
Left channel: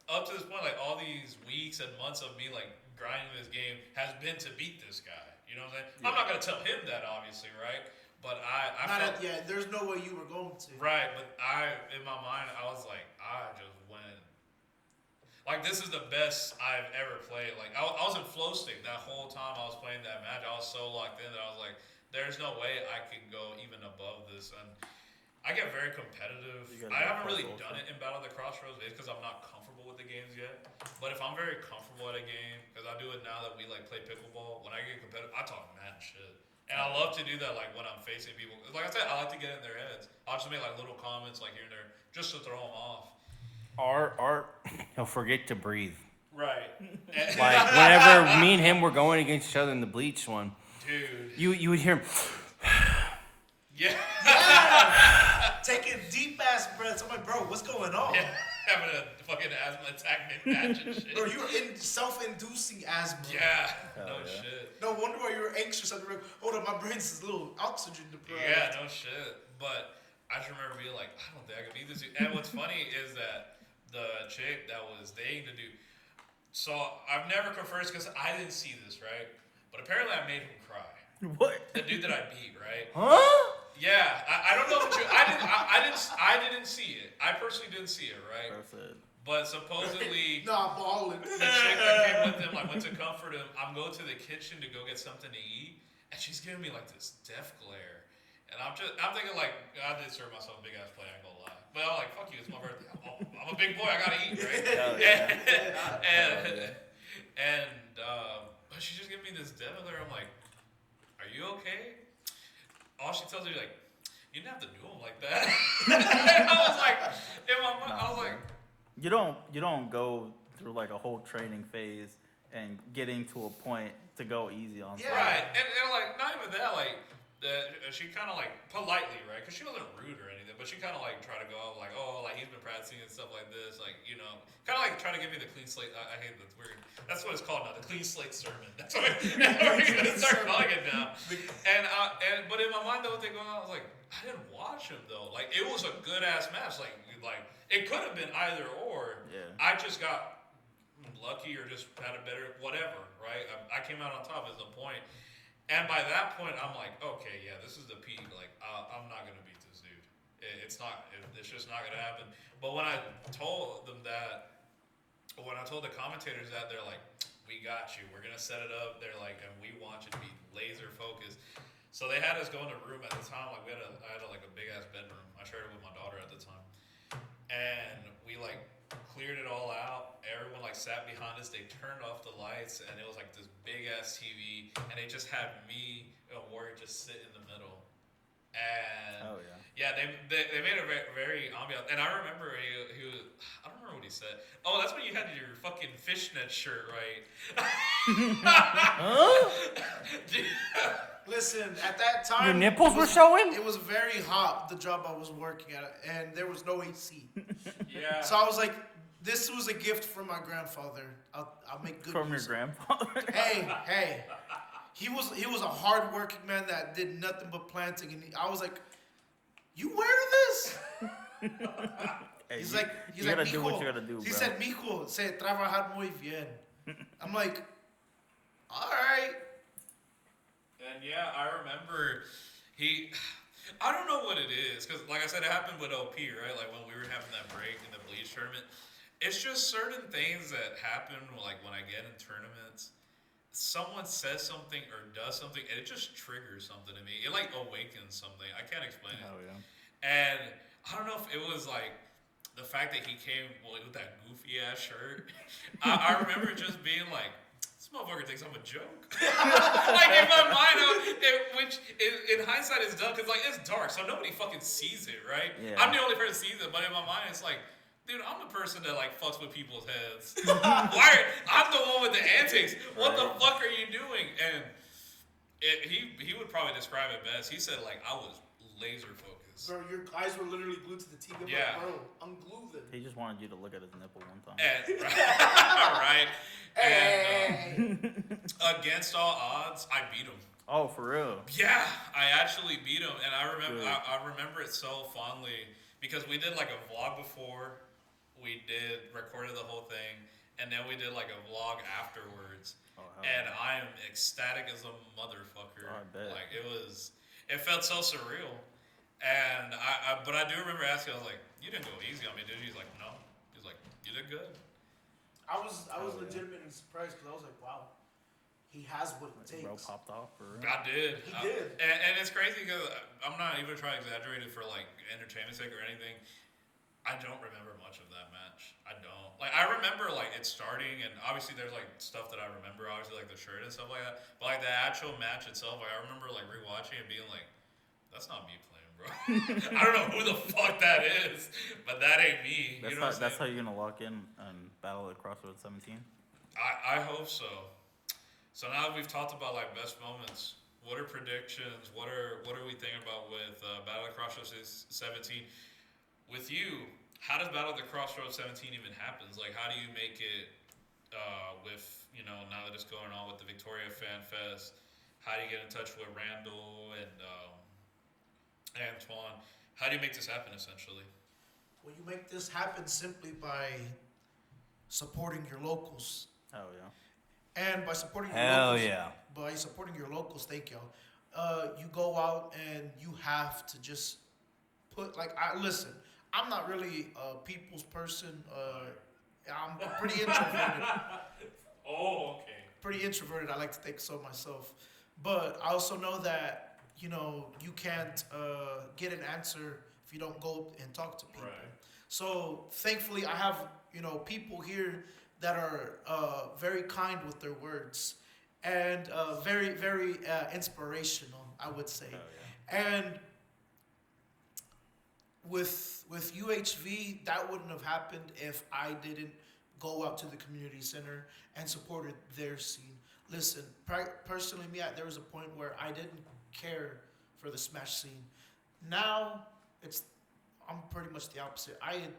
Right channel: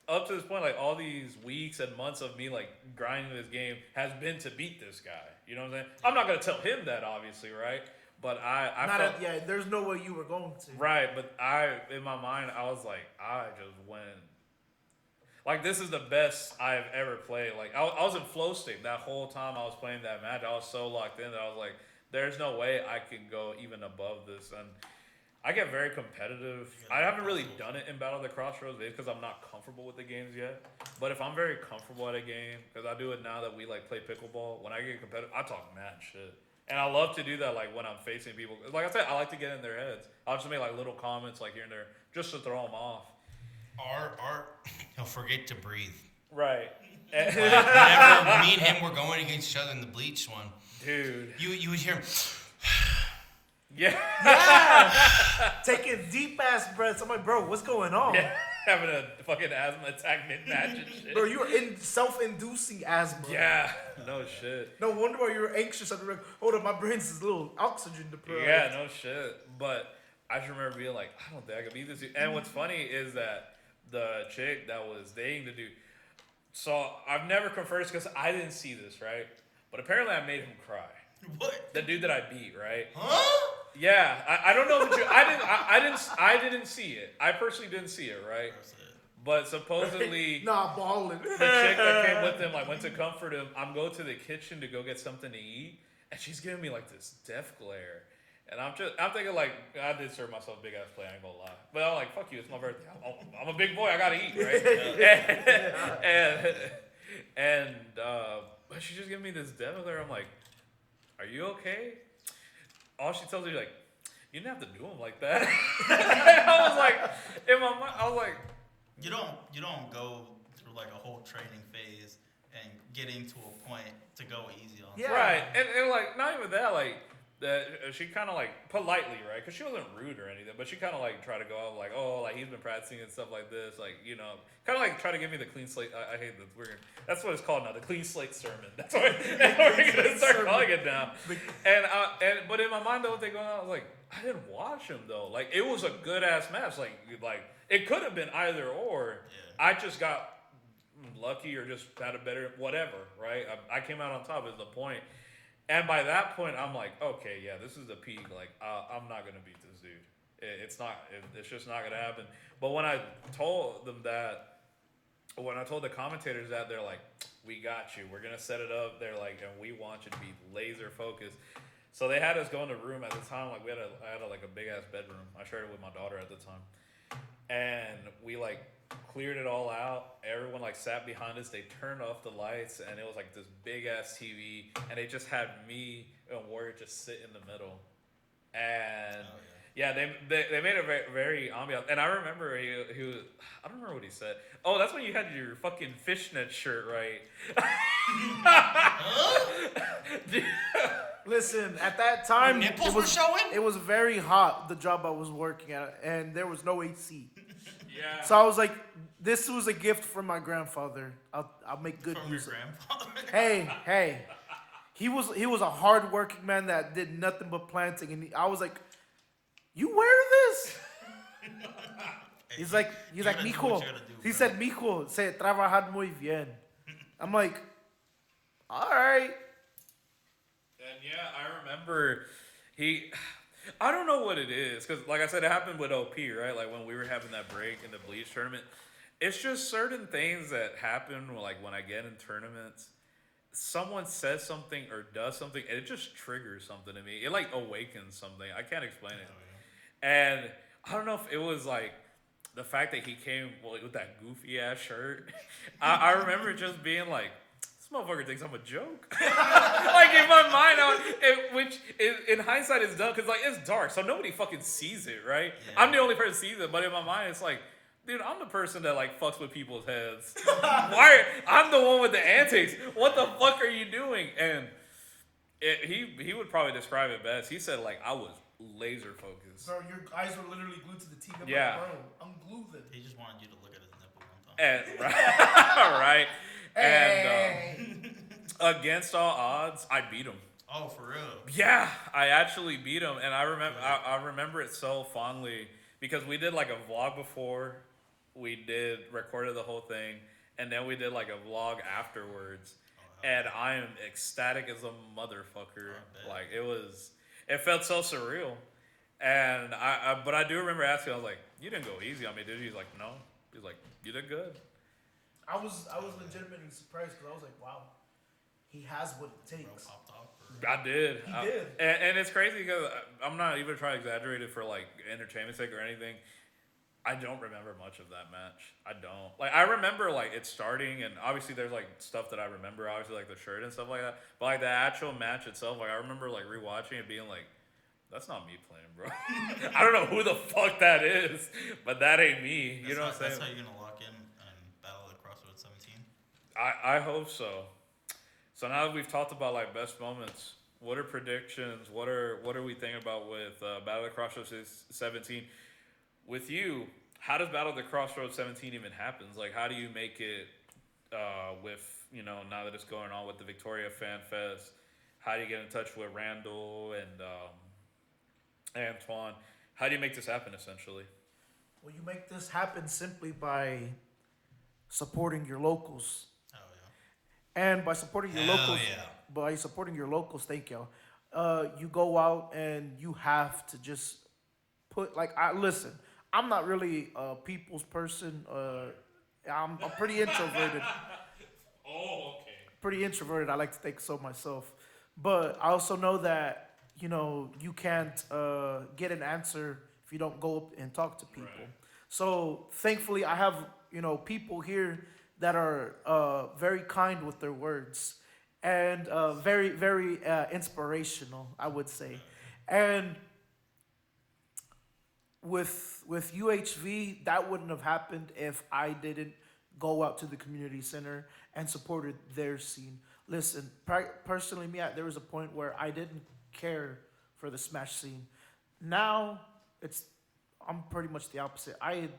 up to this point, like all these weeks and months of me like grinding this game has been to beat this guy. You know what I'm saying? Yeah. I'm not gonna tell him that, obviously, right? But I felt, There's no way you were going to. right. But in my mind, I was like, I just went. Like this is the best I've ever played. Like I was in flow state that whole time I was playing that match. I was so locked in that I was like, there's no way I could go even above this. And I get very competitive. I haven't really done it in Battle At The CrossRoads because I'm not comfortable with the games yet. But if I'm very comfortable at a game, because I do it now that we like play pickleball, when I get competitive, I talk mad shit. And I love to do that like when I'm facing people. Like I said, I like to get in their heads. I'll just make like little comments like here and there just to throw them off. He'll forget to breathe. Right. Like whenever me and him were going against each other in the Bleach one, Dude. you would hear him. Yeah. Taking deep ass breaths. I'm like, bro, what's going on? Yeah. Having a fucking asthma attack mid-match and shit. Bro, you were in self-inducing asthma. Yeah. No yeah. shit. No wonder why you were anxious. I'd be like, hold up, my brain's is a little oxygen deprived. Yeah, no shit. But I just remember being like, I don't think I could beat this dude. And what's funny is that the chick that was dating the dude, so I've never conversed because I didn't see this, right? But apparently I made him cry. What? The dude that I beat, right? Huh? Yeah, I don't know if I didn't see it. I personally didn't see it, right? But supposedly Nah, balling. the chick that came with him, like went to comfort him. I'm going to the kitchen to go get something to eat, and she's giving me like this death glare. And I'm thinking like, I did serve myself a big ass plate, I ain't gonna lie. But I'm like, fuck you, it's my birthday. I'm a big boy, I gotta eat, right? But she's just giving me this death glare. I'm like, are you okay? All she tells me like, you didn't have to do him like that. I was like, in my mind, I was like, you don't go through like a whole training phase and getting to a point to go easy on. Yeah. right. And like, not even that, like, she kind of like politely, right? Because she wasn't rude or anything, but she kind of like tried to go out like, oh, like he's been practicing and stuff like this, like, you know, kind of like try to give me the clean slate. I hate that weird. That's what it's called now, the clean slate sermon. That's what we're gonna start calling it now. But in my mind, the whole thing going on, I was like, I didn't watch him though. Like it was a good ass match. Like it could have been either or. Yeah. I just got lucky or just had a better whatever, right? I came out on top is the point. And by that point, I'm like, okay, yeah, this is the peak. Like, I'm not gonna beat this dude. It's just not gonna happen. But when I told them that, when I told the commentators that, they're like, we got you. We're gonna set it up. They're like, and we want you to be laser focused. So they had us go in the room at the time. Like I had a big ass bedroom. I shared it with my daughter at the time, and we like cleared it all out. Everyone like sat behind us. They turned off the lights, and it was like this big ass TV, and they just had me and Warrior just sit in the middle. And they made it very, very ambient. And I remember he was, I don't remember what he said. Oh, that's when you had your fucking fishnet shirt, right? Huh? Listen, at that time, Your nipples were showing? It was very hot, the job I was working at, and there was no AC. Yeah. So I was like, this was a gift from my grandfather. I'll make good From your use of it. grandfather. Hey. He was a hard-working man that did nothing but planting, and I was like, you wear this? Hey, He's you- like, you gotta do what mijo. you gotta do, He bro. said, mijo, say trabajar muy bien. I'm like, all right. And yeah, I remember I don't know what it is, because like I said, it happened with OP, right? Like when we were having that break in the Bleach tournament. It's just certain things that happen, like when I get in tournaments, someone says something or does something, and it just triggers something in me. It like awakens something. I can't explain it. Hell yeah. And I don't know if it was like the fact that he came with that goofy ass shirt. I remember just being like, this motherfucker thinks I'm a joke. Like in my mind, which in hindsight is dumb because like it's dark, so nobody fucking sees it, right? Yeah. I'm the only person who sees it, but in my mind, it's like, dude, I'm the person that like fucks with people's heads. I'm the one with the antics. What the fuck are you doing? And he would probably describe it best. He said like I was laser focused. Bro, your eyes were literally glued to the TV. I'm Yeah. like, bro, unglue them. He just wanted you to look at his nipple one time. And right. Hey. And against all odds, I beat him. Oh, for real? Yeah, I actually beat him, and I remember Good. I remember it so fondly because we did like a vlog before, we recorded the whole thing, and then we did like a vlog afterwards, Oh, hell and I am ecstatic as a motherfucker. Oh, I bet. Like it felt so surreal, and but I do remember asking, I was like, "You didn't go easy on me, did you?" He's like, "No." He's like, "You did good." I was yeah. legitimately surprised because I was like, wow, he has what it takes. Bro popped off for real. I did. He did. And it's crazy because I'm not even trying to exaggerate it for like entertainment sake or anything. I don't remember much of that match. I don't. Like I remember like it starting, and obviously there's like stuff that I remember, obviously like the shirt and stuff like that. But like the actual match itself, like I remember like rewatching it, being like, "That's not me playing, bro. I don't know who the fuck that is, but that ain't me." You know what I'm saying? That's how you're gonna lock in Battle at CrossRoads 17. I hope so. So now that we've talked about like best moments, what are predictions? What are we thinking about with Battle at the Crossroads 17? With you, how does Battle at the Crossroads 17 even happens? Like, how do you make it with now that it's going on with the Victoria Fan Fest? How do you get in touch with Randall and Antoine? How do you make this happen essentially? Well, you make this happen simply by supporting your locals. Oh yeah. And by supporting your Hell locals, yeah. by supporting your locals, thank y'all. You go out and you have to just put listen. I'm not really a people's person. I'm pretty introverted. Oh, okay. Pretty introverted. I like to think so myself, but I also know that you can't get an answer if you don't go up and talk to people. Right. So thankfully, I have people here that are very kind with their words and very very inspirational, I would say. And with UHV, that wouldn't have happened if I didn't go out to the community center and supported their scene. Listen, personally, there was a point where I didn't care for the Smash scene. Now I'm pretty much the opposite.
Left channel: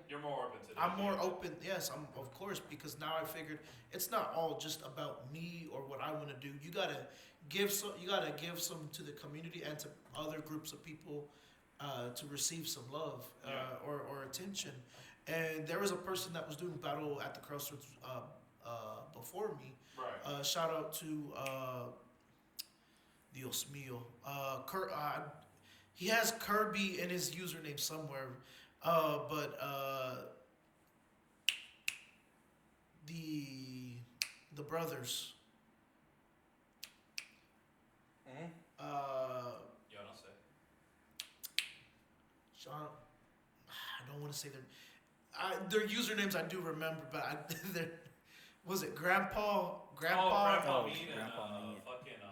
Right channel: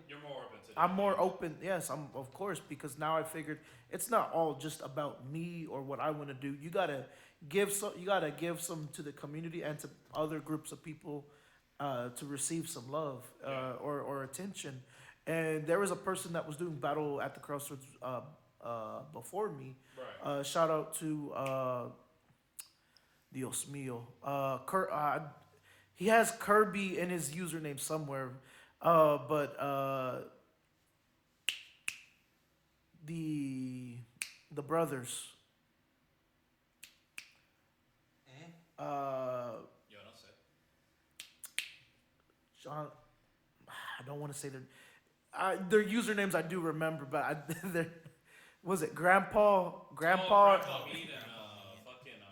You're more open to I'm more open. Yes, I'm of course, because now I figured it's not all just about me or what I want to do. You gotta give some. You gotta give some to the community and to other groups of people to receive some love or attention. And there was a person that was doing Battle at the CrossRoads before me. Right. Shout out to Dios mío. He has Kirby in his username somewhere, but the brothers. Yo, no sé. Sean, I don't want to say their usernames. I do remember, but was it Grandpa? Grandpa. Grandpa Oh, Mead and Grandpa Mead. fucking I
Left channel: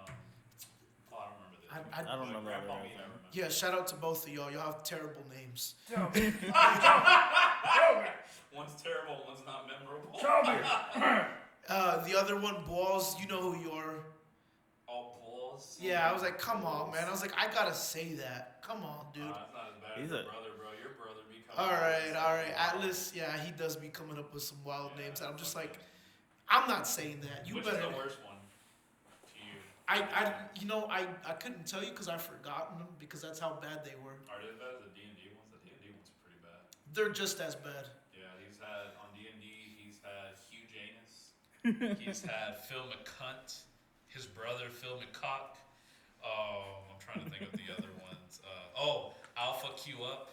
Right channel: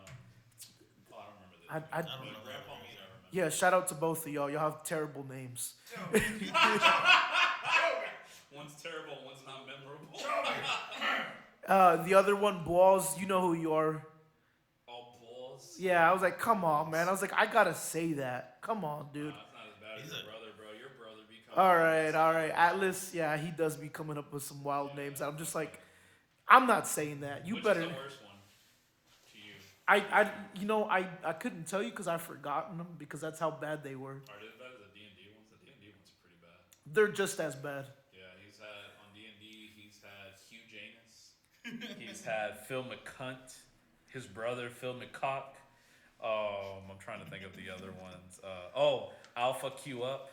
don't remember this. I I don't know that. Grandpa guy's Mead, I name. remember. Yeah, shout out to both of y'all. Y'all have terrible names. One's terrible, one's not memorable. The other one, Balls. You know who you are. All balls. Yeah, I was like, come on, man. I was like, I gotta say that. Come on, dude. It's not as bad He's as your a- brother, bro. Your brother becomes. All right. Atlas, yeah, he does be coming up with some wild names. And I'm just like, I'm not saying that. You Which better. is the worst one to you? I couldn't tell you because I've forgotten them because that's how bad they were. Are they better than the D&D ones? The D&D ones are pretty bad. They're just as bad. Yeah, he's had on D&D. He's had Hugh Janus. He's had Phil McCunt, his brother Phil McCock. I'm trying to think of the other ones. Alpha Q Up.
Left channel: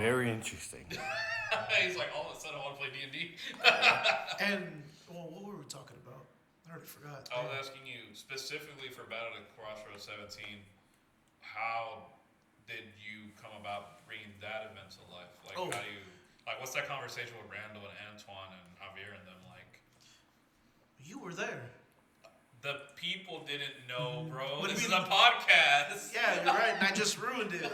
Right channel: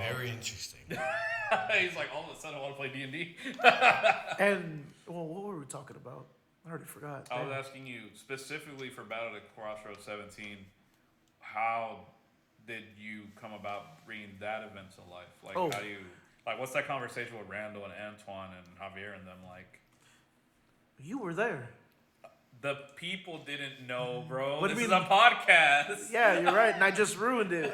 Very interesting. He's like, all of a sudden I want to play D&D. And well, what were we talking about? I already forgot. I was Damn. asking you specifically for Battle at CrossRoads 17. How did you come about bringing that event to life? Like, Oh. how do you what's that conversation with Randall and Antoine and Javier and them like? You were there. The people didn't know, bro. What do This you is a mean? podcast. Yeah, you're right, and I just ruined it.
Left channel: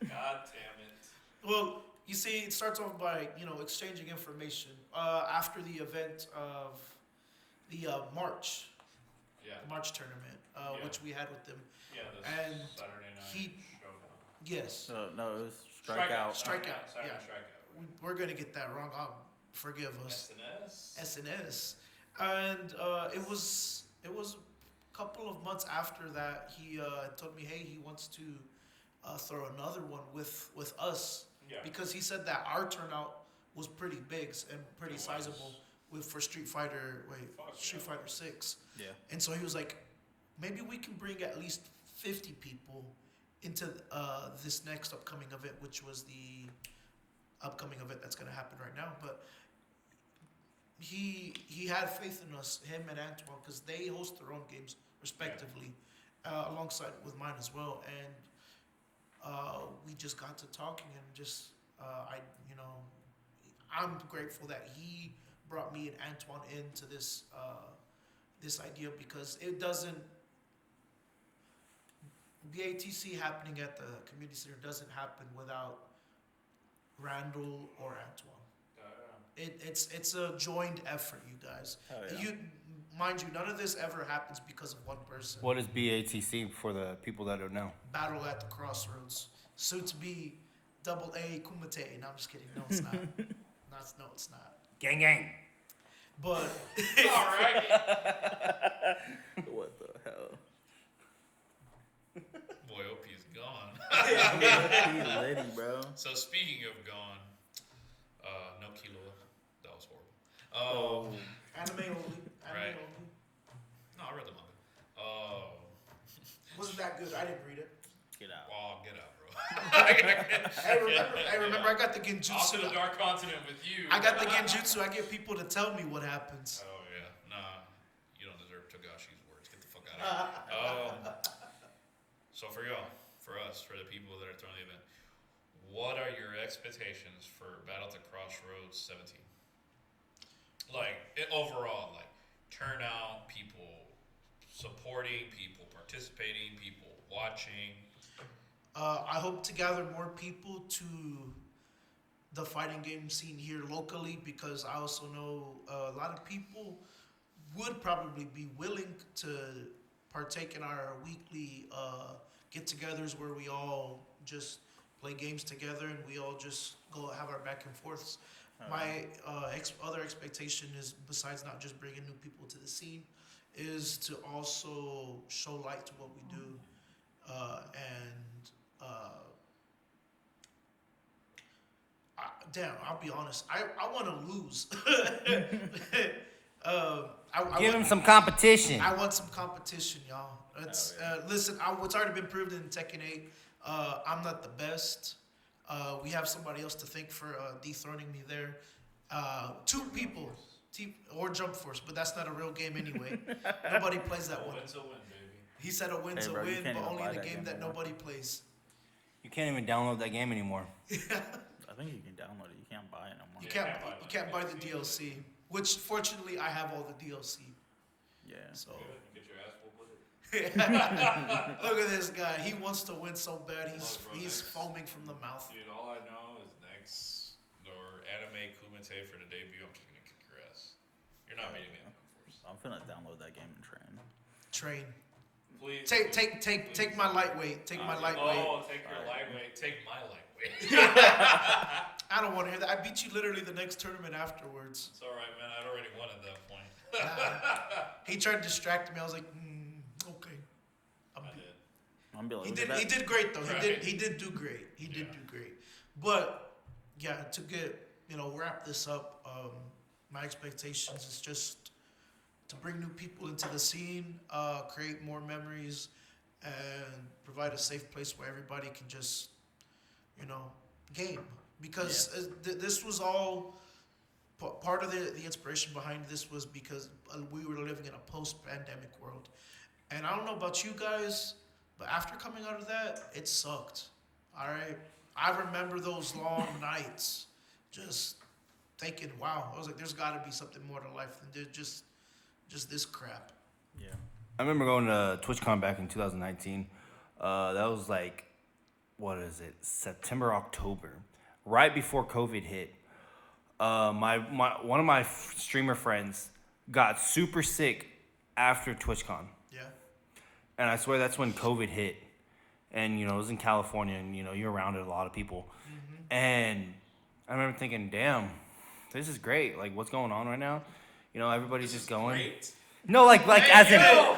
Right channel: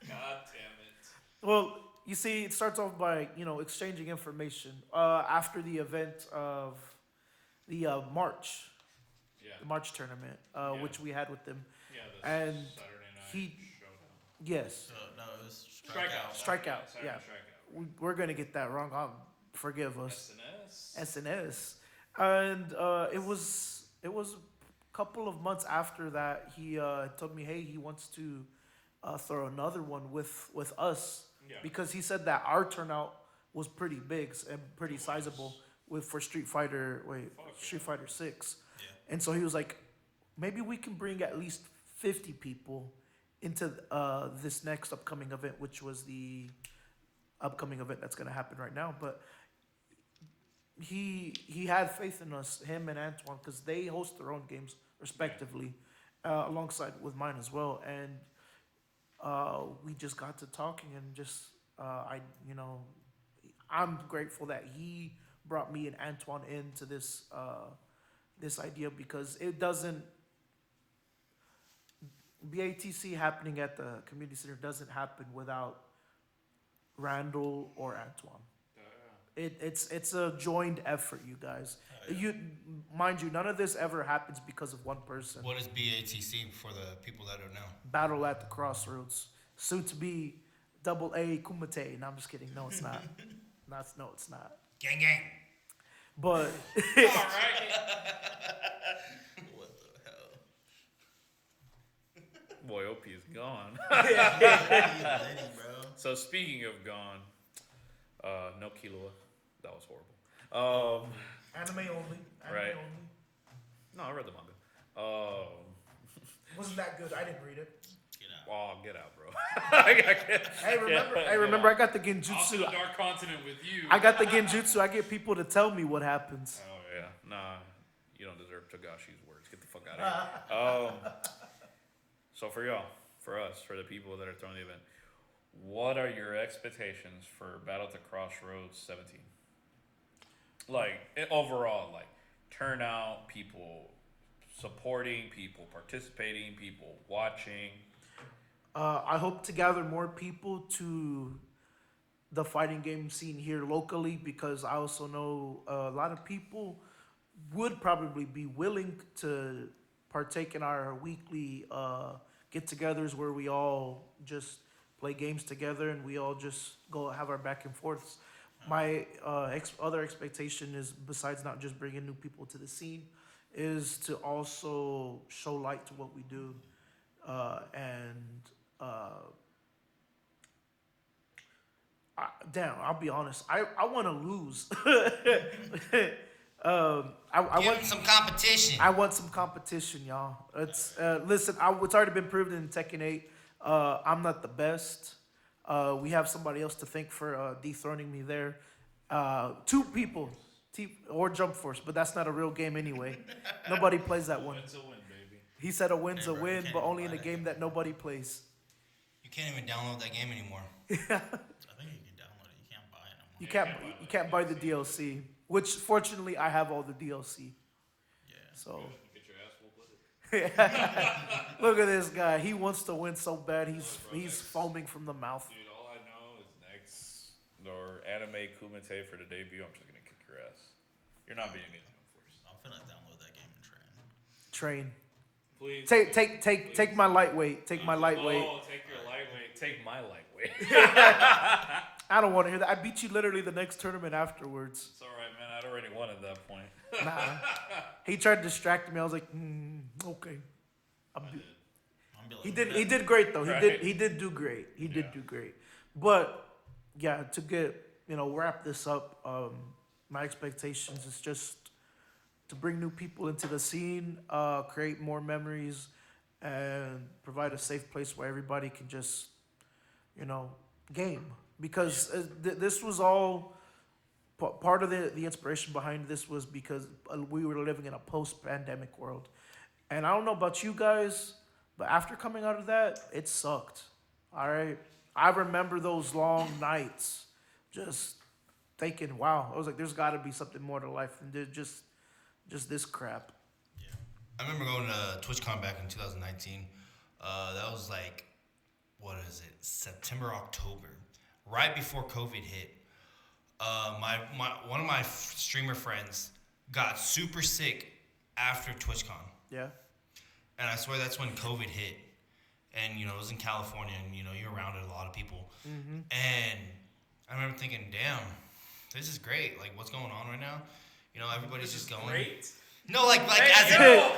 God damn it. Well, you see, it starts off by exchanging information after the event of the March, Yeah. the March tournament, Yeah. which we had with them. Yeah. And Saturday night he- showdown. Yes, No, it was Strikeout. Strikeout, Saturday yeah. Strikeout. we're gonna get that wrong. Forgive us. SNS. SNS, and it was a couple of months after that he told me, hey, he wants to throw another one with us Yeah. because he said that our turnout was pretty big and pretty It was. sizable for Street Fighter. Fuck Street yeah. Fighter 6, Yeah. and so he was like, maybe we can bring at least 50 people into this next upcoming event, which was the upcoming event that's going to happen right now. But he had faith in us, him and Antoine, because they host their own games respectively, alongside with mine as well. And we just got to talking, and just I'm grateful that he brought me and Antoine into this this idea, because it doesn't. BATC happening at the community center doesn't happen without Randall or Antoine. It's a joined effort, you guys. Oh, yeah. You mind you, none of this ever happens because of one person. What is BATC for the people that don't know? Battle at the CrossRoads, soon to be AA Kumite. No, I'm just kidding. No, it's not. No, it's not. Gang gang. But All right. What the hell? Boy, OP is gone. He litty, bro. So speaking of gone, no Killua. That was horrible. anime only. Right. Only. No, I read the manga. Wasn't that good? I didn't read it. Get out. Oh, get out, bro. I remember. I got the Off to genjutsu. the dark continent with you. I got the genjutsu. I get people to tell me what happens. Oh yeah, nah, you don't deserve Togashi's words. Get the fuck out of here. So for y'all, for us, for the people that are throwing the event, what are your expectations for Battle to Crossroads 17? Like overall, like turnout, people supporting, people participating, people watching. I hope to gather more people to the fighting game scene here locally, because I also know a lot of people would probably be willing to partake in our weekly get-togethers where we all just play games together and we all just go have our back and forths. My other expectation is, besides not just bringing new people to the scene, is to also show light to what we do, damn, I'll be honest. I want to lose. Give him some competition. I want some competition, y'all. It's listen. It's already been proven in Tekken 8. I'm not the best. We have somebody else to thank for dethroning me there. 2 people, or Jump Force, but that's not a real game anyway. Nobody plays that one. Win's a win, baby. He said a win's Hey, a bro, you win, can't but even only in buy a that game game that anymore. nobody plays. You can't even download that game anymore. I think you can download it. You can't buy it no more. You Yeah, can't buy the DLC, which fortunately I have all the DLC. Yeah. So Get your ass whooped with it. look at this guy. He wants to win so bad. He's Look, bro, he's next- foaming from the mouth. Dude, all I know is next or anime Kumite for the debut. I'm just gonna kick your ass. You're not beating me in Force. I'm finna download that game and train. Train. Please. Take my lightweight. Take my lightweight. Oh, take your lightweight. Take my lightweight. I don't want to hear that. I beat you literally the next tournament afterwards. It's all right, man. I'd already won at that point. He tried to distract me. I was like, okay. I did. I'm be like, He look at did. He that. did great though. Right. He did do great. He did Yeah. do great. But yeah, to get wrap this up, my expectations is just to bring new people into the scene, create more memories, and provide a safe place where everybody can just game. Because this was all part of the inspiration behind this was because we were living in a post-pandemic world, and I don't know about you guys, but after coming out of that, it sucked. All right, I remember those long nights, just thinking, "Wow," I was like, "There's got to be something more to life than just this crap." Yeah. I remember going to TwitchCon back in 2019. That was like, what is it? September, October, right before COVID hit. One of my streamer friends got super sick after TwitchCon, Yeah. and I swear that's when COVID hit. And it was in California, and you're around a lot of people. Mm-hmm. And I remember thinking, "Damn, this is great! Like, what's going on right now? Everybody's just going." Great. No, like as in No.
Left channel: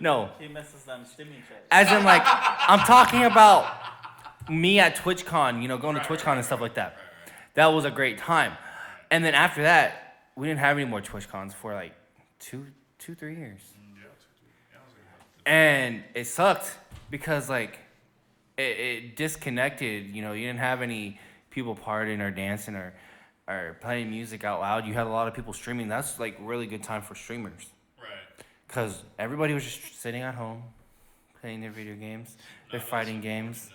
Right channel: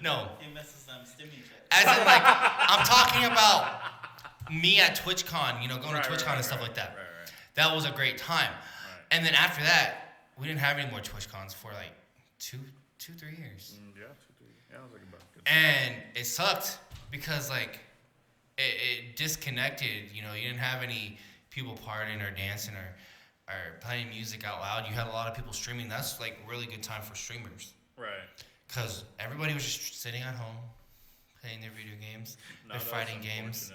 No. He misses them stimmy checks. As in, like, I'm talking about me at TwitchCon, going to TwitchCon and stuff like that. Right. That was a great time. And then after that, we didn't have any more TwitchCons for like 3 years. Yeah, I was like, And it sucked because, like, it disconnected. You didn't have any people partying or dancing or playing music out loud. You had a lot of people streaming. That's, like, really good time for streamers. right. Because everybody was just sitting at home, playing their video games, their fighting games,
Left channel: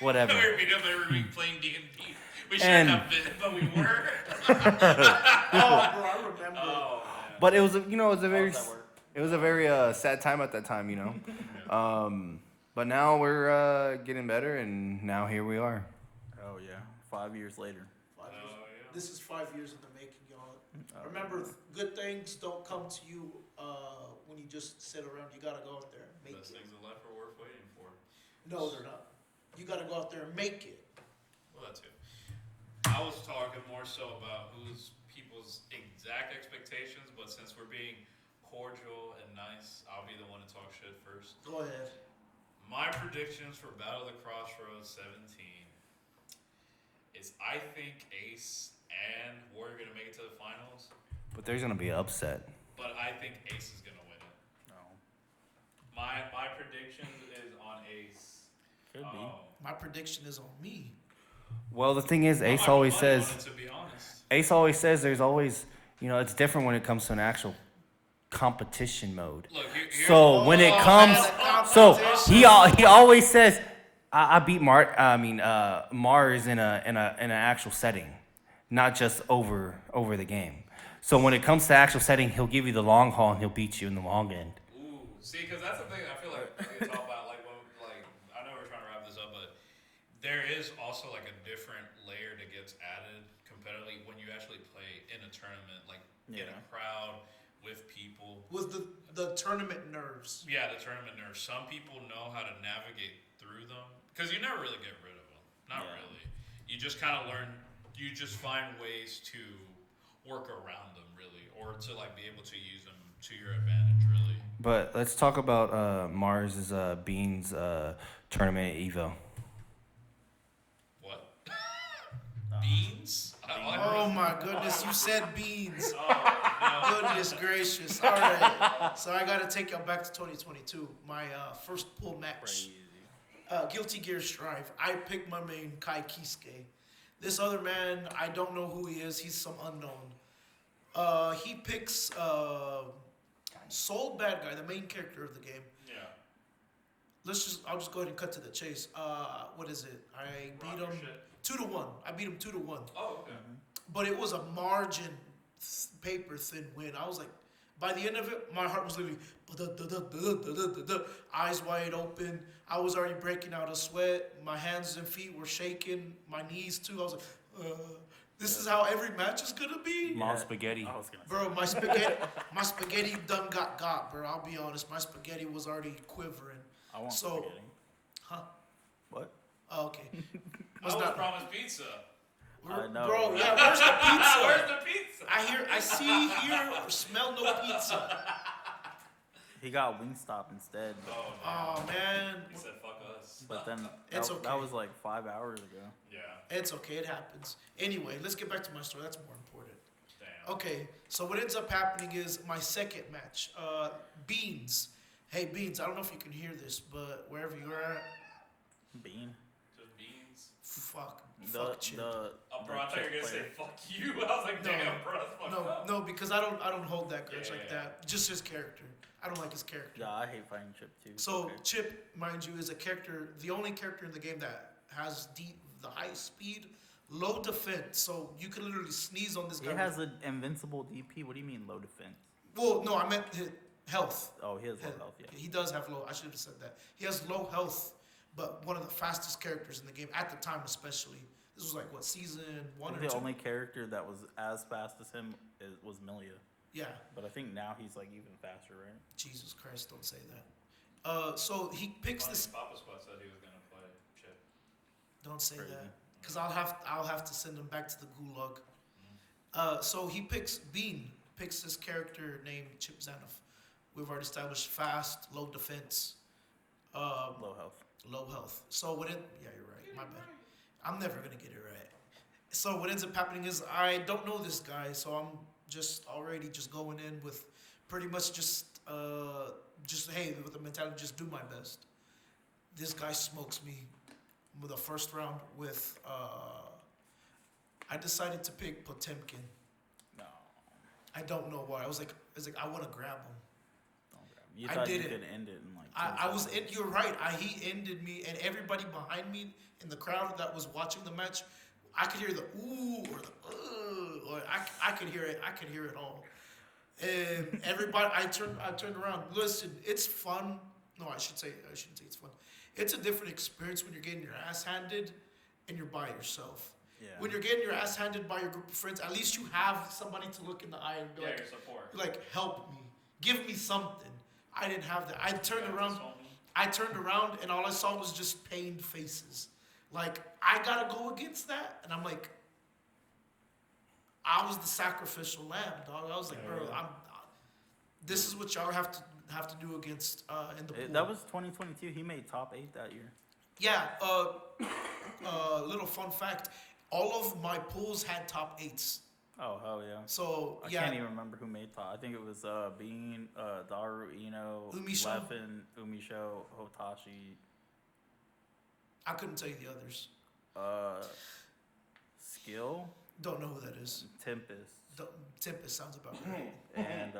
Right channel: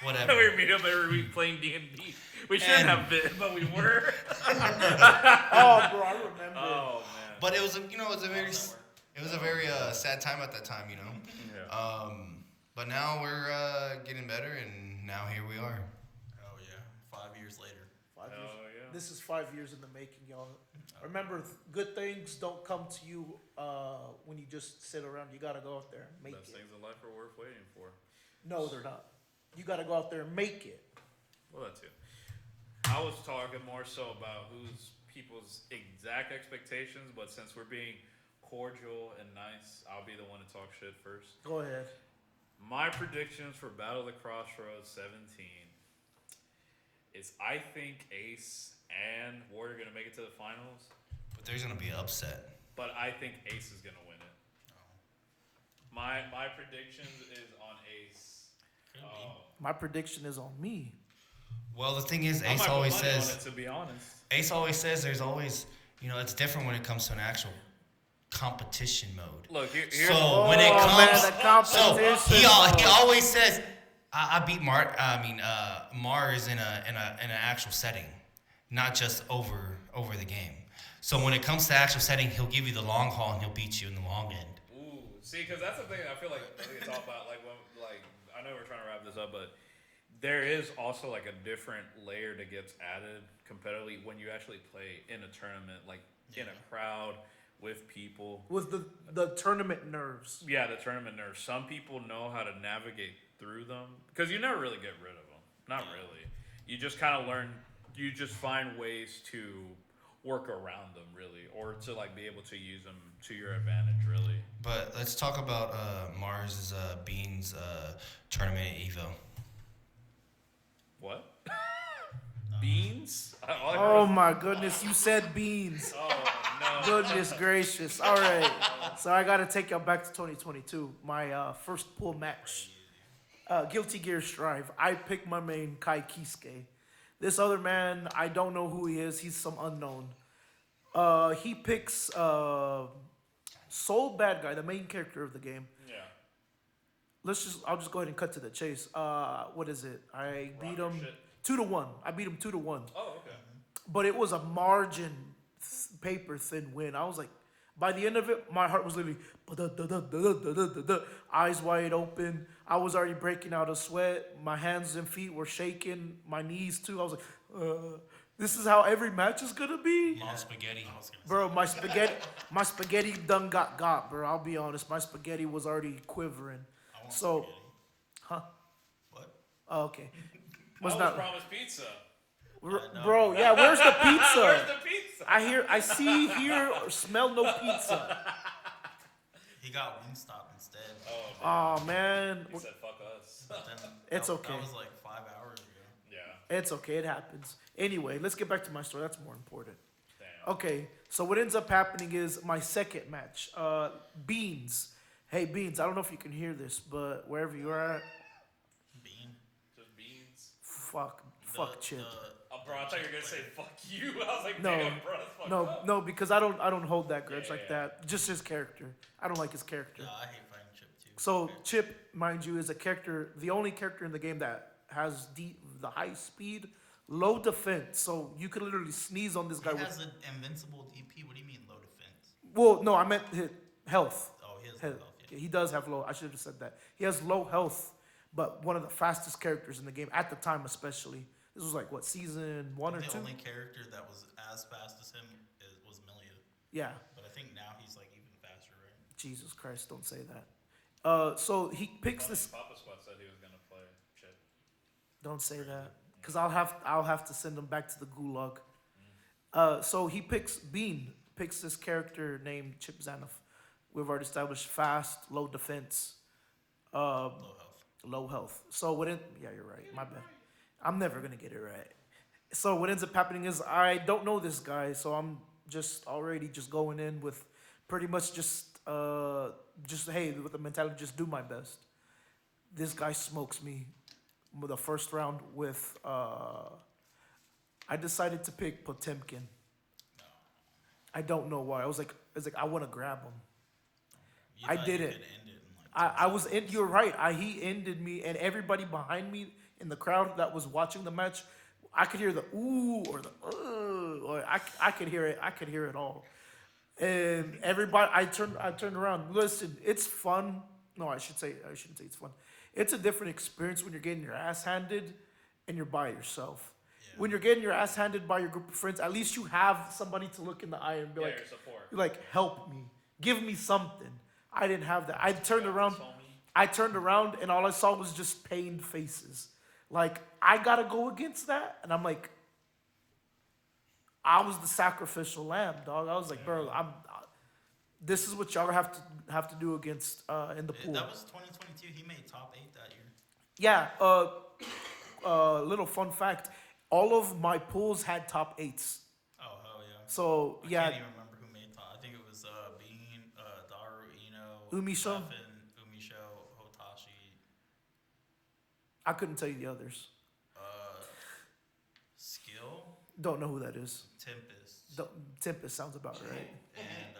whatever. We were meeting up every week playing D&D. We shouldn't And- have been, but we were. Oh, bro, I remember. Oh, man. But it was, it was a very How's that sad time at that time, Yeah. But now we're getting better, and now here we are. Oh yeah, 5 years later. 5 years. Oh, yeah. This is 5 years in the making, y'all. Remember, good things don't come to you when you just sit around. You gotta go out there and make Those it. things in life are worth waiting for. No, they're not. You gotta go out there and make it. Well, that too. I was talking more so about who's people's exact expectations, but since we're being cordial and nice, I'll be the one to talk shit first. Go ahead. My predictions for Battle at the CrossRoads 17 is I think Ace and Warrior are gonna make it to the finals, But there's gonna be an upset. but I think Ace is gonna win it. No. My prediction is on Ace. Could be. My prediction is on me. Well, the thing is, I'm Ace not gonna always lie says. on it, to be honest. Ace always says there's always, it's different when it comes to an actual competition mode. Look, So when it comes, so he always says, I beat Mars in an actual setting, not just over the game. So when it comes to actual setting, he'll give you the long haul and he'll beat you in the long end. Ooh, see, because that's the thing. I feel like it's all about I know we're trying to wrap this up, but there is also like a different layer that gets added competitively when you actually play in a tournament, like in a crowd with people. Was the tournament nerves? Yeah, the tournament nerves. Some people know how to navigate through them because you never really get rid of them. Not really. You just kind of learn. You just find ways to work around them, really, or to like be able to use them to your advantage, really. But let's talk about Mars's Beans tournament at Evo. What? Beans? Oh my goodness, you said beans. Oh, no. Goodness gracious. All right. So I got to take y'all back to 2022. My first pool match. Guilty Gear Strive. I picked my main Kai Kisuke. This other man, I don't know who he is. He's some unknown. He picks Soul Bad Guy, the main character of the game. Yeah. I'll just go ahead and cut to the chase. What is it? I beat Rocker him shit. 2-1. I beat him 2-1. Oh, okay. But it was a margin, paper thin win. I was like, by the end of it, my heart was literally eyes wide open. I was already breaking out of sweat. My hands and feet were shaking. My knees too. I was like, this is how every match is gonna be, Mom spaghetti. I was gonna bro. My spaghetti done got, bro. I'll be honest. My spaghetti was already quivering. I want So- spaghetti. Huh? What? Oh, okay. I was promised pizza. I know. Bro, yeah. Where's the pizza? Where's the pizza? I see, hear, or smell no pizza. He got Wingstop instead. Oh, man. Oh man. He said, fuck us. But then It's that, okay. that was like 5 hours ago. Yeah. It's okay. It happens. Anyway, let's get back to my story. That's more important. Damn. Okay, so what ends up happening is my second match. Beans. Hey, Beans, I don't know if you can hear this, but wherever you are at, Bean. Just beans. fuck Chip. Bro, I thought you were gonna say fuck you. I was like, No. damn, bro. Fuck No, because I don't hold that grudge Yeah, like yeah. that. Just his character. I don't like his character. Yeah, I hate fighting Chip too. So Okay. Chip, mind you, is a character, the only character in the game that has the high speed, low defense. So you could literally sneeze on this guy. He has an invincible DP. What do you mean low defense? Well, no, I meant his health. Oh, he has low health. Yeah. He does have low. I should have said that. He has low health, but one of the fastest characters in the game at the time, especially. This was like what, season 1 or 2? The only character that was as fast as him was Milia. Yeah. But I think now he's like even faster, right? Jesus Christ, don't say that. So he picks this. Papa Squad said he was gonna play Chip. Don't say Crazy. that, because I'll have to send him back to the gulag. So he picks picks this character named Chip Zanoff. We've already established fast, low defense, Low health. low health. So what? Yeah, you're right. My bad. I'm never gonna get it right. So what ends up happening is I don't know this guy, so I'm just already just going in with pretty much just hey, with the mentality, just do my best. This guy smokes me with the first round with I decided to pick Potemkin. No. I don't know why. I was like I want to grab him. Don't grab him. You I thought did you it. could end it in like. I 10 was seconds. in. You're right. He ended me, and everybody behind me in the crowd that was watching the match, I could hear the ooh or the or I could hear it. I could hear it all. And everybody, I turned around. Listen, it's fun. No, I shouldn't say it's fun. It's a different experience when you're getting your ass handed, and you're by yourself. Yeah. When you're getting your ass handed by your group of friends, at least you have somebody to look in the eye and be Yeah, like, your support. help me, give me something. I didn't have that. I turned Yeah, around. homie. I turned around and all I saw was just pained faces. Like, I gotta go against that, and I'm like, I was the sacrificial lamb, dog. I was like, bro, this is what y'all have to do against in the pool. That was 2022. He made top 8 that year. Yeah. Little fun fact: all of my pools had top 8s. Oh hell yeah. So I yeah, can't even remember who made top. I think it was Bean, Daru, Ino, Umisho? Weapon, Umisho, Hotashi, I couldn't tell you the others. Skill, Don't know who that is. Tempest, Tempest sounds about right. and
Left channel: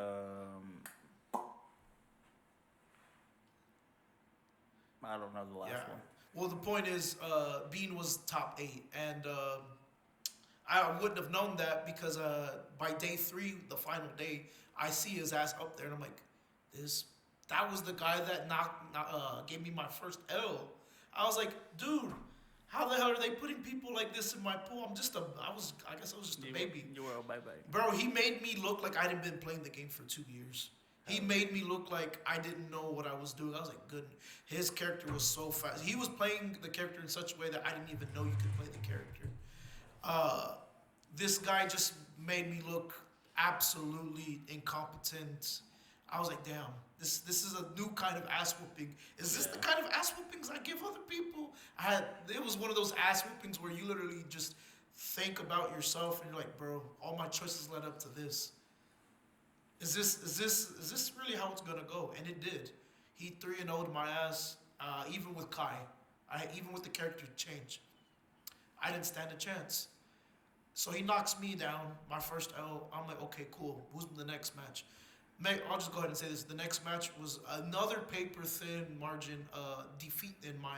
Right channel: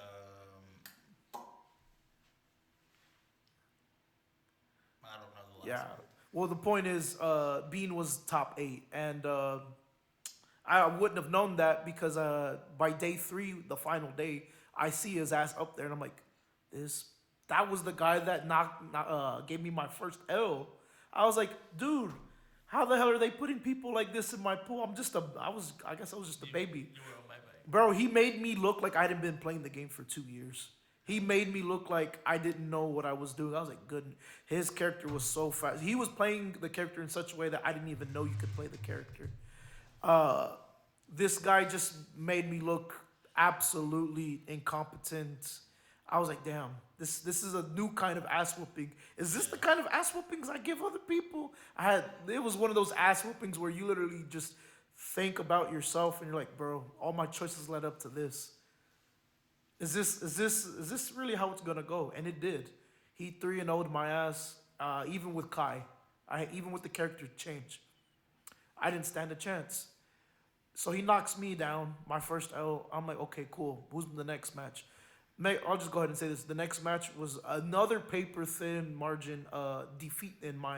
I don't know the last Yeah. one. Well, the point is, Bean was top 8, and I wouldn't have known that because by day 3, the final day, I see his ass up there, and I'm like, that was the guy that gave me my first L. I was like, dude, how the hell are they putting people like this in my pool? I guess I was just a baby. You were a bye. Bro, he made me look like I hadn't been playing the game for 2 years. He made me look like I didn't know what I was doing. I was like, good. His character was so fast. He was playing the character in such a way that I didn't even know you could play the character. This guy just made me look absolutely incompetent. I was like, damn, this is a new kind of ass whooping. Is this the kind of ass whoopings I give other people? It was one of those ass whoopings where you literally just think about yourself and you're like, bro, all my choices led up to this. Is this really how it's gonna go? And it did. He 3-0'd my ass, even with Kai. Even with the character change. I didn't stand a chance. So he knocks me down, my first L. I'm like, okay, cool. Who's the next match? I'll just go ahead and say this. The next match was another paper thin margin defeat in my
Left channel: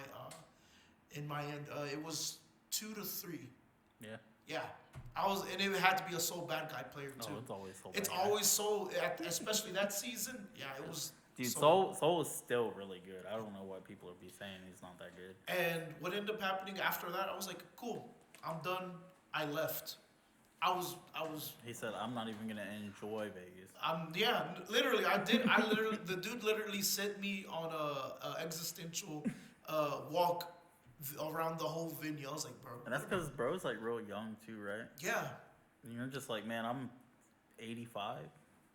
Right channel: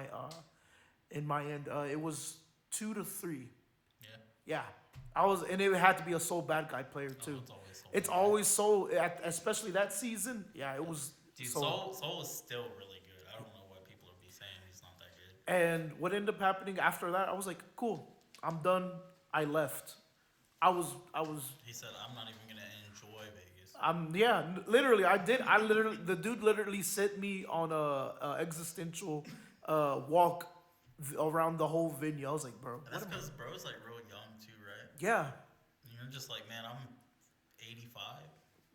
end. It was 2-3. Yeah. Yeah, and it had to be a Soul Bad Guy player too. Oh, it's always Soul. It's Bad Guy. always Soul, especially that season. Yeah, it was. Dude, Soul. Soul is still really good. I don't know what people are saying he's not that good. And what ended up happening after that, I was like, cool, I'm done. I left. I was. He said, "I'm not even gonna enjoy Vegas." Literally, I did. The dude literally sent me on a existential walk around the whole venue. I was like, bro. And that's because bro's like real young too, right? Yeah. And you're just like, man, I'm 85.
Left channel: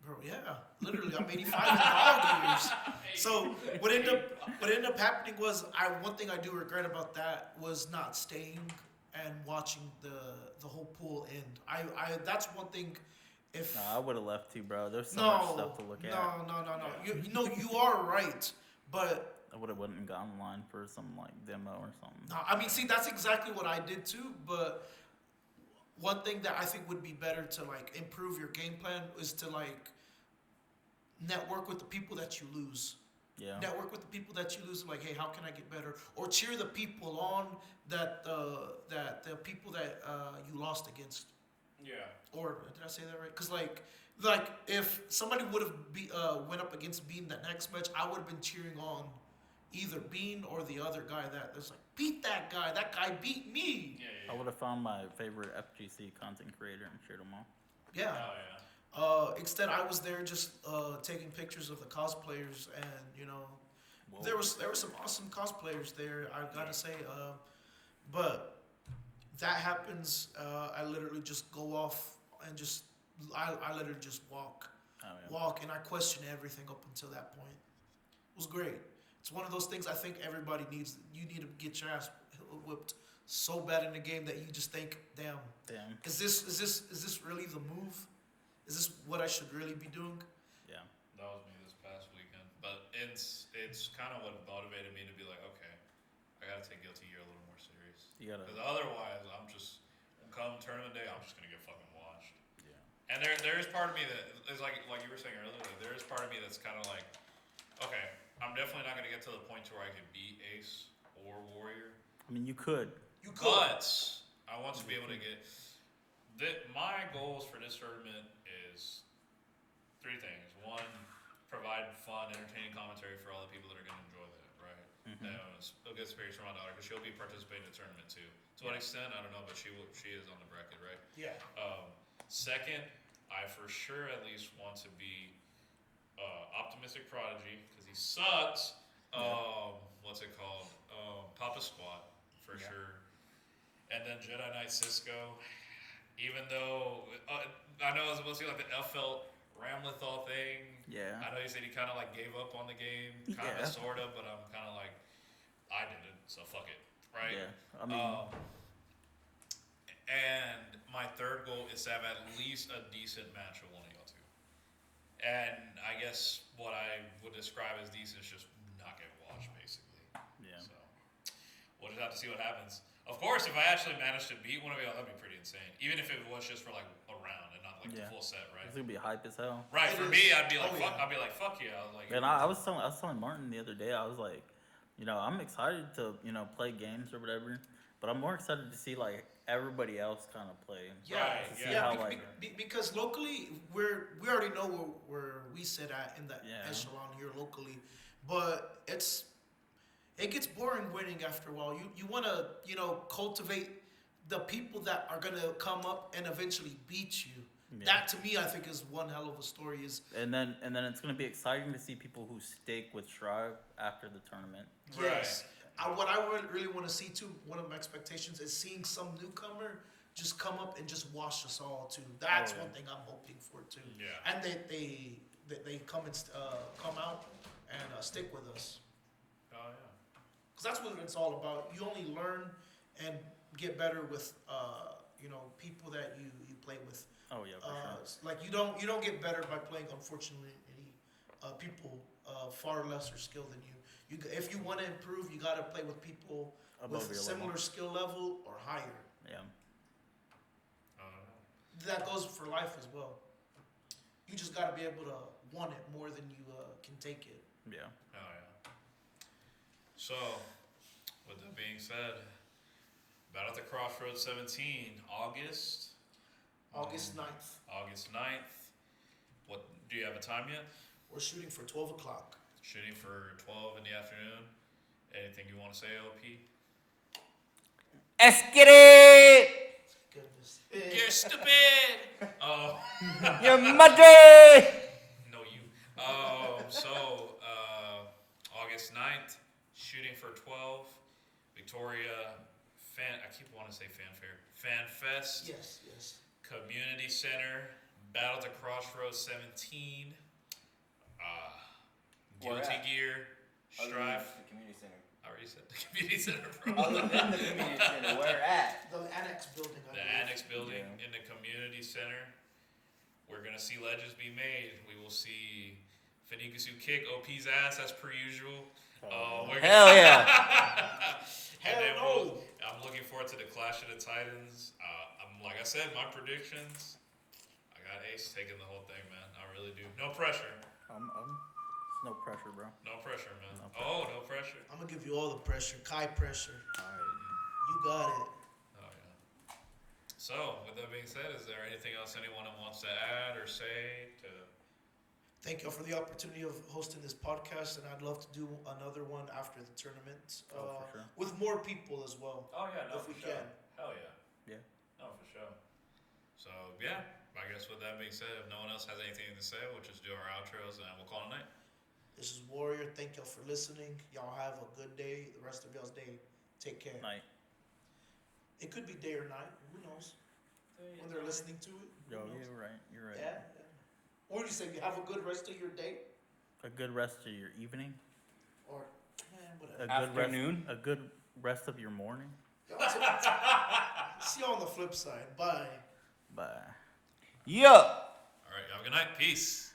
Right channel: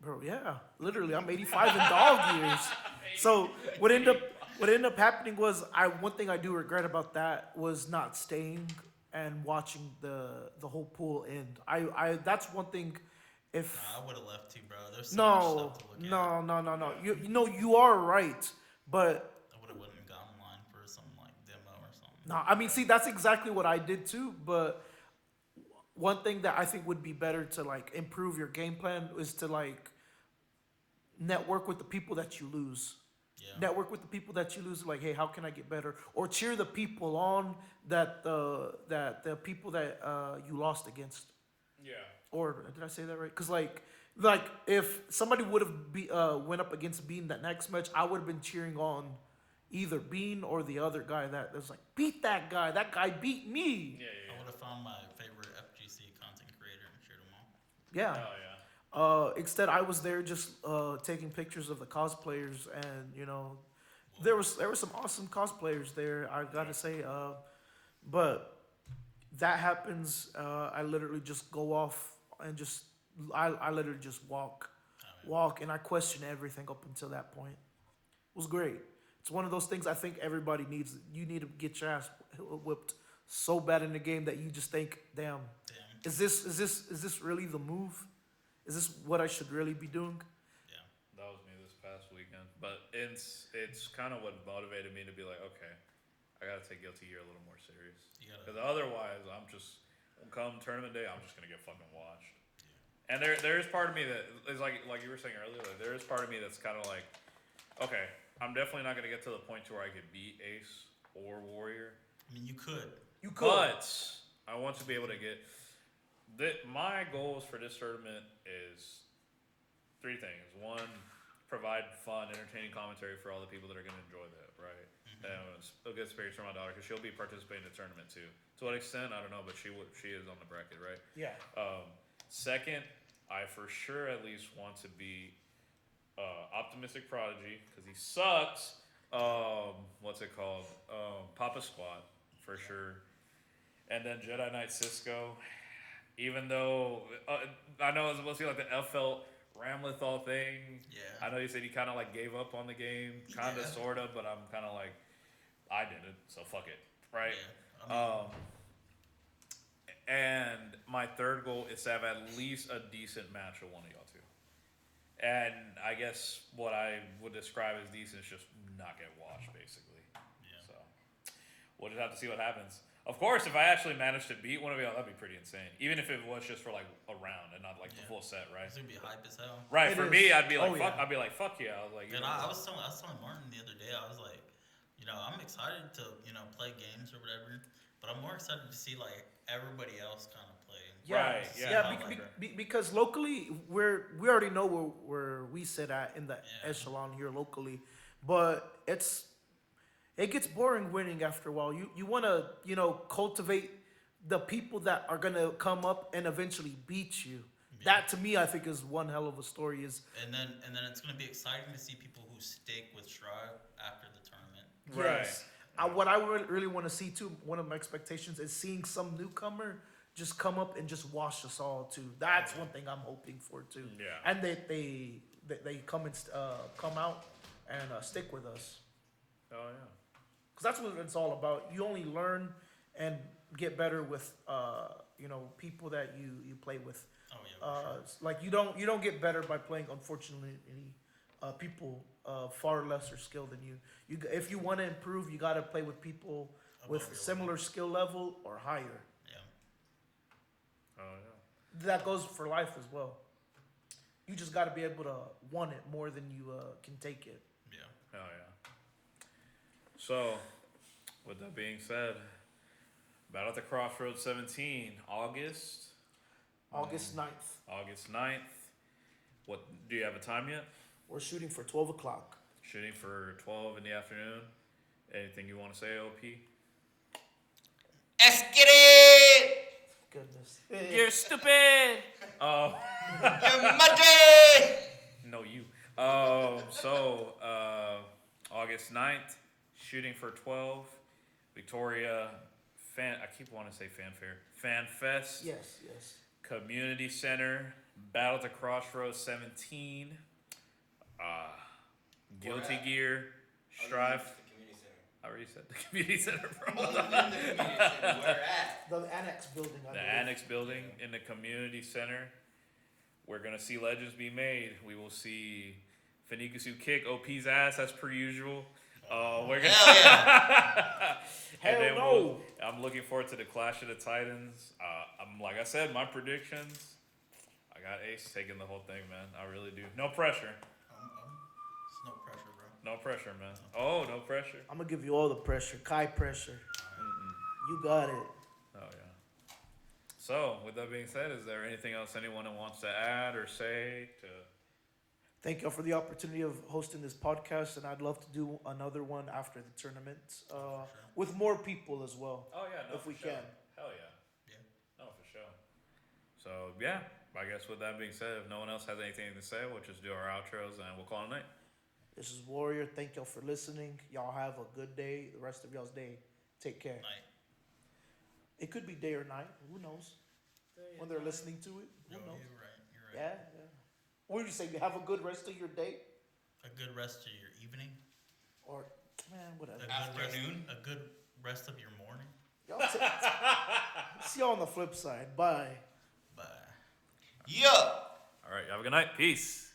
Bro, yeah, literally, I'm 85 in dog years. So what ended up happening was one thing I do regret about that was not staying and watching the whole pool end. I that's one thing. If Nah, I would have left too, bro. There's so much no, stuff to look at. no. You know you are right, but I would have went and got online for some like demo or something. no, I mean, see, that's exactly what I did too. But one thing that I think would be better to like improve your game plan is to like network with the people that you lose. Yeah. Network with the people that you lose. Like, hey, how can I get better? Or cheer the people on that the people that you lost against. Yeah. Or did I say that right? Because like if somebody would have went up against Bean that next match, I would have been cheering on either Bean or the other guy that was like, beat that guy. That guy beat me. Yeah. I would have found my favorite FGC content creator and shared them all. Yeah. Oh yeah. Instead, I was there just taking pictures of the cosplayers, and you know, Whoa. there were some awesome cosplayers there. I gotta say, but that happens. I literally just go off and just I literally just walk, and I question everything up until that point. It was great. It's one of those things I think everybody needs. You need to get your ass whipped so bad in the game that you just think, damn. Is this really the move? Is this what I should really be doing? Yeah. That was me this past weekend. But it's kind of what motivated me to be like, okay, I got to take Guilty Gear a little more serious. You gotta. Because otherwise, I'm just, come tournament day, I'm just going to get fucking washed. Yeah. And there is part of me that is like you were saying earlier, there is part of me that's kind of like, okay, I'm definitely not going to get to the point to where I can beat Ace or Warrior. I mean, you could. You could. But I want to be able to get. My goals for this tournament is 3 things. 1, provide fun, entertaining commentary for all the people that are going to enjoy that, right? Mhm. It's a good experience for my daughter because she'll be participating in the tournament too. To what extent, I don't know, but she is on the bracket, right? Yeah. Second, I for sure at least want to be Optimistic Prodigy because he sucks. What's it called? Papa Squat for sure. And then Jedi Knight Cisco. Even though I know it's supposed to be like the FL Ramlethal thing. Yeah. I know you said he kind of like gave up on the game, kind of, Yeah. sort of, but I'm kind of like, I didn't, so fuck it, right? Yeah. I mean, And my third goal is to have at least a decent match with one of y'all two. And I guess what I would describe as decent is just not get washed, basically. yeah. So we'll just have to see what happens. Of course, if I actually managed to beat one of y'all, that'd be pretty insane. Even if it was just for like a round and not like the Yeah. full set, right? It's gonna be hype as hell. Right. It For is. me, I'd be like, Oh, fuck. yeah. I'd be like, fuck yeah. I was like, And I was telling Martin the other day, I was like, you know, I'm excited to, you know, play games or whatever, but I'm more excited to see like everybody else kind of play. Right, See yeah. how, Because locally we already know where we sit at in the Yeah. echelon here locally, but it gets boring winning after a while. You want to, you know, cultivate the people that are gonna come up and eventually beat you. Yeah. That to me, I think, is one hell of a story. And then it's gonna be exciting to see people who stick with Strive after the tournament. Yes. What I really want to see too, one of my expectations is seeing some newcomer just come up and just wash us all too. That's one thing I'm hoping for too. Yeah. And they come and come out and stick with us, oh yeah. because that's what it's all about. You only learn and get better with you know, people that you play with. Oh yeah, for sure. Like you don't get better by playing, unfortunately, people far lesser skill than you. If you want to improve, you got to play with people Above with your similar level. skill level or higher. Yeah. Oh yeah. That goes for life as well. You just got to be able to want it more than you can take it. Yeah. Oh yeah. So, with that being said, Battle at the CrossRoads 17, August August 9th. August 9th. What do you have a time yet? We're shooting for 12 o'clock. Shooting for 12 in the afternoon. Anything you want to say, OP? Let's get it! Goodness. You're stupid! Oh, You're muddy! no, you. So, August 9th, shooting for 12. Victoria, I keep wanting to say fanfare. Fan Fest. Yes. Community Center, Battle at the CrossRoads 17, Guilty Where at? Gear, Strife. The community center. I already said the community center, bro. Other than the community center, where at? The annex building. I The believe. annex building in the community center. We're gonna see legends be made. We will see Fenikasu kick OP's ass as per usual. We're gonna Hell yeah! and Hell then no. I'm looking forward to the Clash of the Titans. I'm like I said, my predictions. I got Ace taking the whole thing, man. I really do. No pressure. It's no pressure, bro. No pressure, man. Oh, no pressure. I'm gonna give you all the pressure, Kai pressure. You got it. Oh yeah. So, with that being said, is there anything else anyone wants to add or say to? Thank y'all for the opportunity of hosting this podcast, and I'd love to do another one after the tournament for sure. with more people as well. Oh yeah, no, If for we sure. can. Hell yeah. Yeah. No, for sure. So yeah, I guess with that being said, if no one else has anything to say, we'll just do our outros and we'll call it a night. This is Warrior. Thank y'all for listening. Y'all have a good day. The rest of y'all's day. Take care. Night. It could be day or night. Who knows? When they're listening to it. Who Yo, knows? you're right. You're right. Yeah. What did you say? You have a good rest of your day, A good rest of your evening. or whatever. A good Afternoon. Rest, a good rest of your morning. Y'all see y'all on the flip side. Bye. Bye. Yeah. All right, have a good night. Peace.